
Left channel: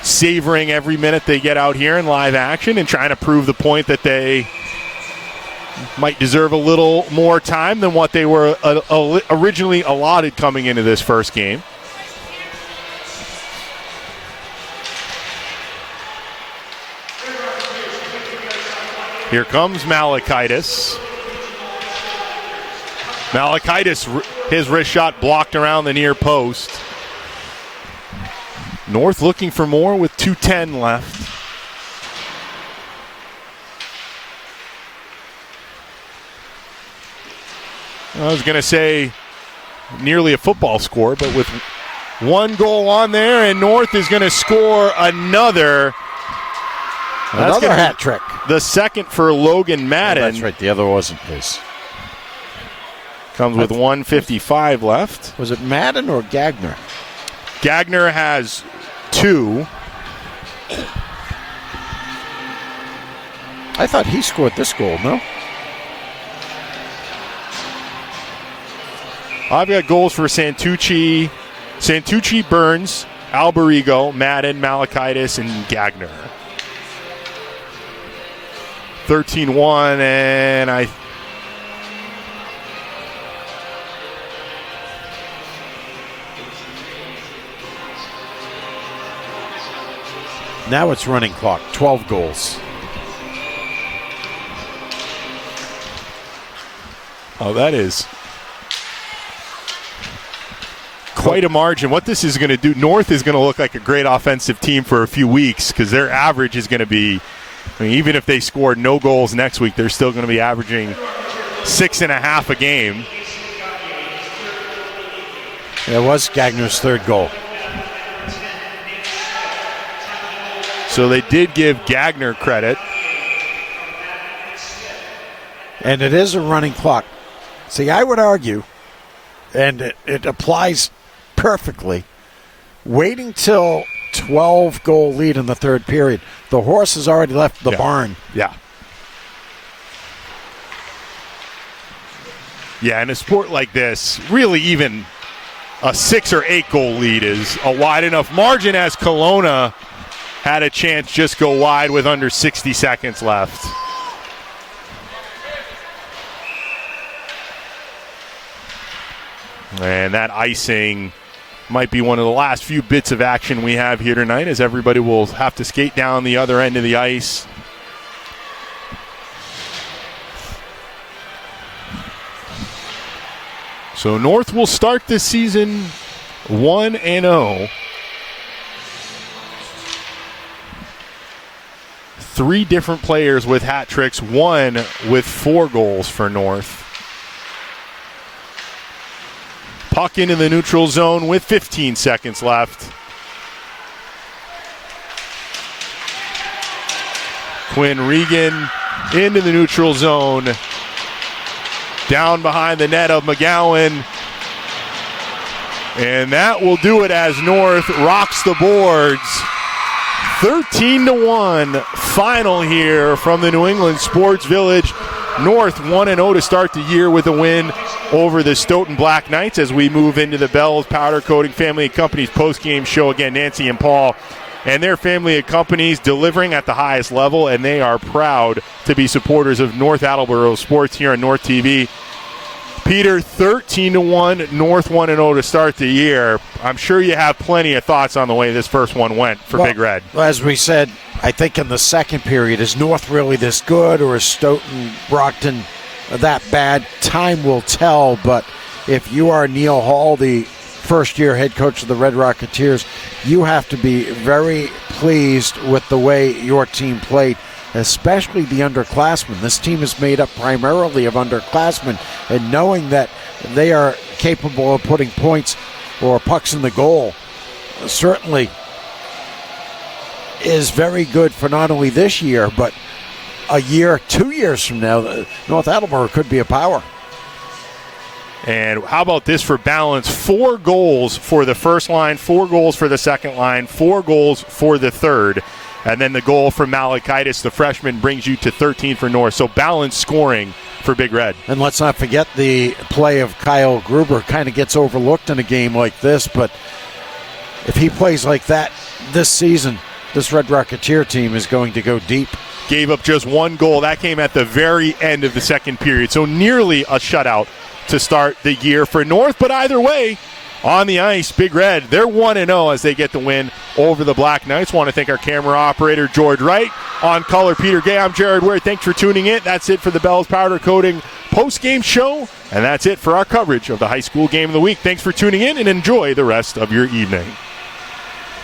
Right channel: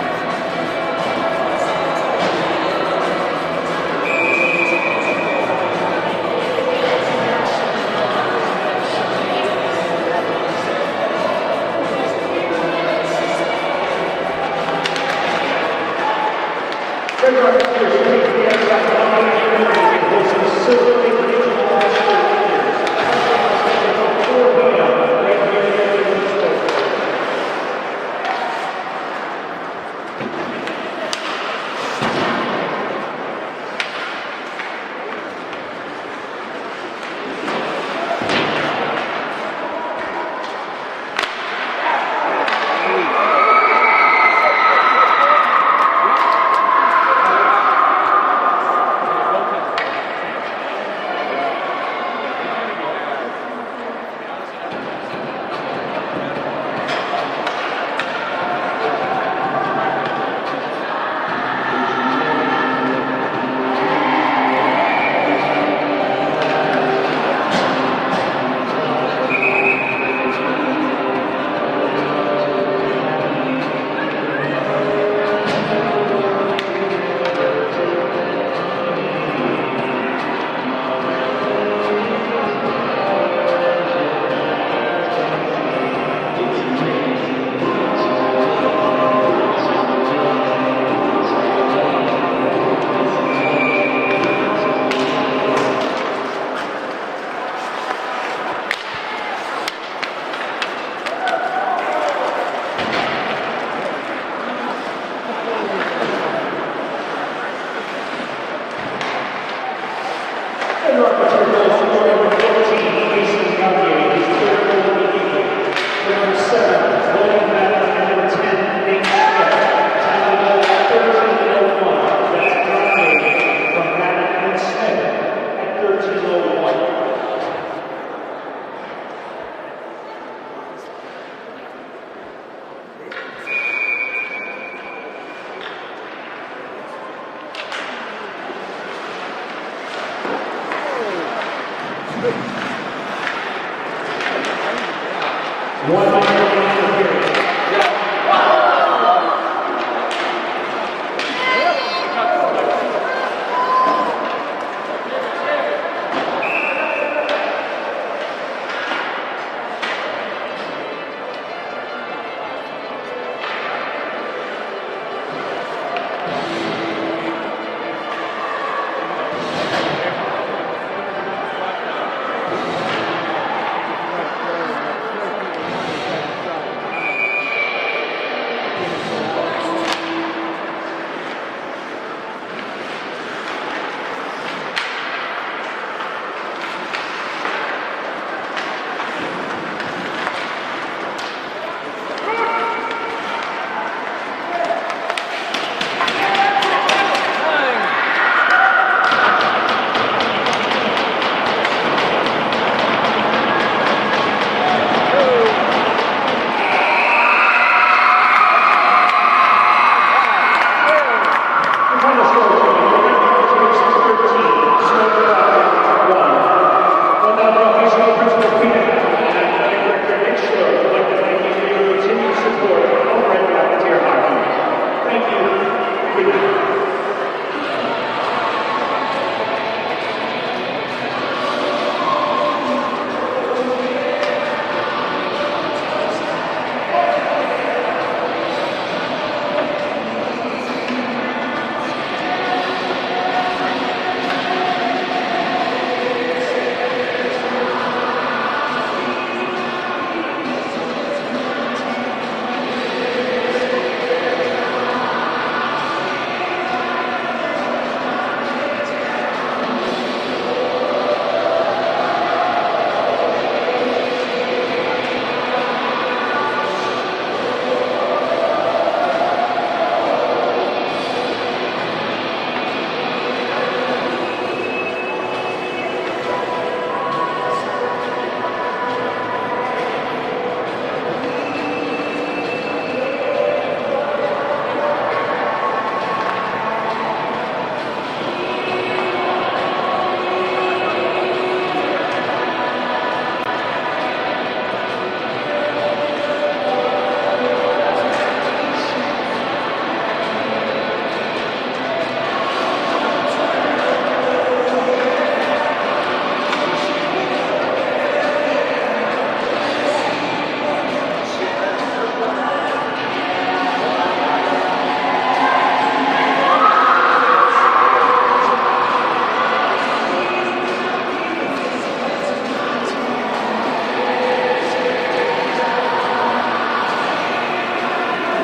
savoring every minute they get out here in live action and trying to prove the point that they might deserve a little more time than what they were originally allotted coming into this first game. Here comes Malachitis. Malachitis, his wrist shot blocked around the near post. North looking for more with 2:10 left. I was going to say nearly a football score, but with one goal on there, and North is going to score another. That's Another hat trick. The second for Logan Madden. That's right, the other wasn't this. Comes with 1:55 left. Was it Madden or Gagner? Gagner has 2. I thought he scored this goal, no? I've got goals for Santucci, Burns, Alberigo, Madden, Malachitis, and Gagner. 13-1, and now it's running clock, 12 goals. Oh, that is quite a margin. What this is going to do, North is going to look like a great offensive team for a few weeks because their average is going to be, even if they scored no goals next week, they're still going to be averaging 6.5 a game. There was Gagner's third goal. So they did give Gagner credit. And it is a running clock. See, I would argue, and it applies perfectly, wait until 12-goal lead in the third period. The horse has already left the barn. Yeah. Yeah, in a sport like this, really even a 6 or 8 goal lead is a wide enough margin, as Kelowna had a chance just go wide with under 60 seconds left. And that icing might be one of the last few bits of action we have here tonight, as everybody will have to skate down the other end of the ice. So North will start this season 1-0. 3 different players with hat tricks, 1 with 4 goals for North. Puck into the neutral zone with 15 seconds left. Quinn Regan into the neutral zone. Down behind the net of McGowan. And that will do it as North rocks the boards. 13-1 final here from the New England Sports Village. North 1-0 to start the year with a win over the Stoughton Black Knights, as we move into the Bell's Powder Coating Family of Companies post-game show. Again, Nancy and Paul and their family of companies delivering at the highest level, and they are proud to be supporters of North Attleboro sports here on North TV. Peter, 13-1, North 1-0 to start the year. I'm sure you have plenty of thoughts on the way this first one went for Big Red. As we said, I think in the second period, is North really this good, or is Stoughton, Brockton that bad? Time will tell, but if you are Neil Hall, the first-year head coach of the Red Rocketeers, you have to be very pleased with the way your team played, especially the underclassmen. This team is made up primarily of underclassmen, and knowing that they are capable of putting points or pucks in the goal certainly is very good for not only this year, but a year, 2 years from now, North Attleboro could be a power. And how about this for balance? 4 goals for the first line, 4 goals for the second line, 4 goals for the third. And then the goal from Malakaitis, the freshman, brings you to 13 for North. So balanced scoring for Big Red. And let's not forget the play of Kyle Gruber. Kind of gets overlooked in a game like this, but if he plays like that this season, this Red Rocketeer team is going to go deep. Gave up just 1 goal. That came at the very end of the second period. So nearly a shutout to start the year for North. But either way, on the ice, Big Red, they're 1-0 as they get the win over the Black Knights. Want to thank our camera operator, George Wright. On color, Peter Gay. I'm Jared Ward. Thanks for tuning in. That's it for the Bell's Powder Coating post-game show. And that's it for our coverage of the high school game of the week. Thanks for tuning in, and enjoy the rest of your evening.